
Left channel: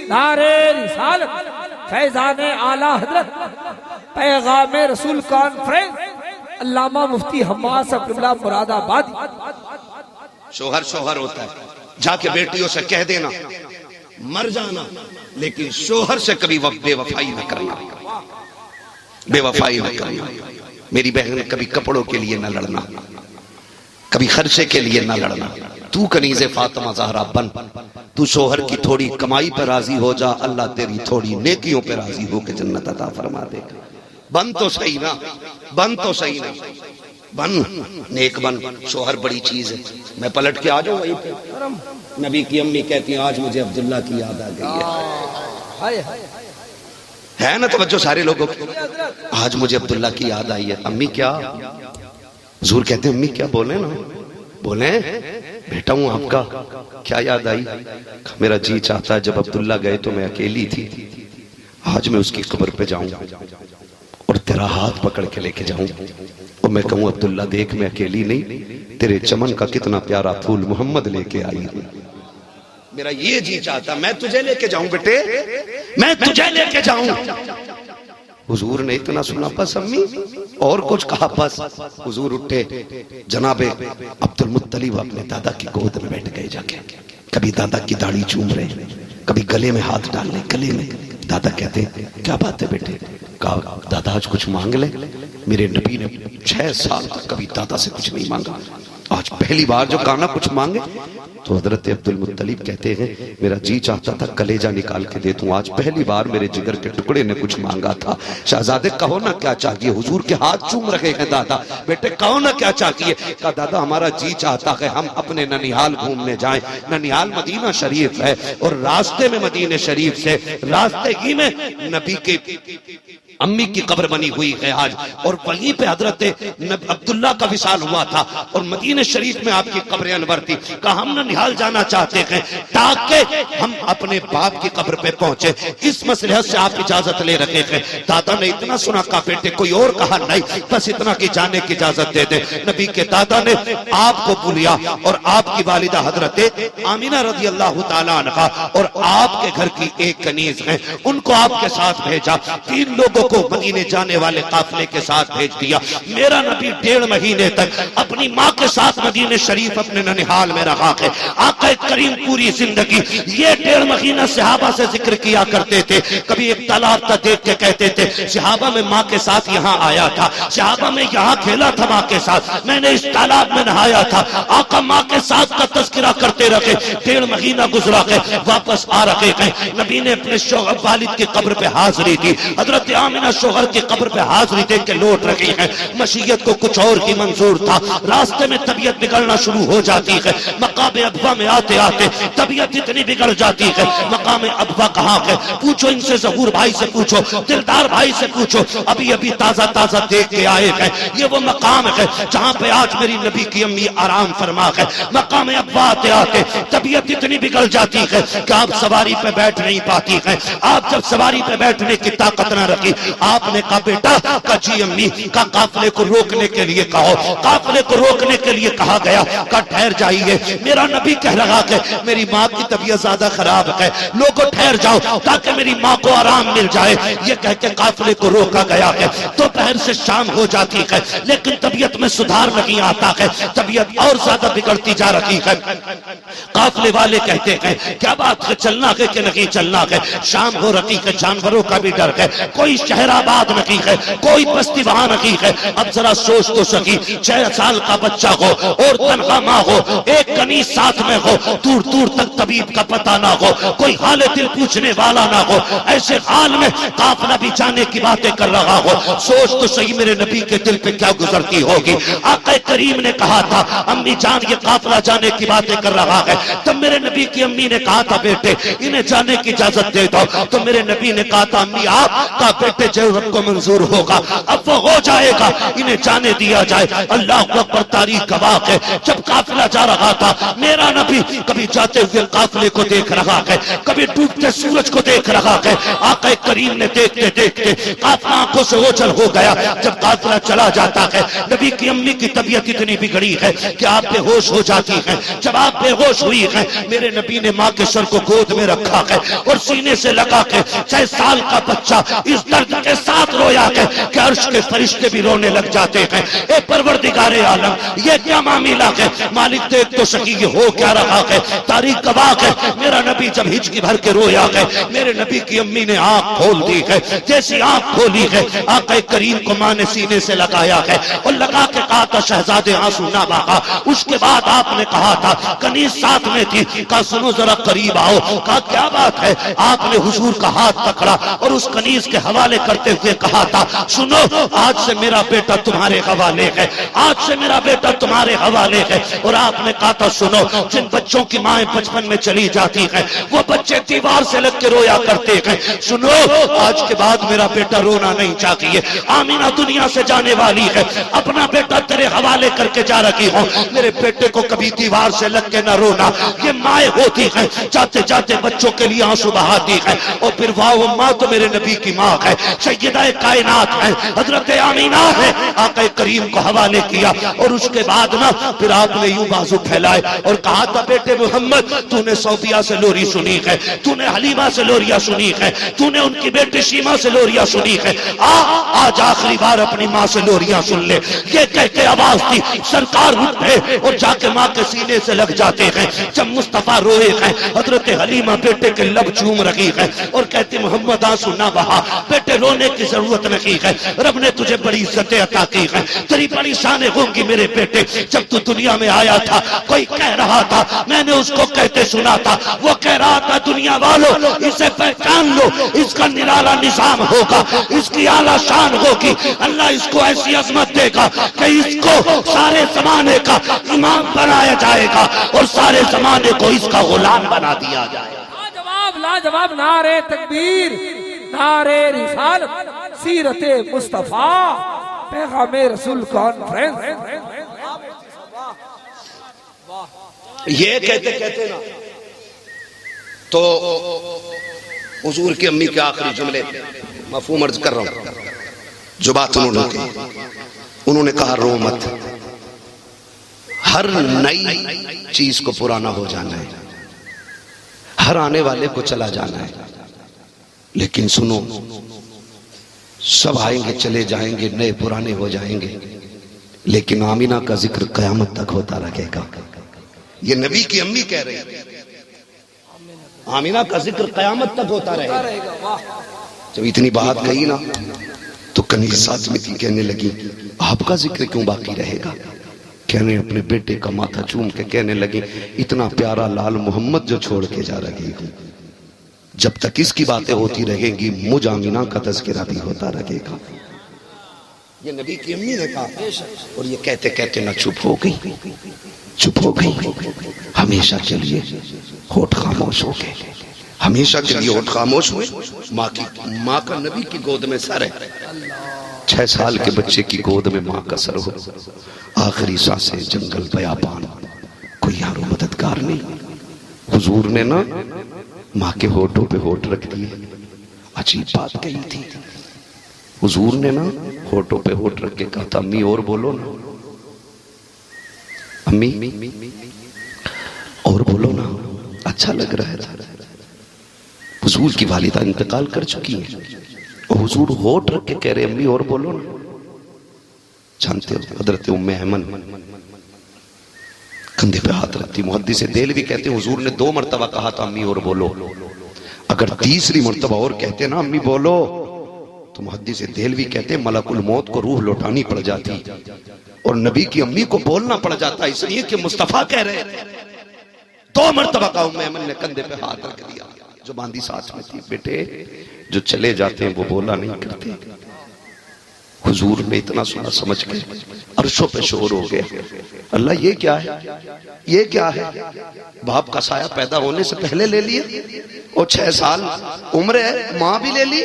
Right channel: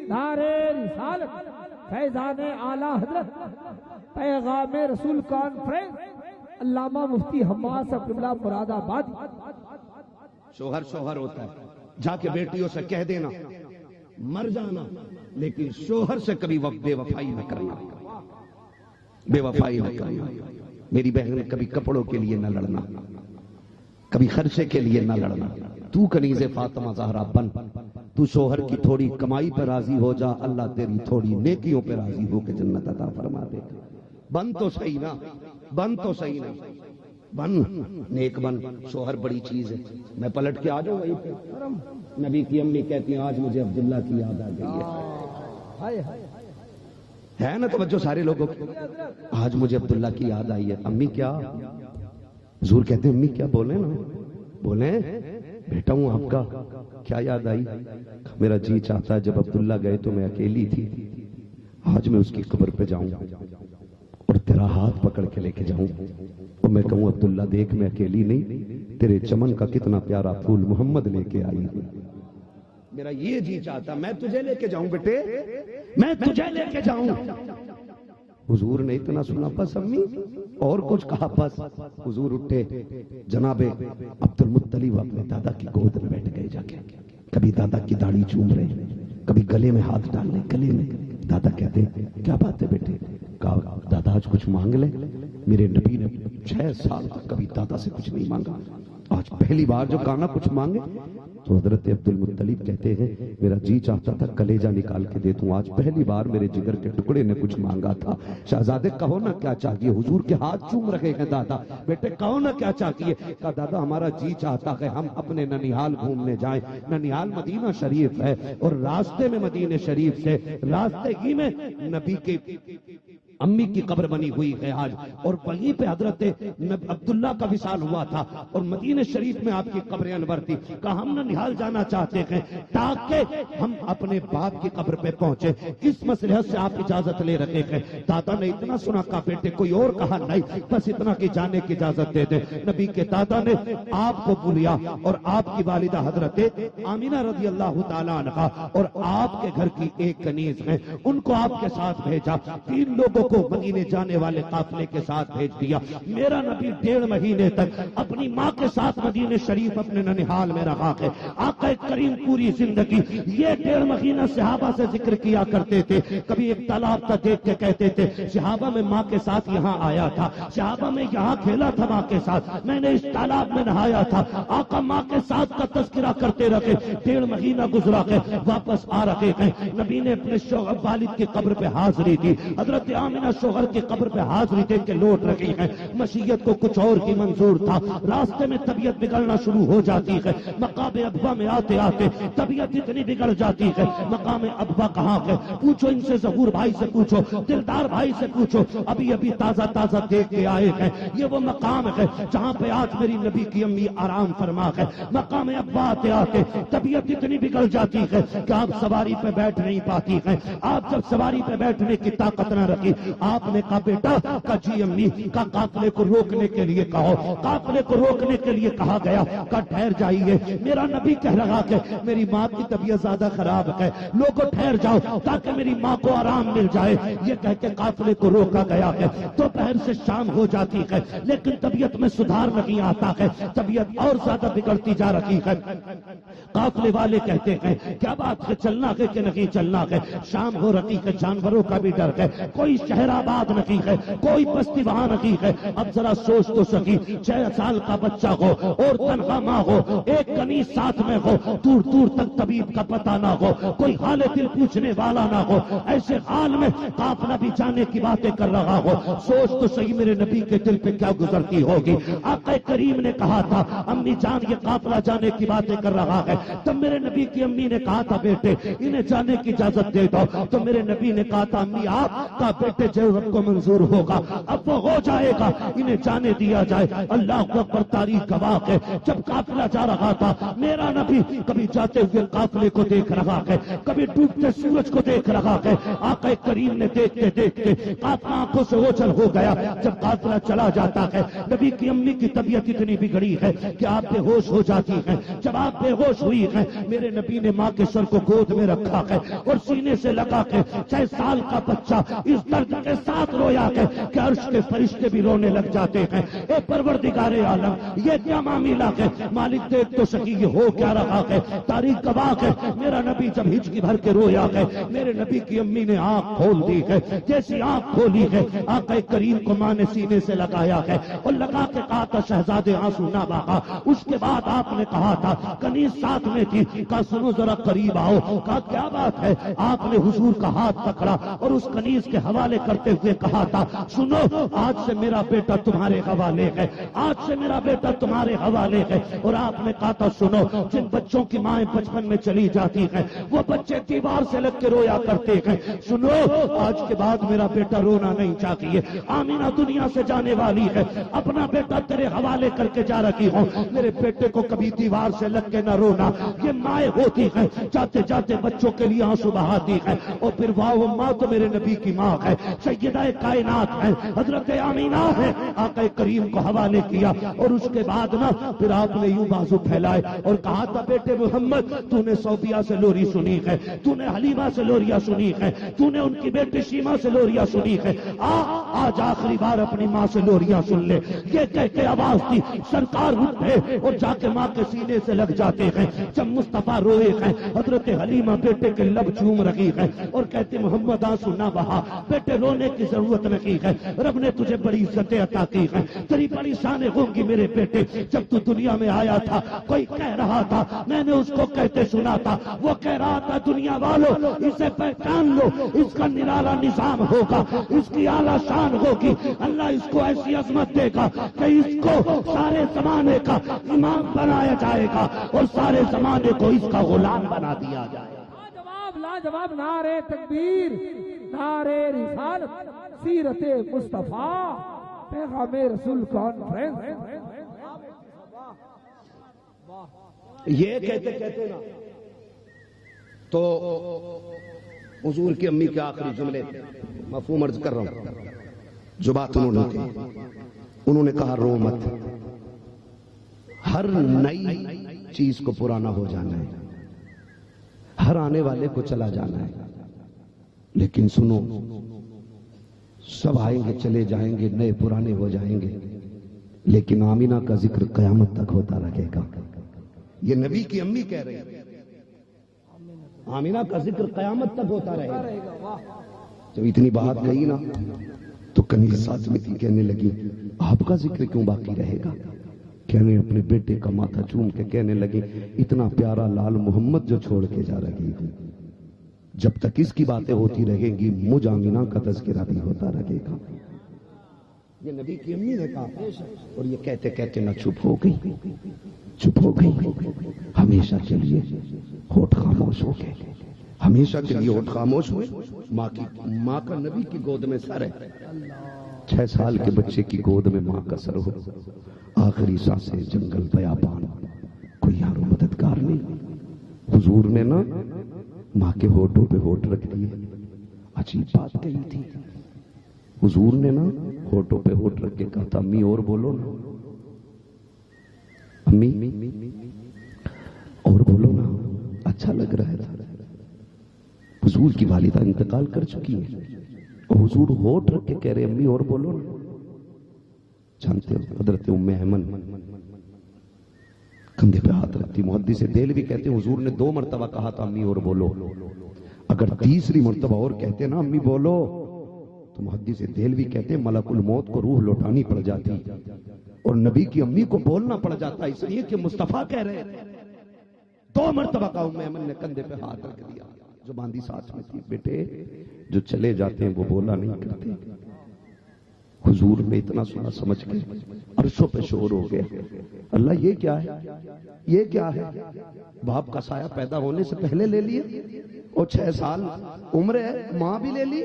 नारे रिसालत, फैजाने आला हजरत, पैगामे रसूल कॉन्फ्रेंस, अल्लामा मुफ्ती हम्माद साहब किबला मुरादाबादी। शोहर शोहर होता है, जाके बेटियों से कह देना मर जाना, लेकिन शोहर से कभी बेवफाई न करना, बेवफाई न करना। मेरी बहन कभी कपड़ों के लिए न लड़ना, कभी खर्चे के लिए न लड़ना। तू कनीज़े फातिमा ज़हरा बन, तू शोहर की थोड़ी कमाई पर राजी हो जा, अल्लाह तेरी थोड़ी नेकियों पर राजी हो के जन्नत अता फरमा देगा। बन तो सही ना, बन तो सही ना, बन नेक बन। शोहर बड़ी चीज है। मैं पलट के आ जाऊं वहीं पे, नबी की अम्मी कहती हैं आज मुझे अब्दुल्ला की याद आ गई है ना तवज्जो सारे लोगों की। आज मुझे अब्दुल्ला की याद आई है। अम्मी क्या? हुजूर कहते हैं अम्मी क्या? बोले ना, बोले बेटा हूं आपका। क्या याद आई? मेरा जी चाहता है जब अब्दुल्ला गए तो मैं अकेली थी, आज मैं उसकी कब्र पे जाऊं और तेरा हाथ पकड़ के लेके जाऊं और मैं कहूं अब्दुल्ला देख मैं अकेली नहीं, तेरे चमन का कितना प्यारा फूल मोहम्मद लेके आई है। मेरा ये जी चाहता मैं तुझे लेके जाऊं बेटे, मैं तुझे लेके जाऊं। हुजूर ने इतना सुना बस अम्मी, और कुछ कहा बस। हुजूर उठे, जनाबे अब्दुल मुत्तलिब अपने दादा की गोद में बैठ गए जाके। कभी दादा की दाढ़ी चूम रहे, कभी गले में हाथ डाल रहे, गले में। दादा कहते क्या बात है बेटे? कहा दादा आज कुछ मांग ले। मेरे नबी ने 6 साल तक कभी दादा से कुछ नहीं मांगा, आज पहली बार जो काना कुछ मांगे। तो हजरत अब्दुल मुत्तलिब कहते हैं मेरा जी चाहता था कलेजा निकाल के दे दूं, आज पहली बार मेरे जिगर के टुकड़े ने कुछ मांगा था। शहजादे कहो ना क्या चाहिए? हुजूर के हाथ चूम रखे हैं दादा। बेटे कहो ना क्या चाहिए? कहा दादा हमारा जी चाहता है हम अपने ननिहाल घूमने जाएं। ननिहाल मदीना शरीफ है और रास्ते में मदीने शरीफ से रास्ते ही में नबी के अम्मी की कब्र बनी हुई है आज, और वहीं पे हजरत अब्दुल्ला का विसाल हुआ था और मदीने शरीफ में आपकी कब्र अनवर थी। कहा हम ननिहाल जाना चाहते हैं ताकि हम अपने बाप की कब्र पे पहुंचे, इस मसलहत से आप इजाजत ले रखे हैं। दादा ने इतना सुना, कहा बेटे कोई और? कहा नहीं, बस इतना कि जाने की इजाजत दे दे। नबी के दादा ने आपको बुलाया और आपकी वालिदा हजरत आमिना रजी अल्लाह तआला अन्हा और आपके घर की एक कनीज है, उनको आपके साथ भेजा। 3 लोगों को मदीने जाने वाले काफिले के साथ भेज दिया। मेरा नबी 1.5 महीने तक अपनी माँ के साथ मदीने शरीफ अपने ननिहाल में रहा है। आका करीम पूरी जिंदगी ये 1.5 महीना सहाबा से जिक्र किया करते थे। कभी एक तालाब था, देख के कहते थे सहाबा में माँ के साथ यहाँ आया था, सहाबा में यहाँ खेला था माँ के साथ, मैंने इस तालाब में नहाया था। आका माँ के साथ का तस्करा करते रहे। 1.5 महीना गुजरा है, वापस आ रहे हैं। नबी ने अपने शौहर वालिद की कब्र पे हाजिरी दी। हजरत आमिना शौहर की कब्र पे हाजिरी दे के लौट रही है। मशीयत को कुछ और ही मंजूर था। रास्ते में तबीयत बिगड़ना शुरू हो जाती है। मकाम अब्बा में आते आते तबीयत इतनी बिगड़ जाती है। मकाम अब्बा कहाँ है? पूछो इनसे, ज़हूर भाई से पूछो, दिलदार भाई से पूछो, अभी अभी ताजा ताजा देख के आए हैं। ये वो मकाम है जहाँ पे आज मेरी नबी की अम्मी आराम फरमा है। मकाम अब्बा आते आते तबीयत इतनी बिगड़ जाती है कि आप सवारी पे बैठ नहीं पाती है। आप जब सवारी पे बैठने की ताकत न रखी, आपने कहा बेटा का जी अम्मी का काफिले को रोकने के लिए कहो। काफिले को रोकने के लिए कहा गया, का ठहर जाइए, मेरा नबी कह रहा है मेरी माँ की तबीयत ज्यादा खराब है, लोगों ठहर जाओ ताकि मेरी माँ को आराम मिल जाए। ये कह के काफिले को रोका गया है। दोपहर से शाम हो जाती है लेकिन तबीयत में सुधार नहीं आता है, तबीयत और ज्यादा बिगड़ती जा रही है। काफिले वाले कहते हैं क्या बात है, चलना है कि नहीं चलना है? शाम हो रही है, जानवरों का भी डर है, कोई शहराबाद नहीं है, कोई बस्ती वहां नहीं है। अब जरा सोच तो सकी, 6 साल का बच्चा हो और तनहा माँ हो, एक कनीज साथ में हो, दूर दूर तक तबीब का पता ना हो, कोई हाल दिल पूछने वाला ना हो, ऐसे हाल में काफिला भी जाने की बातें कर रहा हो। सोच तो सही मेरे नबी के दिल पे क्या गुजरती होगी। आका करीम ने कहा था अम्मी जान ये काफिला जाने की बातें कर रहा है। तब मेरे नबी की अम्मी ने कहा था बेटे इन्हें जाने की इजाजत दे दो। तो मेरे नबी ने कहा था अम्मी आपका बेटे जो रब को मंजूर होगा अब वो हो जाएगा, इन्हें जाने दिया जाए। अल्लाह अकबर, तारीख गवाह है जब काफिला जा रहा था मेरा नबी कभी जाते हुए काफिले को देख रहा है, कभी डूबते सूरज को देख रहा है। आका करीम ने देखते देखते काफिला आंखों से ओझल हो गया। जब काफिला चला जाता है नबी की अम्मी की तबीयत इतनी बिगड़ी है कि आप बेहोश हो जाती हैं। जब आप बेहोश हुई हैं मेरे नबी ने माँ के सर को गोद में रखा है और सीने से लगा के 6 साल का बच्चा इस दर्द के साथ रोया है कि अर्श के फरिश्ते भी रोने लग जाते हैं। ए परवरदिगारे आलम ये क्या मामला है? मालिक देख तो सकी ये हो क्या रहा है। तारीख गवाह है मेरा नबी जब हिचकी भर के रोया है मेरे नबी की अम्मी ने आंख खोल दी है। जैसी आंख खोली है आका करीम को माँ ने सीने से लगाया है और लगा के कहा था शहजादे आंसू ना बहा। उसके बाद आपने कहा था कनीज साथ में थी, कहा सुनो जरा करीब आओ। कहा क्या बात है? आपने हुजूर का हाथ पकड़ा और उस कनीज के हवाले करते हुए कहा था सुनो आज से मेरा बेटा तुम्हारे हवाले है, आज से मेरा बेटा तुम्हारे हवाले है। और आपने कहा था सुनो जिन बच्चों की माएं बचपन में चली जाती हैं वो बच्चे दीवार से लग के रोया करते हैं, सुनो आज के बाद मेरा बेटा रोना नहीं चाहिए। आमीना दुनिया से जाने वाली है, अपना बेटा तेरे हवाले करके जा रही हूँ, मेरे बेटे को कभी दीवार से लग के न रोना। ये माए होती है जाते जाते बच्चों के लिए आंसू बहाती है और फिर वाह वो माँ तो मेरे नबी की माँ है, सैयदा कायनात है, हजरत आमीना है। आका करीम को हवाले किया और उसके बाद ना फिर आपने यूं बाजू फैलाए और कहा था बेटे मोहम्मद तूने सौफिया से लोरी सुनी है, तूने हलीमा से लोरिया सुनी है, तूने उनकी बेटी शीमा से लोरिया सुनी है, आज आखिरी बार अपनी माँ से लोरिया सुन ले। ये कह के आवाज थी सरकार उठे और जाके माँ के सीने से लग जाते हैं। जब मुस्तफा रोए हैं हजरत हलीमा बेटे के लब चूम रही है और कहती मोहम्मद आंसू ना बहा, बेटे रोने की जरूरत नहीं है, रब ने तुझे बड़ी इज्जतें अता की है, तेरी बड़ी शानें होंगी मेरे बेटे। जब तू दुनिया में आया था कोई कह रहा था मैंने उसको कहते सुना था, वो कह रहा था दुनिया वालों इसे पहचान लो, इसका निराला निजाम होगा, इसकी आला शान होगी, अल्लाह इसको ऐसी अजमत देगा कि इसको सारे जमाने का इमाम बनाया जाएगा और सारे जमाने को इसका गुलाम बना दिया जाएगा। लाजवाब लाजवाब, नारे तकबीर, नारे रिसालत, सीरते मुस्तफा, पैगामे रसूल कॉन्फ्रेंस। ये कहते कहते ना तो हुजूर की अम्मी के आखिरी जुमले मफहूम अर्ज कर रहा हूं जो बात उन्होंने कही। उन्होंने कहा रो मत, हर नई चीज को पुराना हो जाना है, हर आने वाले को चला जाना है, लेकिन सुनो सब आएंगे चले जाएंगे, नए पुराने हो जाएंगे, लेकिन आमीना का जिक्र कयामत तक होता रहेगा। ये नबी की अम्मी कह रही है, आमीना का जिक्र कयामत तक होता रहेगा। जब इतनी बात कही ना तो कनीज साथ में थी, कहने लगी आपका जिक्र क्यों बाकी रहेगा? कहने अपने बेटे का माथा चूम के कहने लगी इतना प्यारा लाल मोहम्मद जो छोड़ के जा रही हूं, जब तक इसकी बातें होती रहेंगी मुझ आमीना का तज़किरा भी होता रहेगा। ये नबी की अम्मी ने कहा, और ये कहते कहते ना चुप हो गई, चुप हो गई। हमेशा के लिए होठ खामोश हो गए, हमेशा के लिए होठ खामोश हुए। माँ का नबी की गोद में सर है, 6 साल के बच्चे की गोद में माँ का सर हो, आखिरी सांसें, जंगल बयाबान, कोई यारो मददगार नहीं। हुजूर ने ना माँ के होठों पे होठ रख दिए। अजीब बात कही थी, हुजूर ने ना होठों पे होठ रख के कहा था अम्मी और बोलो ना, अम्मी और बोलो ना, अच्छा लग रहा है। हुजूर की वालिदा इंतकाल कर चुकी है और हुजूर होठ रख के कह रहे अम्मी और बोलो ना। जानते हो हजरत उम्मे ऐमन कंधे पे हाथ रखती, मुहद्दिस देलवी कहते हैं हुजूर ने 2 मरतबा कहा था अम्मी और बोलो, अगर तीसरी मरतबा और कहते ना अम्मी बोलो तो मुहद्दिस देलवी कहते मलकुल मौत को रूह लौटानी पड़ जाती और नबी की अम्मी को बोलना पड़ जाता, इसलिए कि मुस्तफा कह रहे। 2 मरतबा का उम्मे ऐमन ने कंधे पे हाथ रख दिया। जो बांदी साथ में थी, बेटे जो चले जाते हैं वो बोला नहीं करते। हुजूर ने इतना सुना, समझ के अर्शों पे शोर हो गया, अल्लाह ये क्या है, ये क्या है? बाप का साया पैदा होने से पहले ले लिया और 6 साल उम्र है, माँ भी ले ली।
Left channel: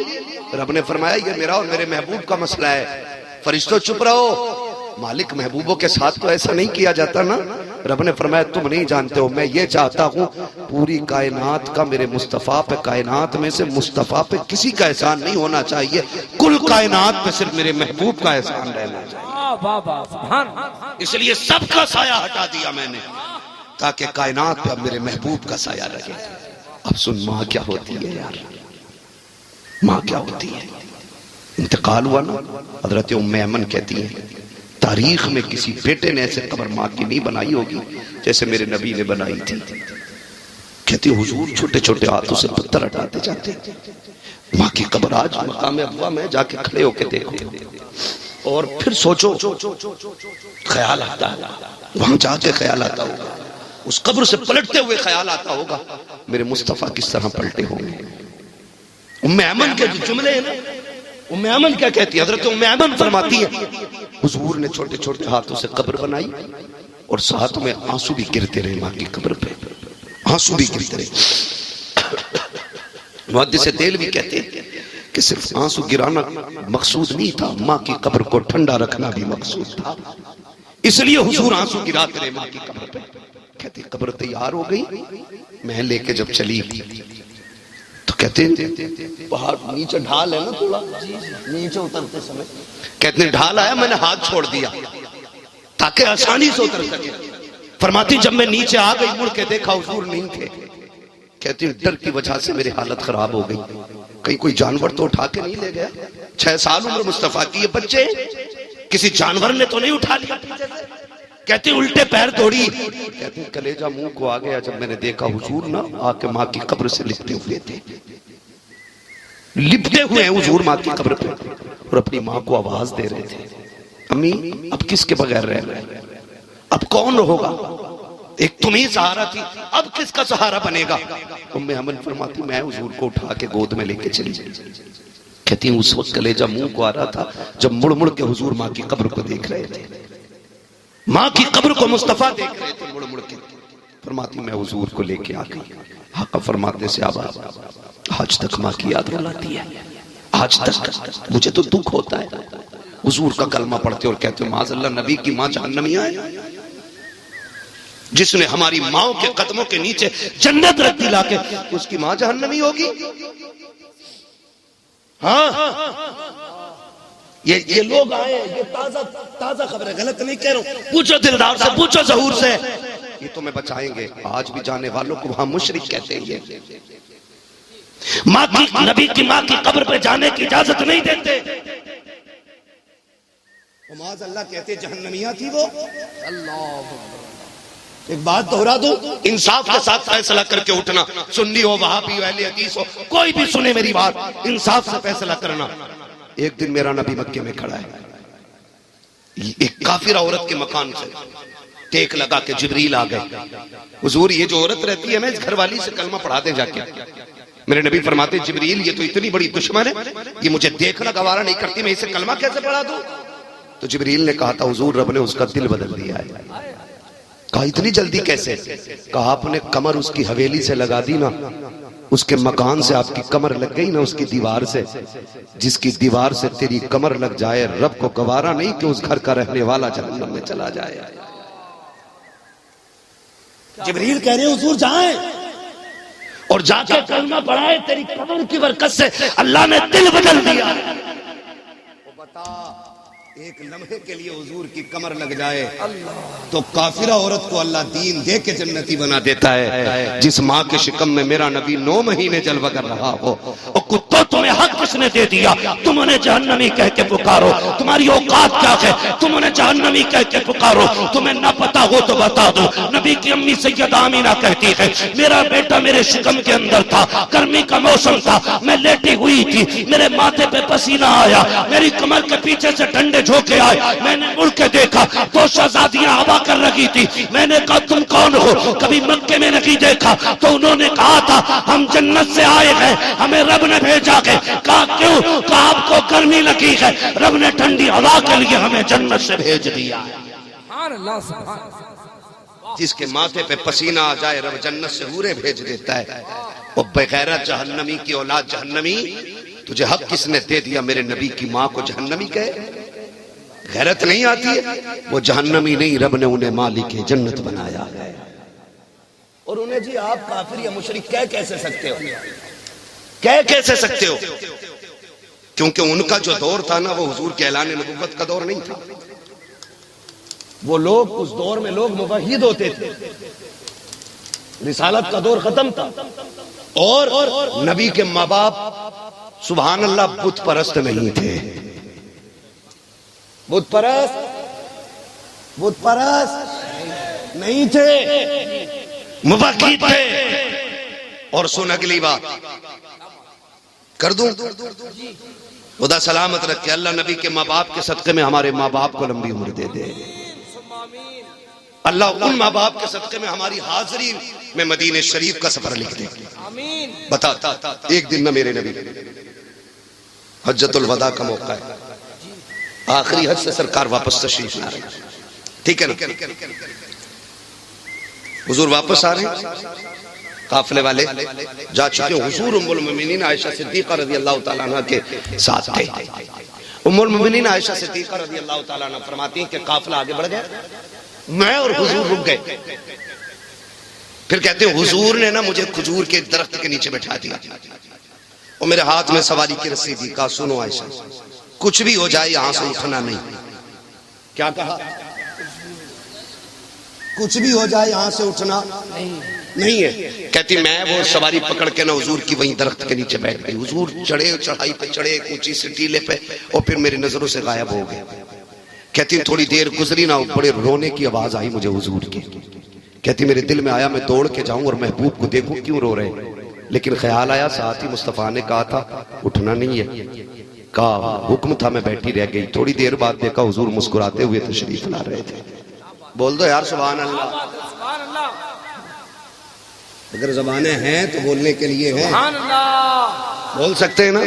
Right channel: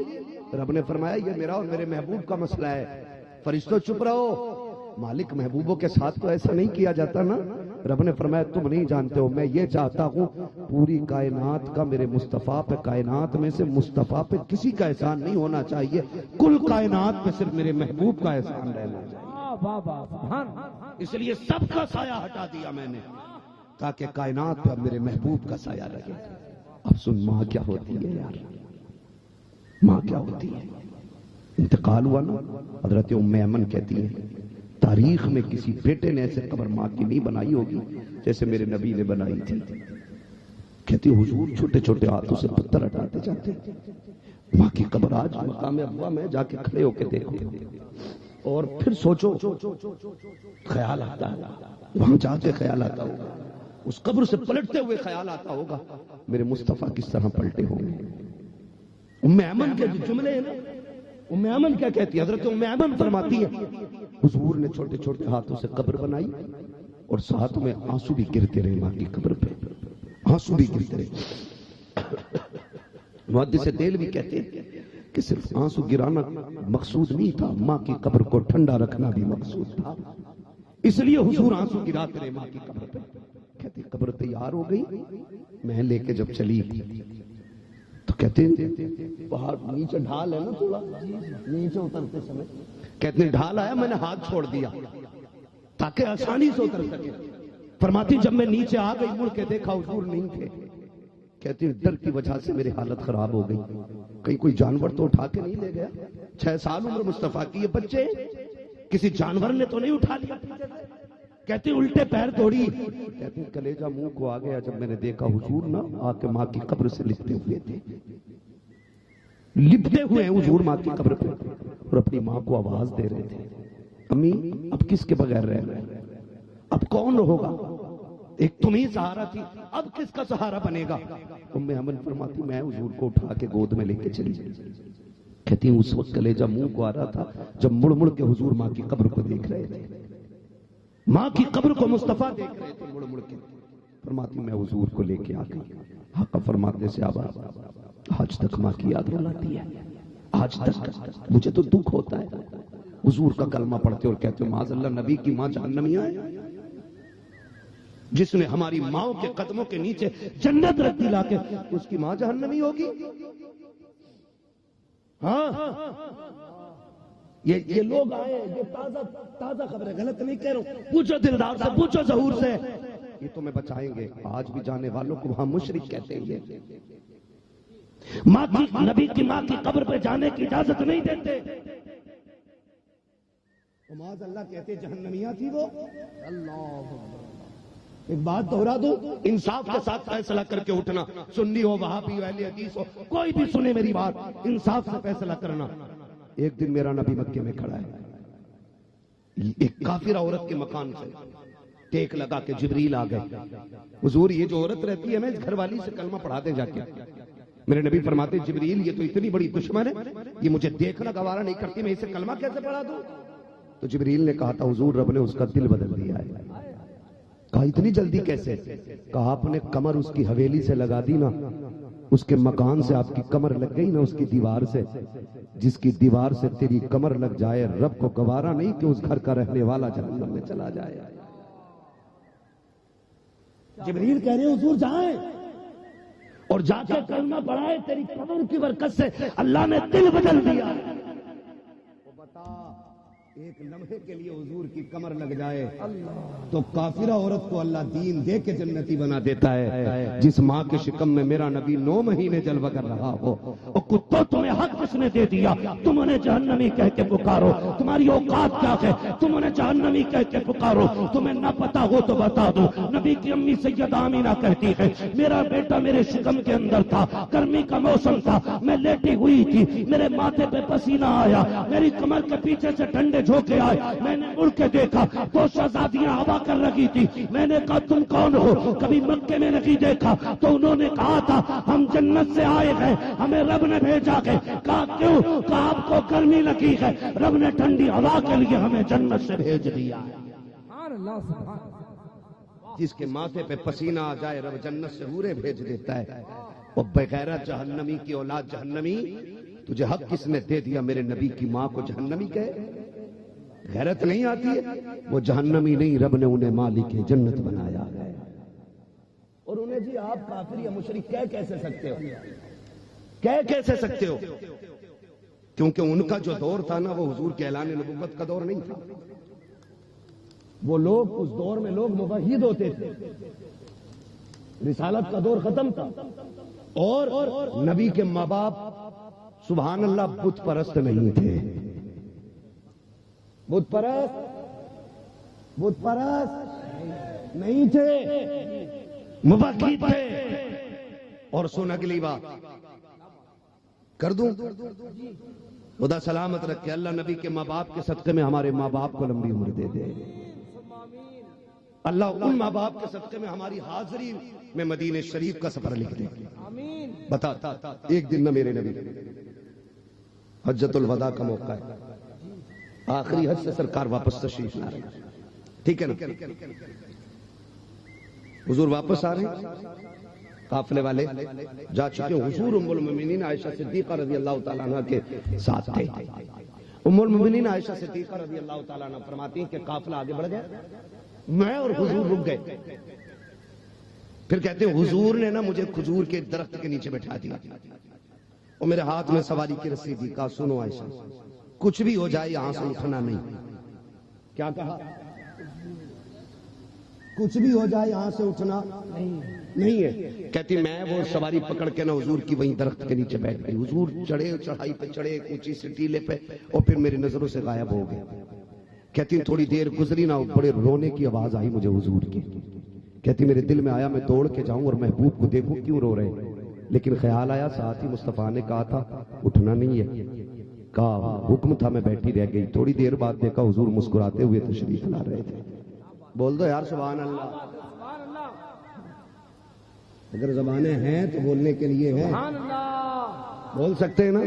रब ने फरमाया ये मेरा और मेरे महबूब का मसला है, फरिश्तों चुप रहो। मालिक महबूबों के साथ तो ऐसा नहीं किया जाता ना। रब ने फरमाया तुम नहीं जानते हो, मैं ये चाहता हूँ पूरी कायनात का मेरे मुस्तफा पे, कायनात में से मुस्तफा पे किसी का एहसान नहीं होना चाहिए, कुल कायनात पे सिर्फ मेरे महबूब का एहसान रहना चाहिए। इसलिए सबका साया हटा दिया मैंने ताकि कायनात पे अब मेरे महबूब का साया रहे। अब सुन माँ क्या होती है यार, माँ क्या होती है। इंतकाल हुआ ना, हजरत उम्मे ऐमन कहती है तारीख में किसी बेटे ने ऐसे कब्र माँ की नहीं बनाई होगी जैसे मेरे नबी ने बनाई थी। कहती हुजूर छोटे छोटे हाथों से पत्थर हटाते जाते, माँ की कब्र आज मकाम अब्वा में जाके खड़े होके देखो और फिर सोचो, ख्याल आता है वहां जाके, ख्याल आता होगा उस कब्र से पलटते हुए, ख्याल आता होगा मेरे मुस्तफा किस तरह पलटे होंगे। उम्मे ऐमन के जो जुमले हैं ना, उम्मे ऐमन क्या कहती है, हजरत उम्मे ऐमन फरमाती है हुजूर ने छोटे छोटे हाथों से कब्र बनाई और साथ में आंसू भी गिरते रहे माँ की कब्र पे, आंसू भी गिरते रहे। मुहद्दिस देलवी कहते हैं कि सिर्फ आंसू गिराना मकसूद नहीं था, माँ की कब्र को ठंडा रखना भी मकसूद था, इसलिए हुजूर आंसू गिराते रहे माँ की कब्र पे। कहते कब्र तैयार हो गई, मैं लेके जब चली तो कहते पहाड़ नीचे ढाल है ना, थोड़ा नीचे उतरते समय कहते ढाल आया, मैंने हाथ छोड़ दिया ताकि आसानी से उतर सके। फरमाती जब मैं नीचे आ गई मुड़ के देखा हुजूर नहीं थे। कहती डर की वजह से मेरी हालत खराब हो गई, कहीं कोई जानवर तो उठा के नहीं ले गया। 6 साल उम्र मुस्तफा की, ये बच्चे किसी जानवर ने तो नहीं उठा लिया। कहते उल्टे पैर दौड़ी, कहते कलेजा मुंह को आ गया जब मैंने देखा हुजूर ना आके माँ की कब्र से लिपटे हुए थे, लिपटे हुए हैं हुजूर माँ की कब्र पे और अपनी माँ को आवाज दे रहे थे अम्मी अब किसके बगैर रह रहे, अब कौन होगा, एक तुम ही सहारा थी, अब किसका सहारा बनेगा। उम्मे ऐमन फरमाती मैं हुजूर को उठा के गोद में लेके चली। कहती उस वक्त कलेजा मुंह को आ रहा था जब मुड़ मुड़ के हुजूर माँ की कब्र को देख रहे थे, माँ की कब्र को मुस्तफा देख रहे थे मुड़ मुड़ के। फरमाती मैं हुजूर को लेके आ गई। आका फरमाते से आवाज आज तक माँ की याद रुलाती है, आज तक मुझे तो दुख होता है। हुजूर का कलमा पढ़ते और कहते माज़अल्लाह नबी की माँ जहन्नमी है, जिसने हमारी माओ के कदमों के नीचे जन्नत रख दी लाके, उसकी माँ जहन्नमी होगी। हाँ ये लोग आए, ये ताजा खबर है, गलत नहीं कह रहा हूं, पूछो दिलदार से, पूछो ज़हूर से, ये तुम्हें बचाएंगे। आज भी जाने वालों को वहां मुशरिक कहते हैं, माँ की नबी की माँ की कब्र पे जाने की इजाजत नहीं देते। माज़ अल्लाह कहते जहन्नमिया थी वो। अल्लाह एक बात दोहरा दूं, इंसाफ के साथ फैसला करके उठना, सुन्नी हो वहाबी हो अहले हदीस हो कोई भी सुने मेरी बात, इंसाफ से फैसला करना। एक दिन मेरा नबी मक्के में खड़ा है, एक काफिर औरत के मकान से टेक लगा के जिब्रील आ गए। हुजूर ये जो औरत रहती है मैं इस घरवाली से कलमा पढ़ा दे जाके। मेरे नबी फरमाते जिब्रील ये तो इतनी बड़ी दुश्मन है, ये मुझे देखना गवारा नहीं करती, मैं इसे कलमा कैसे पढ़ा दूं? तो जिब्रील ने कहा था हुजूर रब ने उसका दिल बदल दिया है। कहा इतनी जल्दी कैसे? कहा आपने कमर उसकी हवेली से लगा दी ना, उसके मकान से आपकी कमर लग गई ना, उसकी दीवार से, जिसकी दीवार से तेरी कमर लग जाए रब को गवारा नहीं कि उस घर का रहने वाला जहन्नम में चला जाए। जिब्रील कह रहे हुजूर जाएं और जाके कलमा पढ़ाए, तेरी कमर की बरकत से अल्लाह ने दिल बदल दिया। वो बता एक लम्हे के लिए हुजूर की कमर लग जाए तो काफिरा औरत को अल्लाह दीन दे के जन्नती बना देता है। जिस माँ के शिकम में मेरा नबी 9 महीने जलवा कर रहा हो, और कुत्तों तुम्हें हक किसने दे दिया? तुम उन्हें जहन्नमी कह के पुकारो, तुम्हारी औकात क्या है? तुम उन्हें जहन्नमी कह के पुकारो। तुम्हें ना पता हो तो बता दो, नबी की अम्मी सैयदा आमीना कहती है मेरा बेटा मेरे शिकम के अंदर था, गर्मी का मौसम था, मैं लेटी हुई थी, मेरे माथे पे पसीना आया, मेरी कमर के पीछे से ठंडे झोंके आए, मैंने मुड़ के देखा तो शहजादियां हवा कर रही थी। मैंने कहा तुम कौन हो? कभी मक्के में नहीं देखा। तो उन्होंने कहा था हम जन्नत से आए हैं, हमें रब ने भेजा है। कहा क्यों? कहा आपको गर्मी लगी है, रब ने ठंडी हवा के लिए हमें जन्नत से भेज दिया। जिसके माथे पे पसीना आ जाए रब जन्नत से हूरें भेज देता है। वो बेगैरत जहन्नमी की औलाद जहन्नमी, तुझे हक किसने दे दिया मेरे नबी की माँ को जहन्नमी कहे? गैरत नहीं आती है? वो जहन्नमी नहीं, रब ने उन्हें मालिक जन्नत बनाया है। और उन्हें जी आप काफिर या मुशरिक कह कैसे सकते हो? कह कैसे सकते हो? क्योंकि उनका जो दौर था ना वो हुजूर के ऐलान नबुव्वत का दौर नहीं था। वो लोग उस दौर में लोग मुवहिद होते थे, रिसालत का दौर खत्म था। और नबी के माँ बाप सुभान अल्लाह बुत परस्त नहीं थे। बुत परस्त नहीं थे, मुवहिद थे। और सुन अगली बात कर दूं, खुदा सलामत रखे, अल्लाह नबी के माँ बाप के सदके में हमारे माँ बाप को लंबी उम्र दे दे। अल्लाह उन माँ बाप के सदके में हमारी हाजिरी में मदीने शरीफ का सफर लिख दे। बता एक दिन ना मेरे नबी हज्जतुल वदा का मौका है, आखिरी हज से सरकार वापस तशरीफ ला रहे, ठीक है ना? हुजूर वापस आ रहे हैं, काफिले वाले जा चुके हैं। हुजूर उम्मुल मोमिनीन आयशा सिद्दीका रज़ी अल्लाह तआला अन्हा के साथ थे। उम्मुल मोमिनीन आयशा सिद्दीका रज़ी अल्लाह तआला अन्हा फरमाती हैं कि काफिला आगे बढ़ गया, मैं और हुजूर रुक गए। फिर कहते हैं हुजूर ने ना मुझे खजूर के दरख्त के नीचे बैठा दिया और मेरे हाथ में सवारी की रस्सी दी। कहा सुनो आयशा, कुछ भी हो जाए यहां से उठना नहीं। क्या कहा? कुछ भी हो जाए यहां से उठना नहीं है। कहती मैं वो सवारी पकड़ के ना हुजूर की वहीं दरख्त के नीचे बैठ गई। हुजूर चढ़े, चढ़ाई पे चढ़े, ऊंची से टीले पे, और फिर मेरी नजरों से गायब हो गए। कहती थोड़ी देर गुजरी ना, बड़े रोने की आवाज आई मुझे हुजूर की। कहती मेरे दिल में आया मैं दौड़ के जाऊं और महबूब को देखूं क्यों रो रहे, लेकिन ख्याल आया साथ ही मुस्तफा ने कहा था उठना नहीं है। कहा हुक्म था, मैं बैठी रह गई। थोड़ी देर बाद देखा हुजूर मुस्कुराते हुए तशरीफ ला रहे थे। बोल दो यार सुभान अल्लाह। अगर ज़बानें हैं तो बोलने के लिए हैं, बोल सकते हैं ना?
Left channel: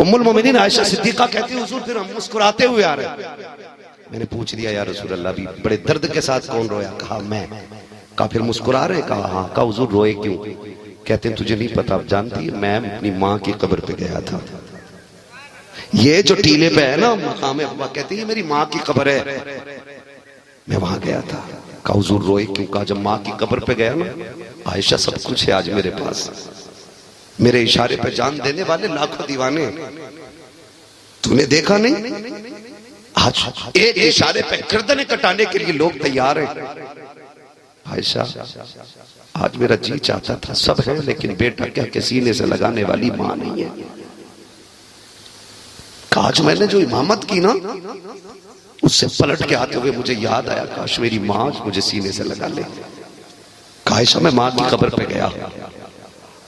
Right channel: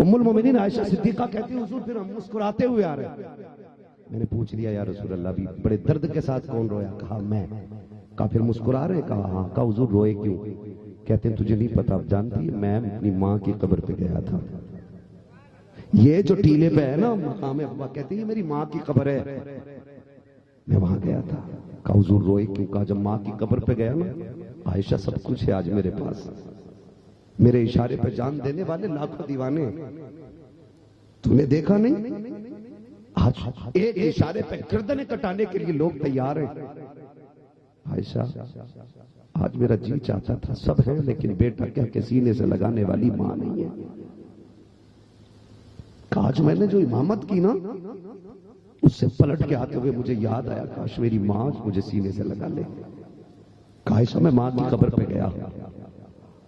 उम्मुल मोमिनीन आयशा सिद्दीका कहती हुजूर फिर हम मुस्कुराते हुए आ रहे। मैंने पूछ लिया या रसूल अल्लाह भी बड़े दर्द के साथ कौन रोया? कहा मैं। कहा फिर मुस्कुरा रहे? कहा हाँ। कहा हुजूर रोए क्यों? कहते हैं तुझे नहीं पता, आप जानती है मैं अपनी माँ की कब्र पे गया था। ये जो टीले पे है ना मकाम अब्बा, कहती है मेरी माँ की कब्र है, मैं वहां गया था। कहा हुजूर रोए क्यों? कहा जब माँ की कब्र पे गया ना आयशा सब कुछ है आज मेरे पास, मेरे इशारे पे जान देने वाले लाखों दीवाने, तूने देखा नहीं? आज एक इशारे पे गर्दनें कटाने के लिए लोग तैयार हैं। आयशा आज मेरा जी चाहता था सब है, लेकिन बेटा क्या के सीने से लगाने वाली मां नहीं है। काश मैंने जो इमामत की ना, उससे पलट के आते हुए मुझे याद आया, काश मेरी माँ मुझे सीने से लगा ले। काश मैं माँ की कब्र पे गया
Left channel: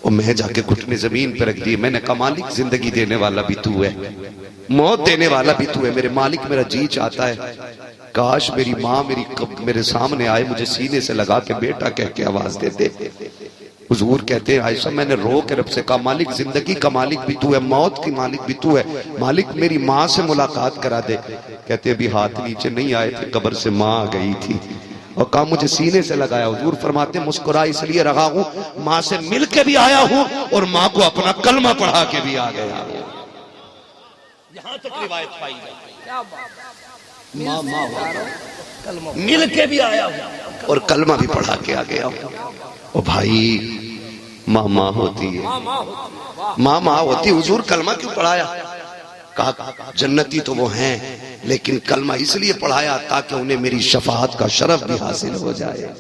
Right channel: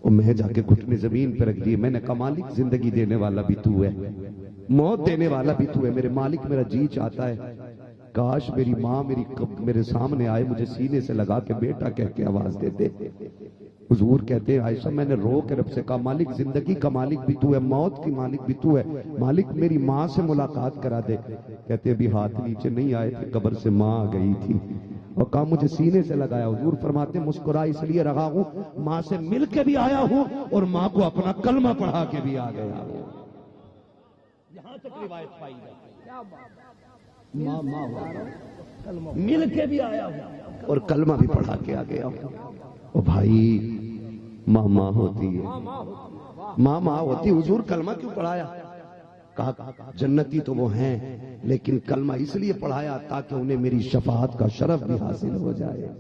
और मैं जाके घुटने जमीन पे रख दिए। मैंने कहा मालिक, जिंदगी देने वाला भी तू है, मौत देने वाला भी तू है। मेरे मालिक, मेरा जी चाहता है काश मेरी माँ मेरे सामने आए, मुझे सीने से लगा के बेटा कह के आवाज देते। हुजूर कहते हैं आयशा, मैंने रो के रब से कहा मालिक, जिंदगी का मालिक भी तू है, मौत की मालिक भी तू है, मालिक मेरी माँ से मुलाकात करा दे। कहते अभी हाथ नीचे नहीं आए थे, कब्र से माँ आ गई थी और कहा मुझे सीने से लगाया। हुजूर फरमाते मुस्कुरा इसलिए रहा हूं, माँ से मिल के भी आया हूं और माँ को अपना कलमा पढ़ा के भी आ गया। यहां तक रिवायत पाई जाती है, माँ मिल के भी आया हूं और कलमा भी पढ़ा के आ गया हूं। ओ भाई, माँ माँ होती है, माँ माँ होती। हुजूर कलमा क्यों पढ़ाया? कहा जन्नती तो वो हैं, लेकिन कलमा इसलिए पढ़ाया ताकि उन्हें मेरी शफाअत का शरफ भी हासिल हो जाए,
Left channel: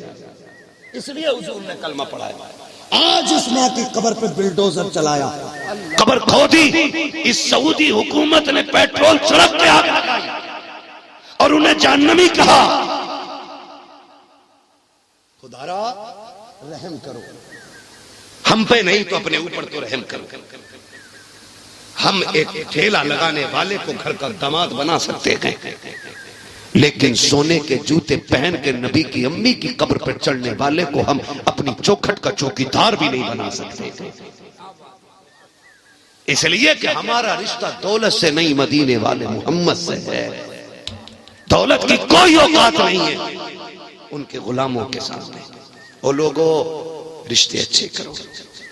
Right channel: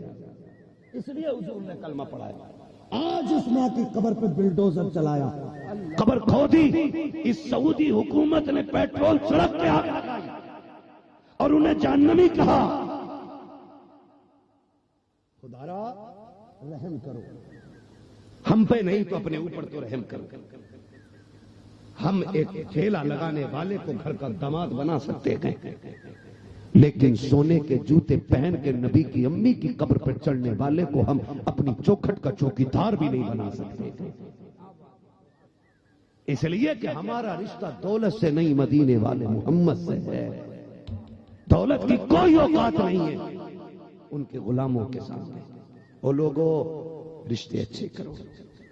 इसलिए हुजूर ने कलमा पढ़ाया। आज इस माँ की कब्र पे बिल्डोजर चलाया, कब्र खोदी। इस सऊदी हुकूमत ने पेट्रोल सड़क पे आग लगाई और उन्हें जहन्नमी कहा। खुदारा रहम करो, हम पे नहीं तो अपने ऊपर तो रहम करो। हम एक ठेला लगाने वाले को घर का दामाद बना सकते हैं, लेकिन सोने के जूते पहन के नबी की अम्मी की कब्र पर चढ़ने वाले को हम अपनी चौखट का चौकीदार भी नहीं बना सकते। इसलिए कि हमारा रिश्ता दौलत से नहीं, मदीने वाले मोहम्मद से है। दौलत की कोई औकात नहीं है उनके गुलामों के सामने। वो लोगों, रिश्ते अच्छे करो,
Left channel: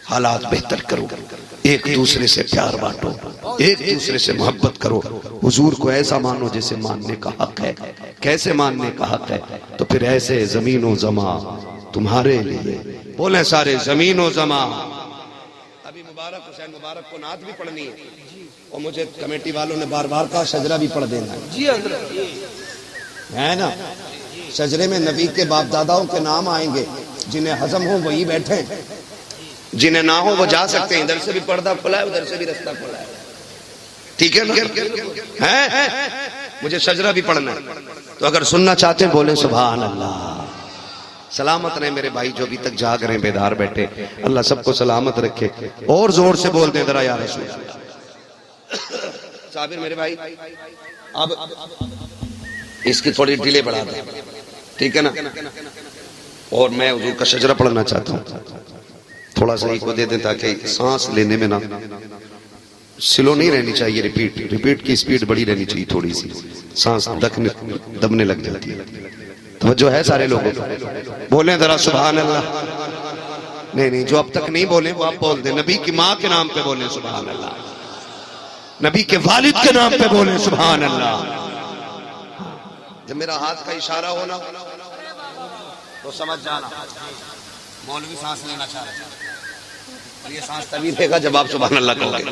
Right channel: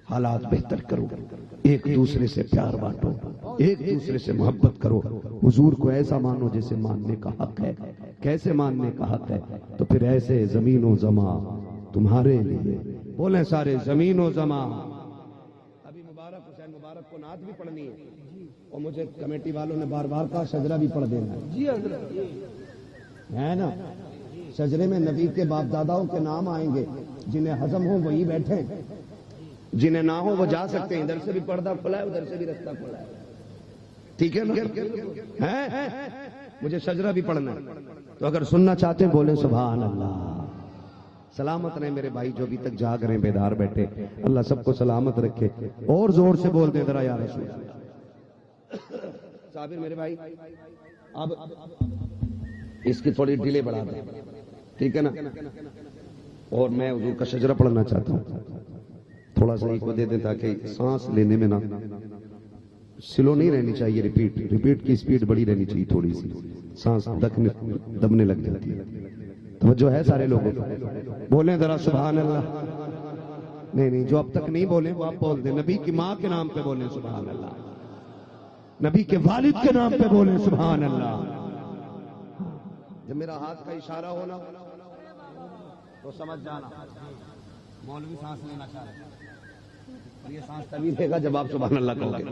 हालात बेहतर करो, एक दूसरे से प्यार बांटो, एक दूसरे से मोहब्बत करो। हुजूर को ऐसा मानो जैसे मानने का हक है। कैसे मानने का हक है? तो फिर ऐसे जमीनो जमा तुम्हारे लिए, बोले सारे जमीनो जमा। अभी मुबारक हुसैन मुबारक को नात भी पढ़नी है और मुझे कमेटी वालों ने बार बार कहा शजरा भी पढ़ देना है ना। शजरे में नबी के बाप दादाओं के नाम आएंगे, जिन्हें हजम हो वही बैठे, जिन्हें ना हो वो जा सकते हैं। इधर से भी पर्दा खुला है, उधर से भी रास्ता खुला है, ठीक है ना? है मुझे शजरा भी पढ़ना है, तो अगर सुनना चाहते हैं बोले सुभान अल्लाह। सलामत रहे मेरे भाई जो अभी तक जाग रहे हैं, बेदार बैठे, अल्लाह सबको सलामत रखे। और जोर से बोल दे जरा या रसूल। साबिर मेरे भाई, अब इसकी थोड़ी डिले बढ़ा दे, ठीक है ना? और मैं हुजूर का शजरा पढ़ना चाहता हूँ, थोड़ा सा इको दे दें ताकि सांस लेने में ना स्लो नहीं रहनी चाहिए। रिपीट की स्पीड बड़ी रहनी चाहिए, थोड़ी सी सांस दबने लग जाती है। तो जो है सारे लोगों बोले जरा सुभान अल्लाह। नहीं, जो अब तक नहीं बोले वो आप बोल दें। नबी की माँ के नाम पे बोले सुभान अल्लाह, नबी के वालिद के नाम पे बोले सुभान अल्लाह। जब मेरा हाथ का इशारा होना तो समझ जाना मौलवी सांस लेना चाह रहे हैं। ये सांस तभी लेगा जब आप सुभान अल्लाह कहोगे।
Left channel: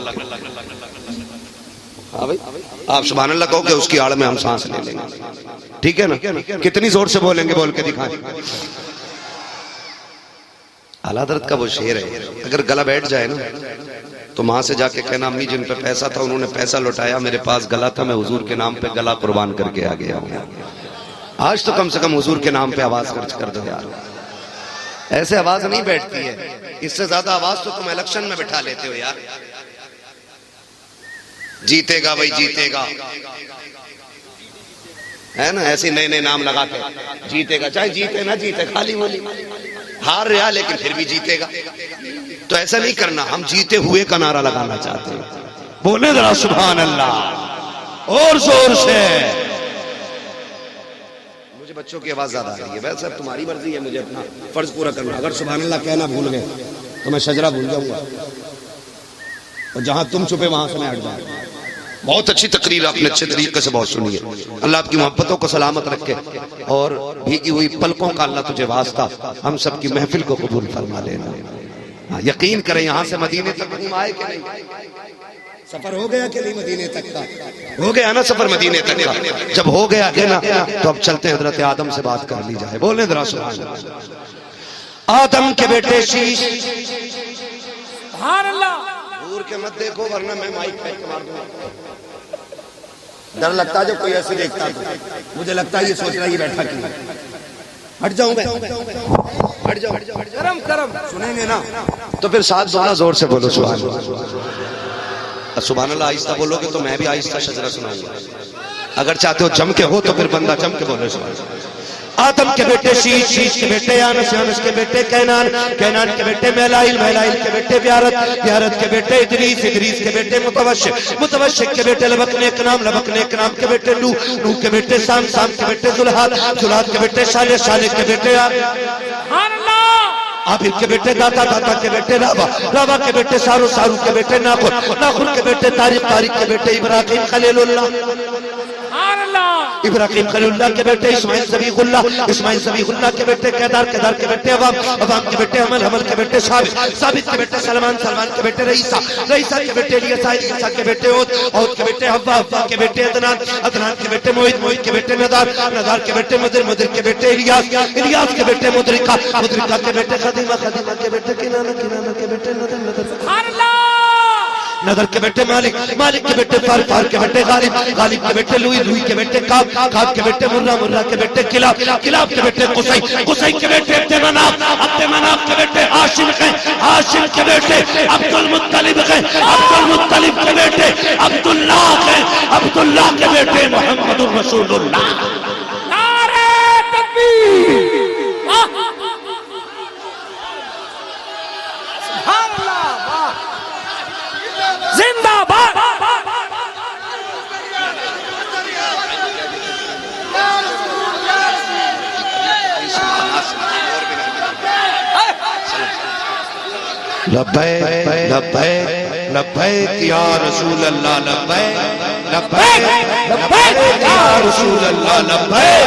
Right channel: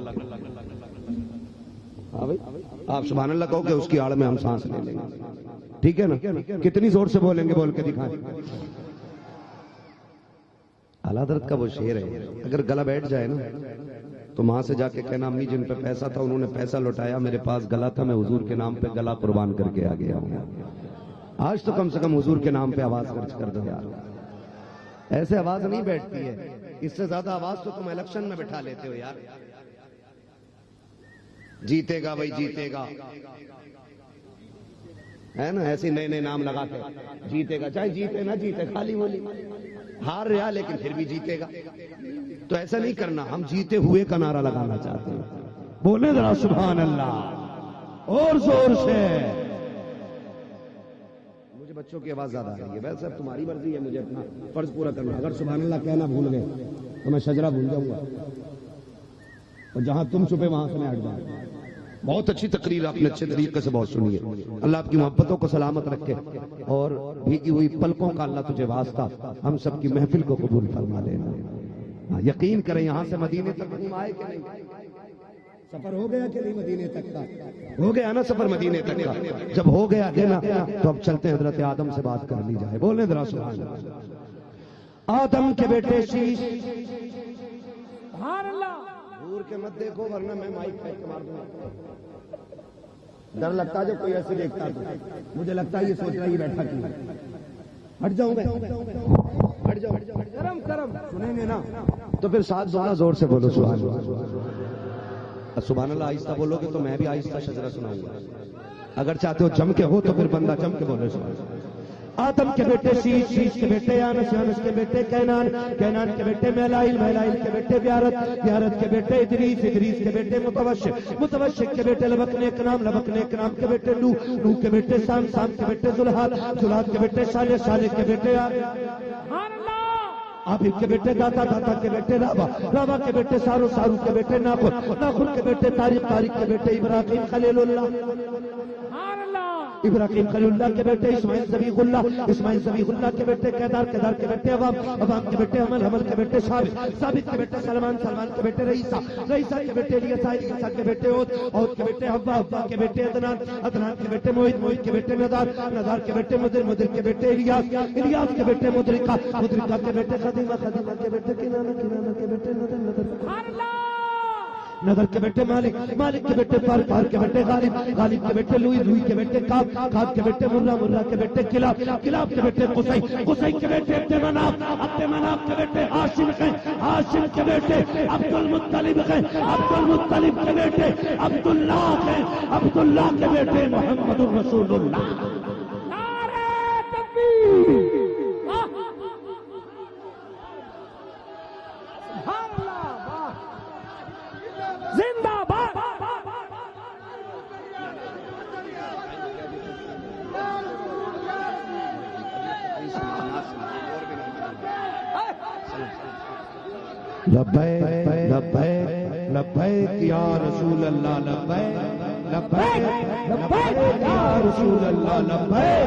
हाँ भाई, आप सुभान अल्लाह कहोगे, उसकी आड़ में हम सांस ले लेंगे, ठीक है ना? कितनी जोर से बोलेंगे, बोल के दिखाएं। आला हज़रत का वो शेर है, अगर गला बैठ जाए ना तो माँ से जाके कहना अम्मी जिन पे पैसा था उन्होंने पैसा लौटाया, मेरे पास गला था, मैं हुजूर के नाम पे गला कुर्बान करके आ गया हूँ। आज तो कम से कम हुजूर के नाम पे आवाज खर्च कर दो यार। ऐसे आवाज नहीं बैठती है, इससे ज्यादा आवाज तो तुम इलेक्शन में बिठा लेते हो यार। जीतेगा भाई जीतेगा, है ना? ऐसे नए नए नाम लगा के जीतेगा, चाहे जीते ना जीते, खाली बोली हार रहा लेकिन फिर भी जीतेगा। तो ऐसा नहीं करना, हम जीते हुए का नारा लगाना चाहते हैं। बोले जरा सुभान अल्लाह और जोर से। मुझे बच्चों की आवाज ज्यादा आ रही है, वैसे तुम्हारी मर्जी है, मुझे अपना फर्ज पूरा करना। अगर सुभान अल्लाह कहना भूल गए तो मैं शजरा भूल जाऊंगा, और जहां तुम छुपे वहां से मैं हट जाऊंगा। बहुत अच्छी तकरीर आपने अच्छे तरीके से बहुत सुनी है। अल्लाह आपकी मोहब्बतों को सलामत रखे और भीगी हुई पलकों का अल्लाह तुझे वास्ता हम सबकी महफिल को कबूल फरमा लेना। यकीन करें यहाँ से मदीने तक घूम आए कि नहीं? सफर हो गया कि नहीं मदीने तक का? हो गया ना सफर मदीने तक का? जब हो गया है ना तो अब चलते हैं हजरत आदम से बात कर ली जाए। बोले जरा सुभान अल्लाह। आदम के बेटे शीश, सुभान अल्लाह। दूर के मत देखो वरना मैं माइक फेंक मार दूंगा। डर लगता है जब कोई ऐसे देखता तो मुझे लगता है ये सोच रहा है ये बैठा क्यों है। हट जाऊं मैं, हट जाओ, करम करम सुनेंगे ना तो फिर साथ दोनों जोर से बोलो सुभान अल्लाह। सुभान अल्लाह आहिस्ता बोलोगे तो मैं भी आहिस्ता शजरा सुनाऊंगा। अगर चाहते हो जम के हो तो फिर बंदा जम के बोले सुभान अल्लाह। आदम के बेटे शीश, शीश के बेटे यानस, यानस के बेटे कैनान, कैनान के बेटे मैलाइल, मैलाइल के बेटे व्यारत, व्यारत के बेटे इदरीस, इदरीस के बेटे मुतवश्शिक, मुतवश्शिक के बेटे लबक नेक नाम, लबक नेक नाम के बेटे नूह, नूह के बेटे साम, साम के बेटे जुल्हाद, जुल्हाद के बेटे शाले, शाले के बेटे आबिर के बेटे दाता, दाता के बेटे रावा, रावा के बेटे सारू, सारू के बेटे नाखुर, नाखुर के बेटे तारिक, तारिक के बेटे इब्राहिम खलीलुल्लाह, इब्राहिम खलीलुल्लाह के बेटे इस्माइल ज़बीहुल्लाह, इस्माइल ज़बीहुल्लाह के बेटे केदार, केदार के बेटे अवाम, अवाम के बेटे हमल, हमल के बेटे साबित, साबित के बेटे सलमान, सलमान के बेटे रईसा, रईसा के बेटे इलियासा, इलियासा के बेटे औद, औद के बेटे हव्वा, हव्वा के बेटे अदनान, अदनान के बेटे मोहित, मोहित के बेटे नदार, नदार के बेटे मुदिर, मुदिर के बेटे इलियास, इलियास के बेटे मुदरिका, मुदरिका के बेटे खदीमा, खदीमा के बेटे किनाना, किनाना के बेटे नदर, नदर नदर के बेटे मालिक, मालिक के बेटे फार, फार के बेटे गालिब, गालिब के बेटे लुई, लुई के बेटे काब, काब के बेटे मुर्रा, मुर्रा के बेटे किलाब, किलाब के बेटे कुसै, कुसै के बेटे अब्दे मनाफ, अब्दे मनाफ के बेटे हाशिम है, हाशिम के बेटे अब्दुल मुत्तलिब है, अब्दुल मुत्तलिब के बेटे अब्दुल्लाह है, अब्दुल्लाह के बेटे मोहम्मदुर रसूलुल्लाह। नारे तकबीर, सुभान अल्लाह, जिंदाबाद। लब्बैक लब्बैक लब्बैक या रसूल अल्लाह, लब्बैक लब्बैक लब्बैक या रसूल अल्लाह, लब्बैक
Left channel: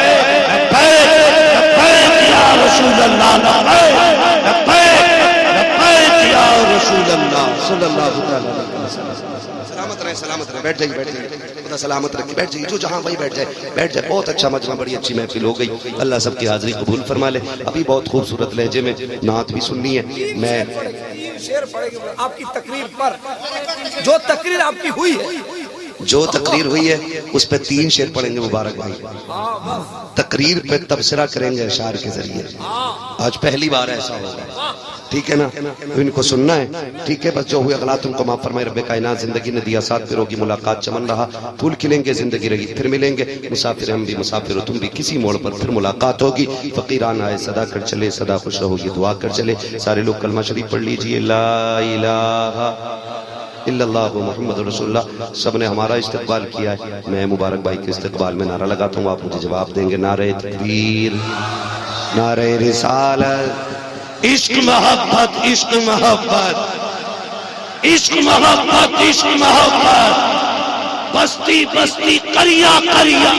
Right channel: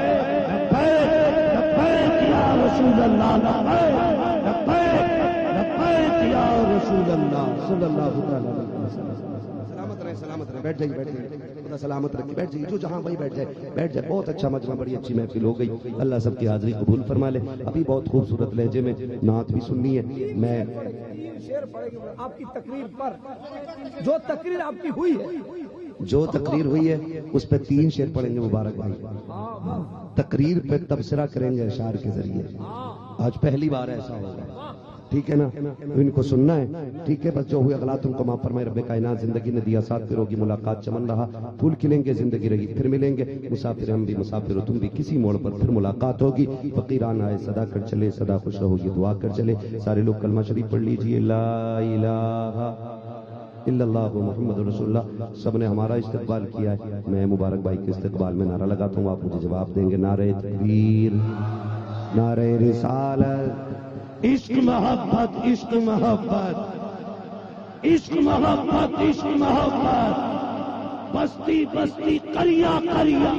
लब्बैक लब्बैक या रसूल अल्लाह, लब्बैक लब्बैक लब्बैक या रसूल अल्लाह सल्लल्लाहु अलैहि वसल्लम। सलामत रहे, सलामत रहे, बैठ जाइए, बैठ जाइए, खुदा सलामत रखे, बैठ जाइए, जो जहां वही बैठ जाए, बैठ जाए। बहुत अच्छा मजमा, बड़ी अच्छी महफिल हो गई। अल्लाह सबकी हाजिरी कबूल फरमा ले। अभी बहुत खूबसूरत लहजे में नात भी सुननी है। मैं शेर पढ़ेंगे आपकी तकरीर पर, जो तकरीर आपकी हुई है, जो तकरीर हुई है उस पे 3 शेर पढ़ेंगे मुबारक भाई। तकरीर पे तबसरा करेंगे अशार के जरिए। आज पहली बार ऐसा होगा, ठीक है ना? तो इनको सुनना है, ठीक है? बस जो हुए गलत उनको माफ फरमाए रब्बे कायनात। जिंदगी ने दिया साथ, फिर होगी मुलाकात, चमन रहा फूल खिलेंगे, जिंदगी रही फिर मिलेंगे। मुसाफिर हम भी, मुसाफिर हो तुम भी, किसी मोड़ पर फिर मुलाकात होगी। फकीरान आए सदा कर चले, सदा खुश रहोगी दुआ कर चले। सारे लोग कलमा शरीफ पढ़ लीजिए, ला इलाहा इल्लल्लाह मुहम्मद रसूलुल्लाह। सबने हमारा इस्तकबाल किया है, मैं मुबारक भाई के इस्तकबाल में नारा लगाता हूँ, आप मुझे जवाब देंगे। नारे तकबीर, नारे रिसालत, इश्क मोहब्बत, इश्क मोहब्बत, इश्क मोहब्बत, इश्क मोहब्बत, बस्ती बस्ती करिया करिया,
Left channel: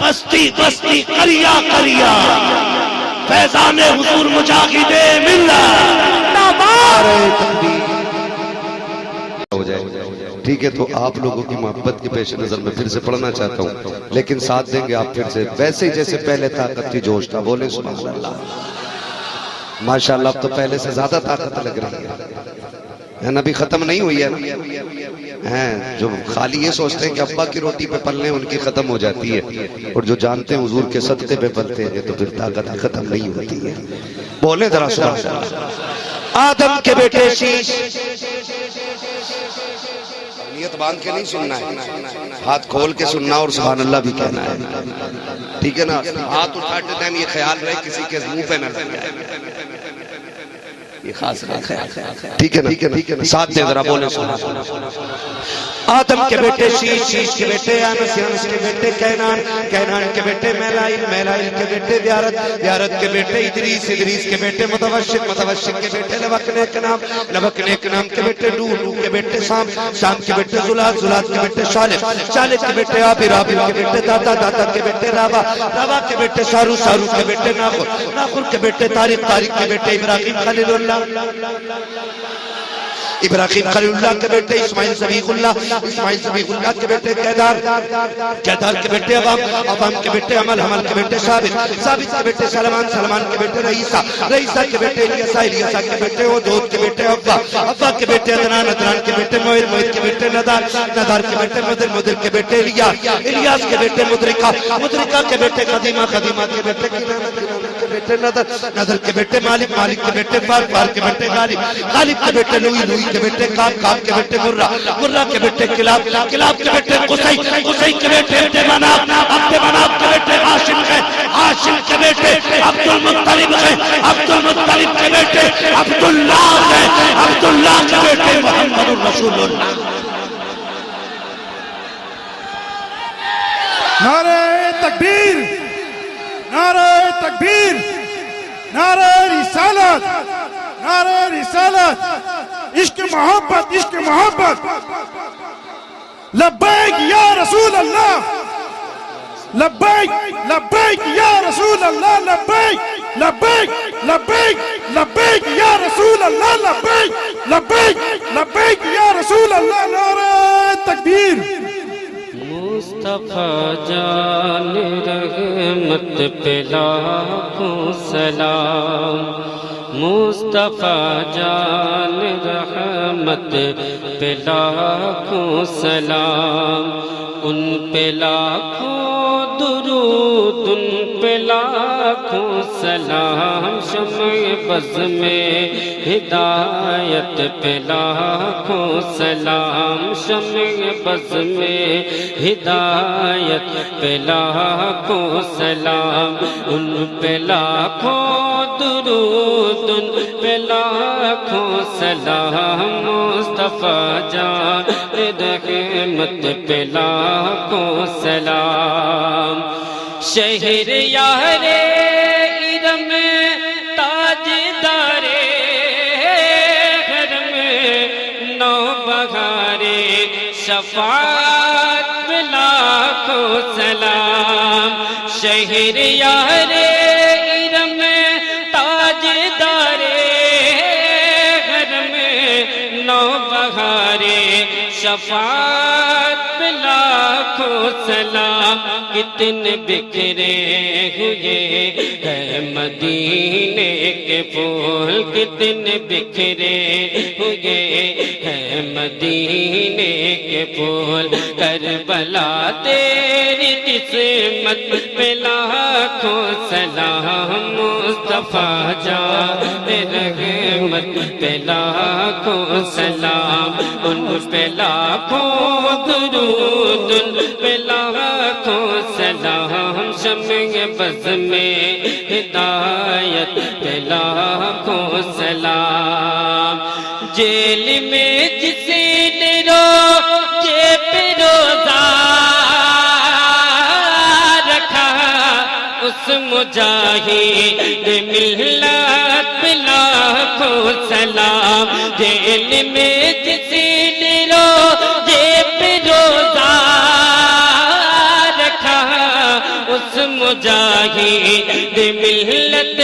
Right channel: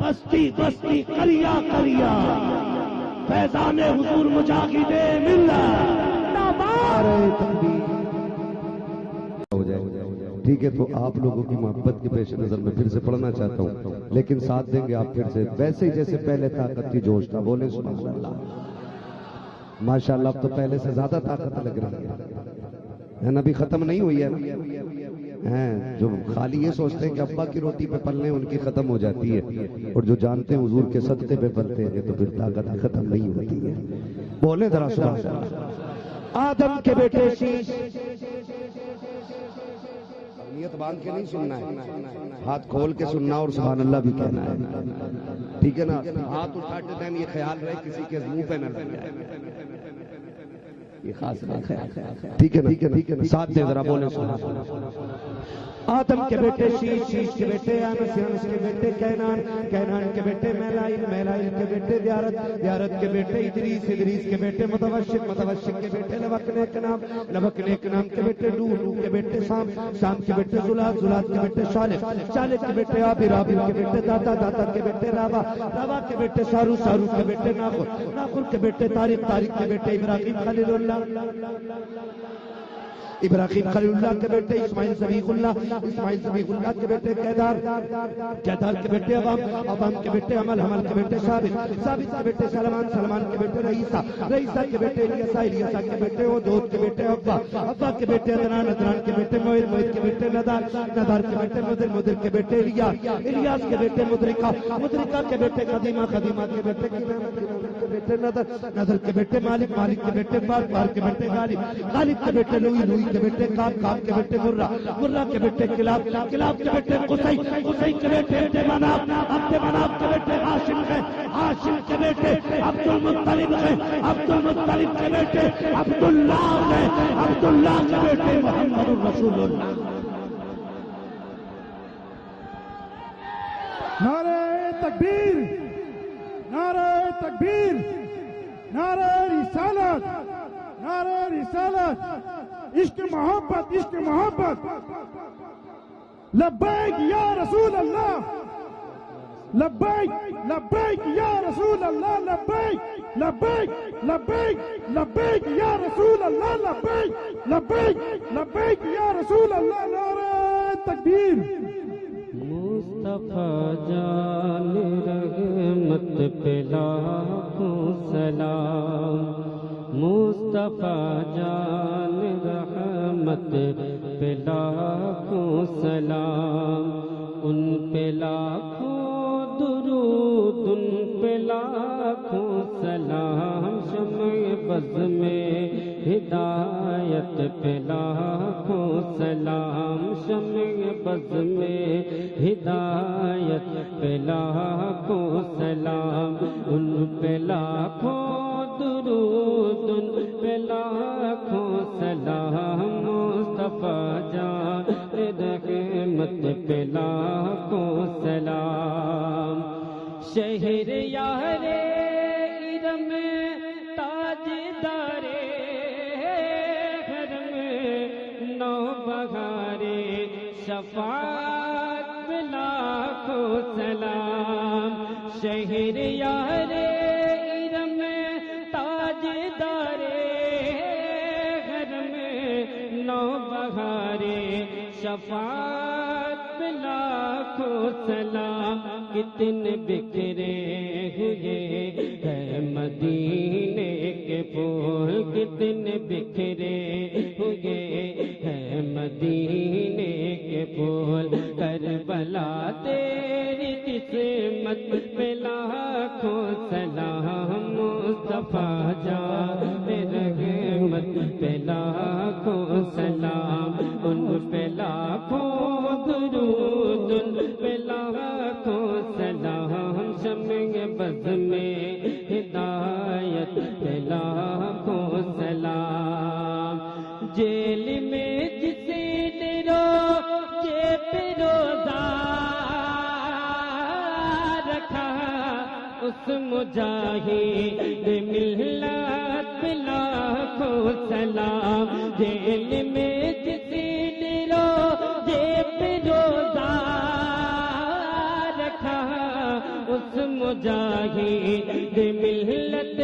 बस्ती बस्ती करिया करिया, फैजाने हुजूर मुजाहिदे मिल्लत। नारे तकबीर हो जाए, ठीक है? तो आप लोगों की मोहब्बत के पेश नजर में फिर से पढ़ना चाहता हूँ, लेकिन साथ देंगे आप फिर से, वैसे ही जैसे पहले ताकत थी, जोश था। बोले सुभान अल्लाह। माशाअल्लाह, अब तो पहले से ज्यादा ताकत लग रही है ना? अभी खत्म नहीं हुई है ना? हैं जो खाली ये सोचते हैं कि अब्बा की रोटी पे पलने, उनकी खत्म हो जाती है, और जो जानते हैं हुजूर के सदके पे पलते हैं, तो फिर ताकत खत्म नहीं होती है। बोले जरा सुभान अल्लाह। आदम के बेटे शीश, नियत बांध के नहीं सुनना है, हाथ खोल के सुनना और सुभान अल्लाह भी कहना है, ठीक है ना? हाथ उठाते टाइम ये ख्याल रहे किसी के मुंह पे न लग जाए, ये खास ख्याल, ठीक है ना? ठीक है ना? साथ दे जरा, बोले सुना। आदम के बेटे शीश, शीश के बेटे यानस, यानस के बेटे कैनान, कैनान के बेटे मैलाइल, मैलाइल के बेटे व्यारत, व्यारत के बेटे इदरीस, इदरीस के बेटे मुतवश्शिक, मुतवश्शिक के बेटे लबक नेक नाम, लबक नेक नाम के बेटे नूह, नूह के बेटे साम, साम के बेटे जुल्हाद, जुल्हाद के बेटे शाले, शाले के बेटे आबिर, आबिर के बेटे दाता, दाता के बेटे रावा, रावा के बेटे सारू, सारू के बेटे नाखुर, नाखुर के बेटे तारिक, तारिक के बेटे इब्राहिम खलीलुल्लाह, इब्राहिम खलीलुल्लाह के बेटे इस्माइल ज़बीहुल्लाह के बेटे केदार के बेटे अवाम के बेटे अमल के बेटे साबित के बेटे सलमान के बेटे रईसा के बेटे इलियासा के बेटे ओदोद के बेटे अब्बा के बेटे अदनान के बेटे मोहित के बेटे नदार के बेटे मुदिर के बेटे इलियास के बेटे मुदरिका के बेटे खदीमा के बेटे के बेटे नदर के बेटे मालिक के बेटे फार के बेटे गालिब के बेटे लुई के बेटे काब के बेटे मुर्रा के बेटे किलाब के बेटे कुसै के बेटे मनाफ के बेटे हाशिम के बेटे अब्दुल मुत्तलिब के बेटे अब्दुल्लाह के बेटे मोहम्मदुर रसूलुल्लाह। नारे तकबीर, नारे तकबीर, नारे रिसालत, नारे रिसालत, इश्क मोहब्बत। लब्बैक या रसूल अल्लाह, लब्बैक या रसूल अल्लाह, लब्बैक या रसूल अल्लाह, लब्बैक या रसूल अल्लाह। नारे तकबीर। मुस्तफा जान रहमत पे लाखों सलाम, मुस्तफा जान रहमत पे लाखों सलाम, उन पे लाखों दुरूद, उन पे लाखों सलाम, शम्ए बज़ में हिदायत पे लाखों सलाम, शम्ए बज़ में हिदायत पे लाखों सलाम, उन पे लाखों दुरूद, उन पे लाखों सलाम, मुस्तफा जान रहमत पे लाखों सलाम। शहर यारे इरम ताजदारे हरम नौ बहारे शफात पे लाखों सलाम। शहर यारे इरम ताजदारे हरम नौ बहारे शफात पे लाखों सलाम। कितने बिखरे हुए हैं मदीने के फूल, कितने बिखरे हुए हैं मदीने के फूल, करबला तेरी किस्मत पे लाखों सलाम, मुस्तफा जान रहमत पे लाखों सलाम, उन पे लाखों दुरूद, उन पे लाखों सलाम, शम्ए बज़ में हिदायत पे लाखों सलाम। जेल में जिसे रोजे पे रोजा रखा, उस मुजाहिद मिल्लत पे लाखों सलाम। जेल में जिसे रोजे पे रोजा रखा, उस मुजाहिद मिल्लत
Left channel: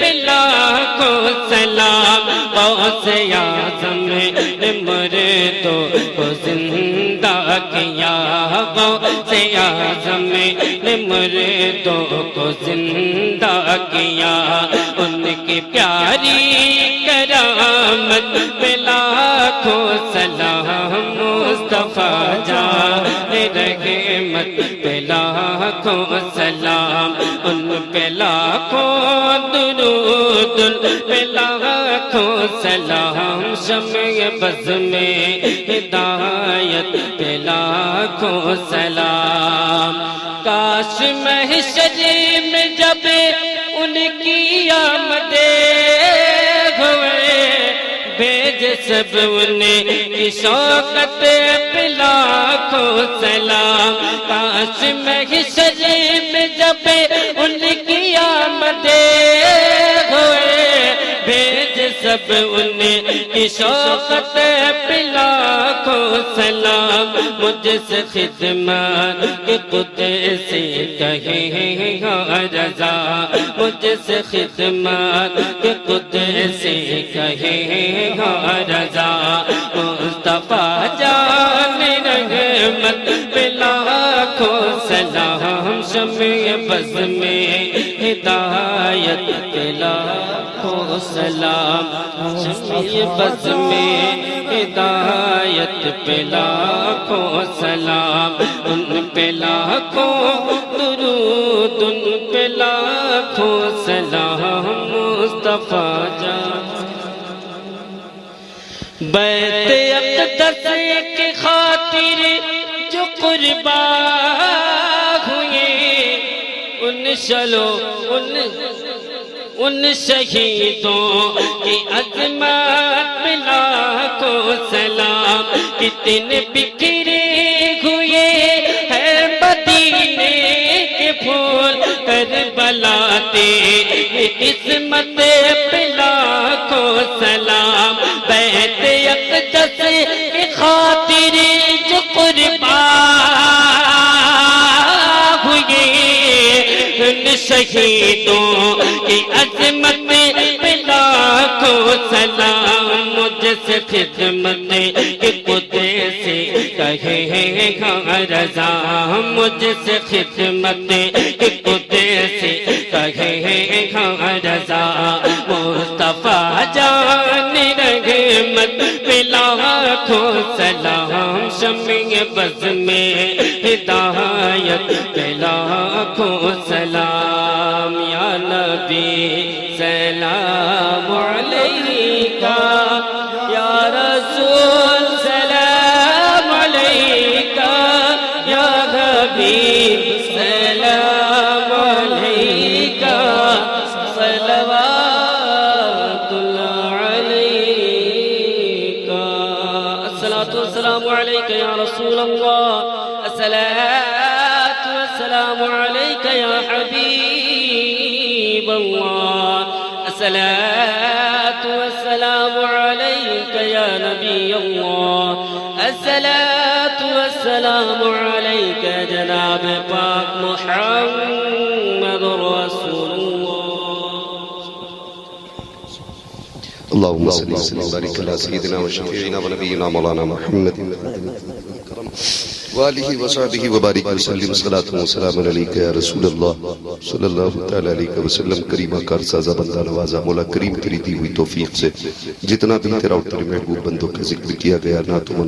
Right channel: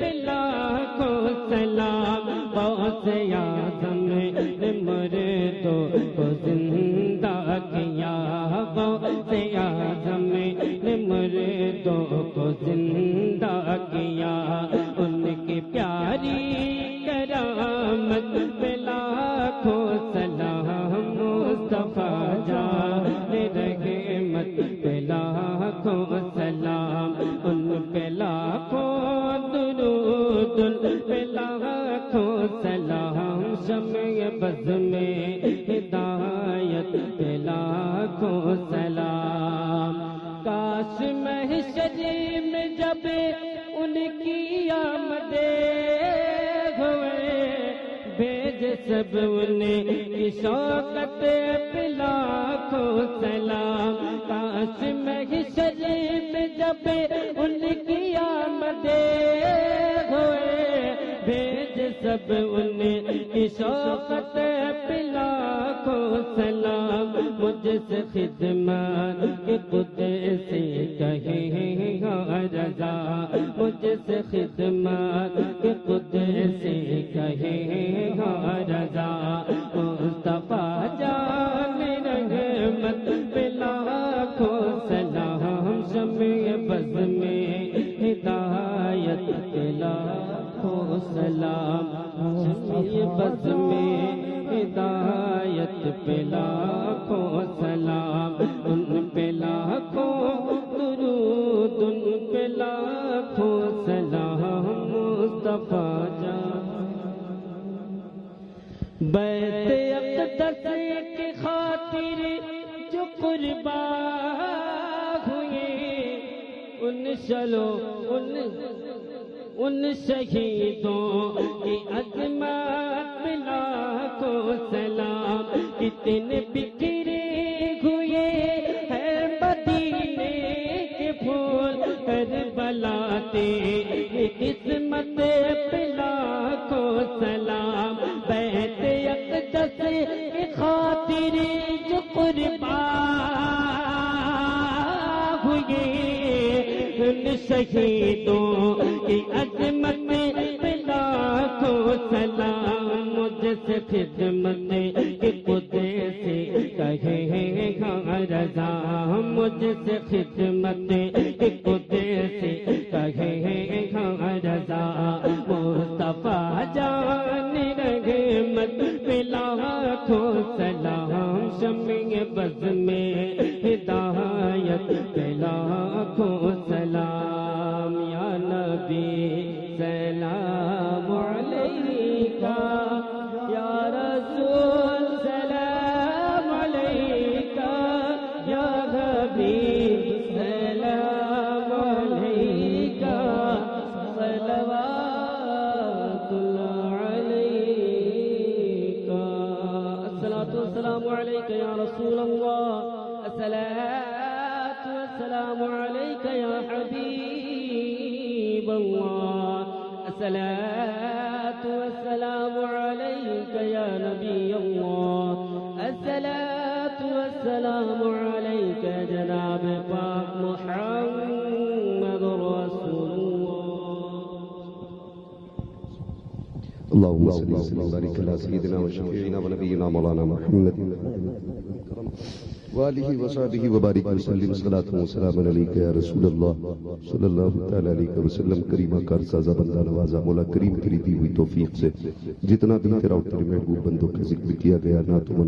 पे लाखों सलाम। गौसे आज़म ने मुर्दों को जिंदा किया, गौसे आज़म ने मुर्दों को जिंदा किया, उनकी प्यारी करामत पे लाखों सलाम, मुस्तफा जान रहमत पे लाखों सलाम, उन पे लाखों दुरूद, उन पे लाखों सलाम, शम्ए बज़ में हिदायत पे लाखों सलाम। काश महशर में जब उनकी आमदे हुए, भेज सब उन्हें की शौकत पे लाखों सलाम। काश महशर में जब उनकी आमदे हुए, भेज सब उन्हें की शौकत पे लाखों सलाम। मुझसे खिदमत के कुदसी कहे या रज़ा, मुझसे खिदमत के कुदसी कहे या रज़ा, हिदायत पे लाखों सलाम, शमीए बज़ में हिदायत पे लाखों सलाम, उन पे लाखों दुरूद, उन पे लाखों सलाम मुस्तफा जान। बैत अक़दस की खातिर जो कुर्बान हुए, उन शलो उन शहीदों की अज़मत पे लाखों सलाम। कितने बिखरे हुए हैं मदीने के फूल, करबला तेरी किस्मत पे लाखों सलाम। बैत अक़दस की खातिर जो कुर्बान हुए, उन शहीदों की अज़मत पे लाखों सलाम। मुझसे खिदमत के खुदे से कहेगा रज़ा, मुझसे खिदमत के खुदे से कहेगा रज़ा। मुस्तफा जान रहमत पे लाखों सलाम, शमीए बज़ में हिदायत पे लाखों सलाम। या नबी सलाम अलैका, या रसूल सलाम अलैका, या हबीब सलाम अलैका, सलवातुल्लाह अलैका। अस्सलातु वस्सलामु अलैका या रसूल अल्लाह, अस्सलातु वस्सलामु अलैका या हबीब अल्लाह, अस्सलातु वस्सलामु अलैका या नबी अल्लाह, अस्सलातु वस्सलामु अलैका जनाब पाक मुहम्मदुर रसूलुल्लाह। अल्लाहुम्मा सल्लि वसल्लिम बारिक अला सय्यिदिना व शफीइना व नबिय्यिना मौलाना मुहम्मदिन व आलिहि व सहबिहि व बारिक वसल्लिम। सलातु व सलाम अलैका या रसूल अल्लाह सल्लल्लाहु तआला अलैहि वसल्लम। करीमा कार साजा बंदा नवाजा, मौला करीम तेरी दी हुई तौफीक से जितना भी तेरा और तेरे महबूब बंदों का जिक्र किया गया ना तुम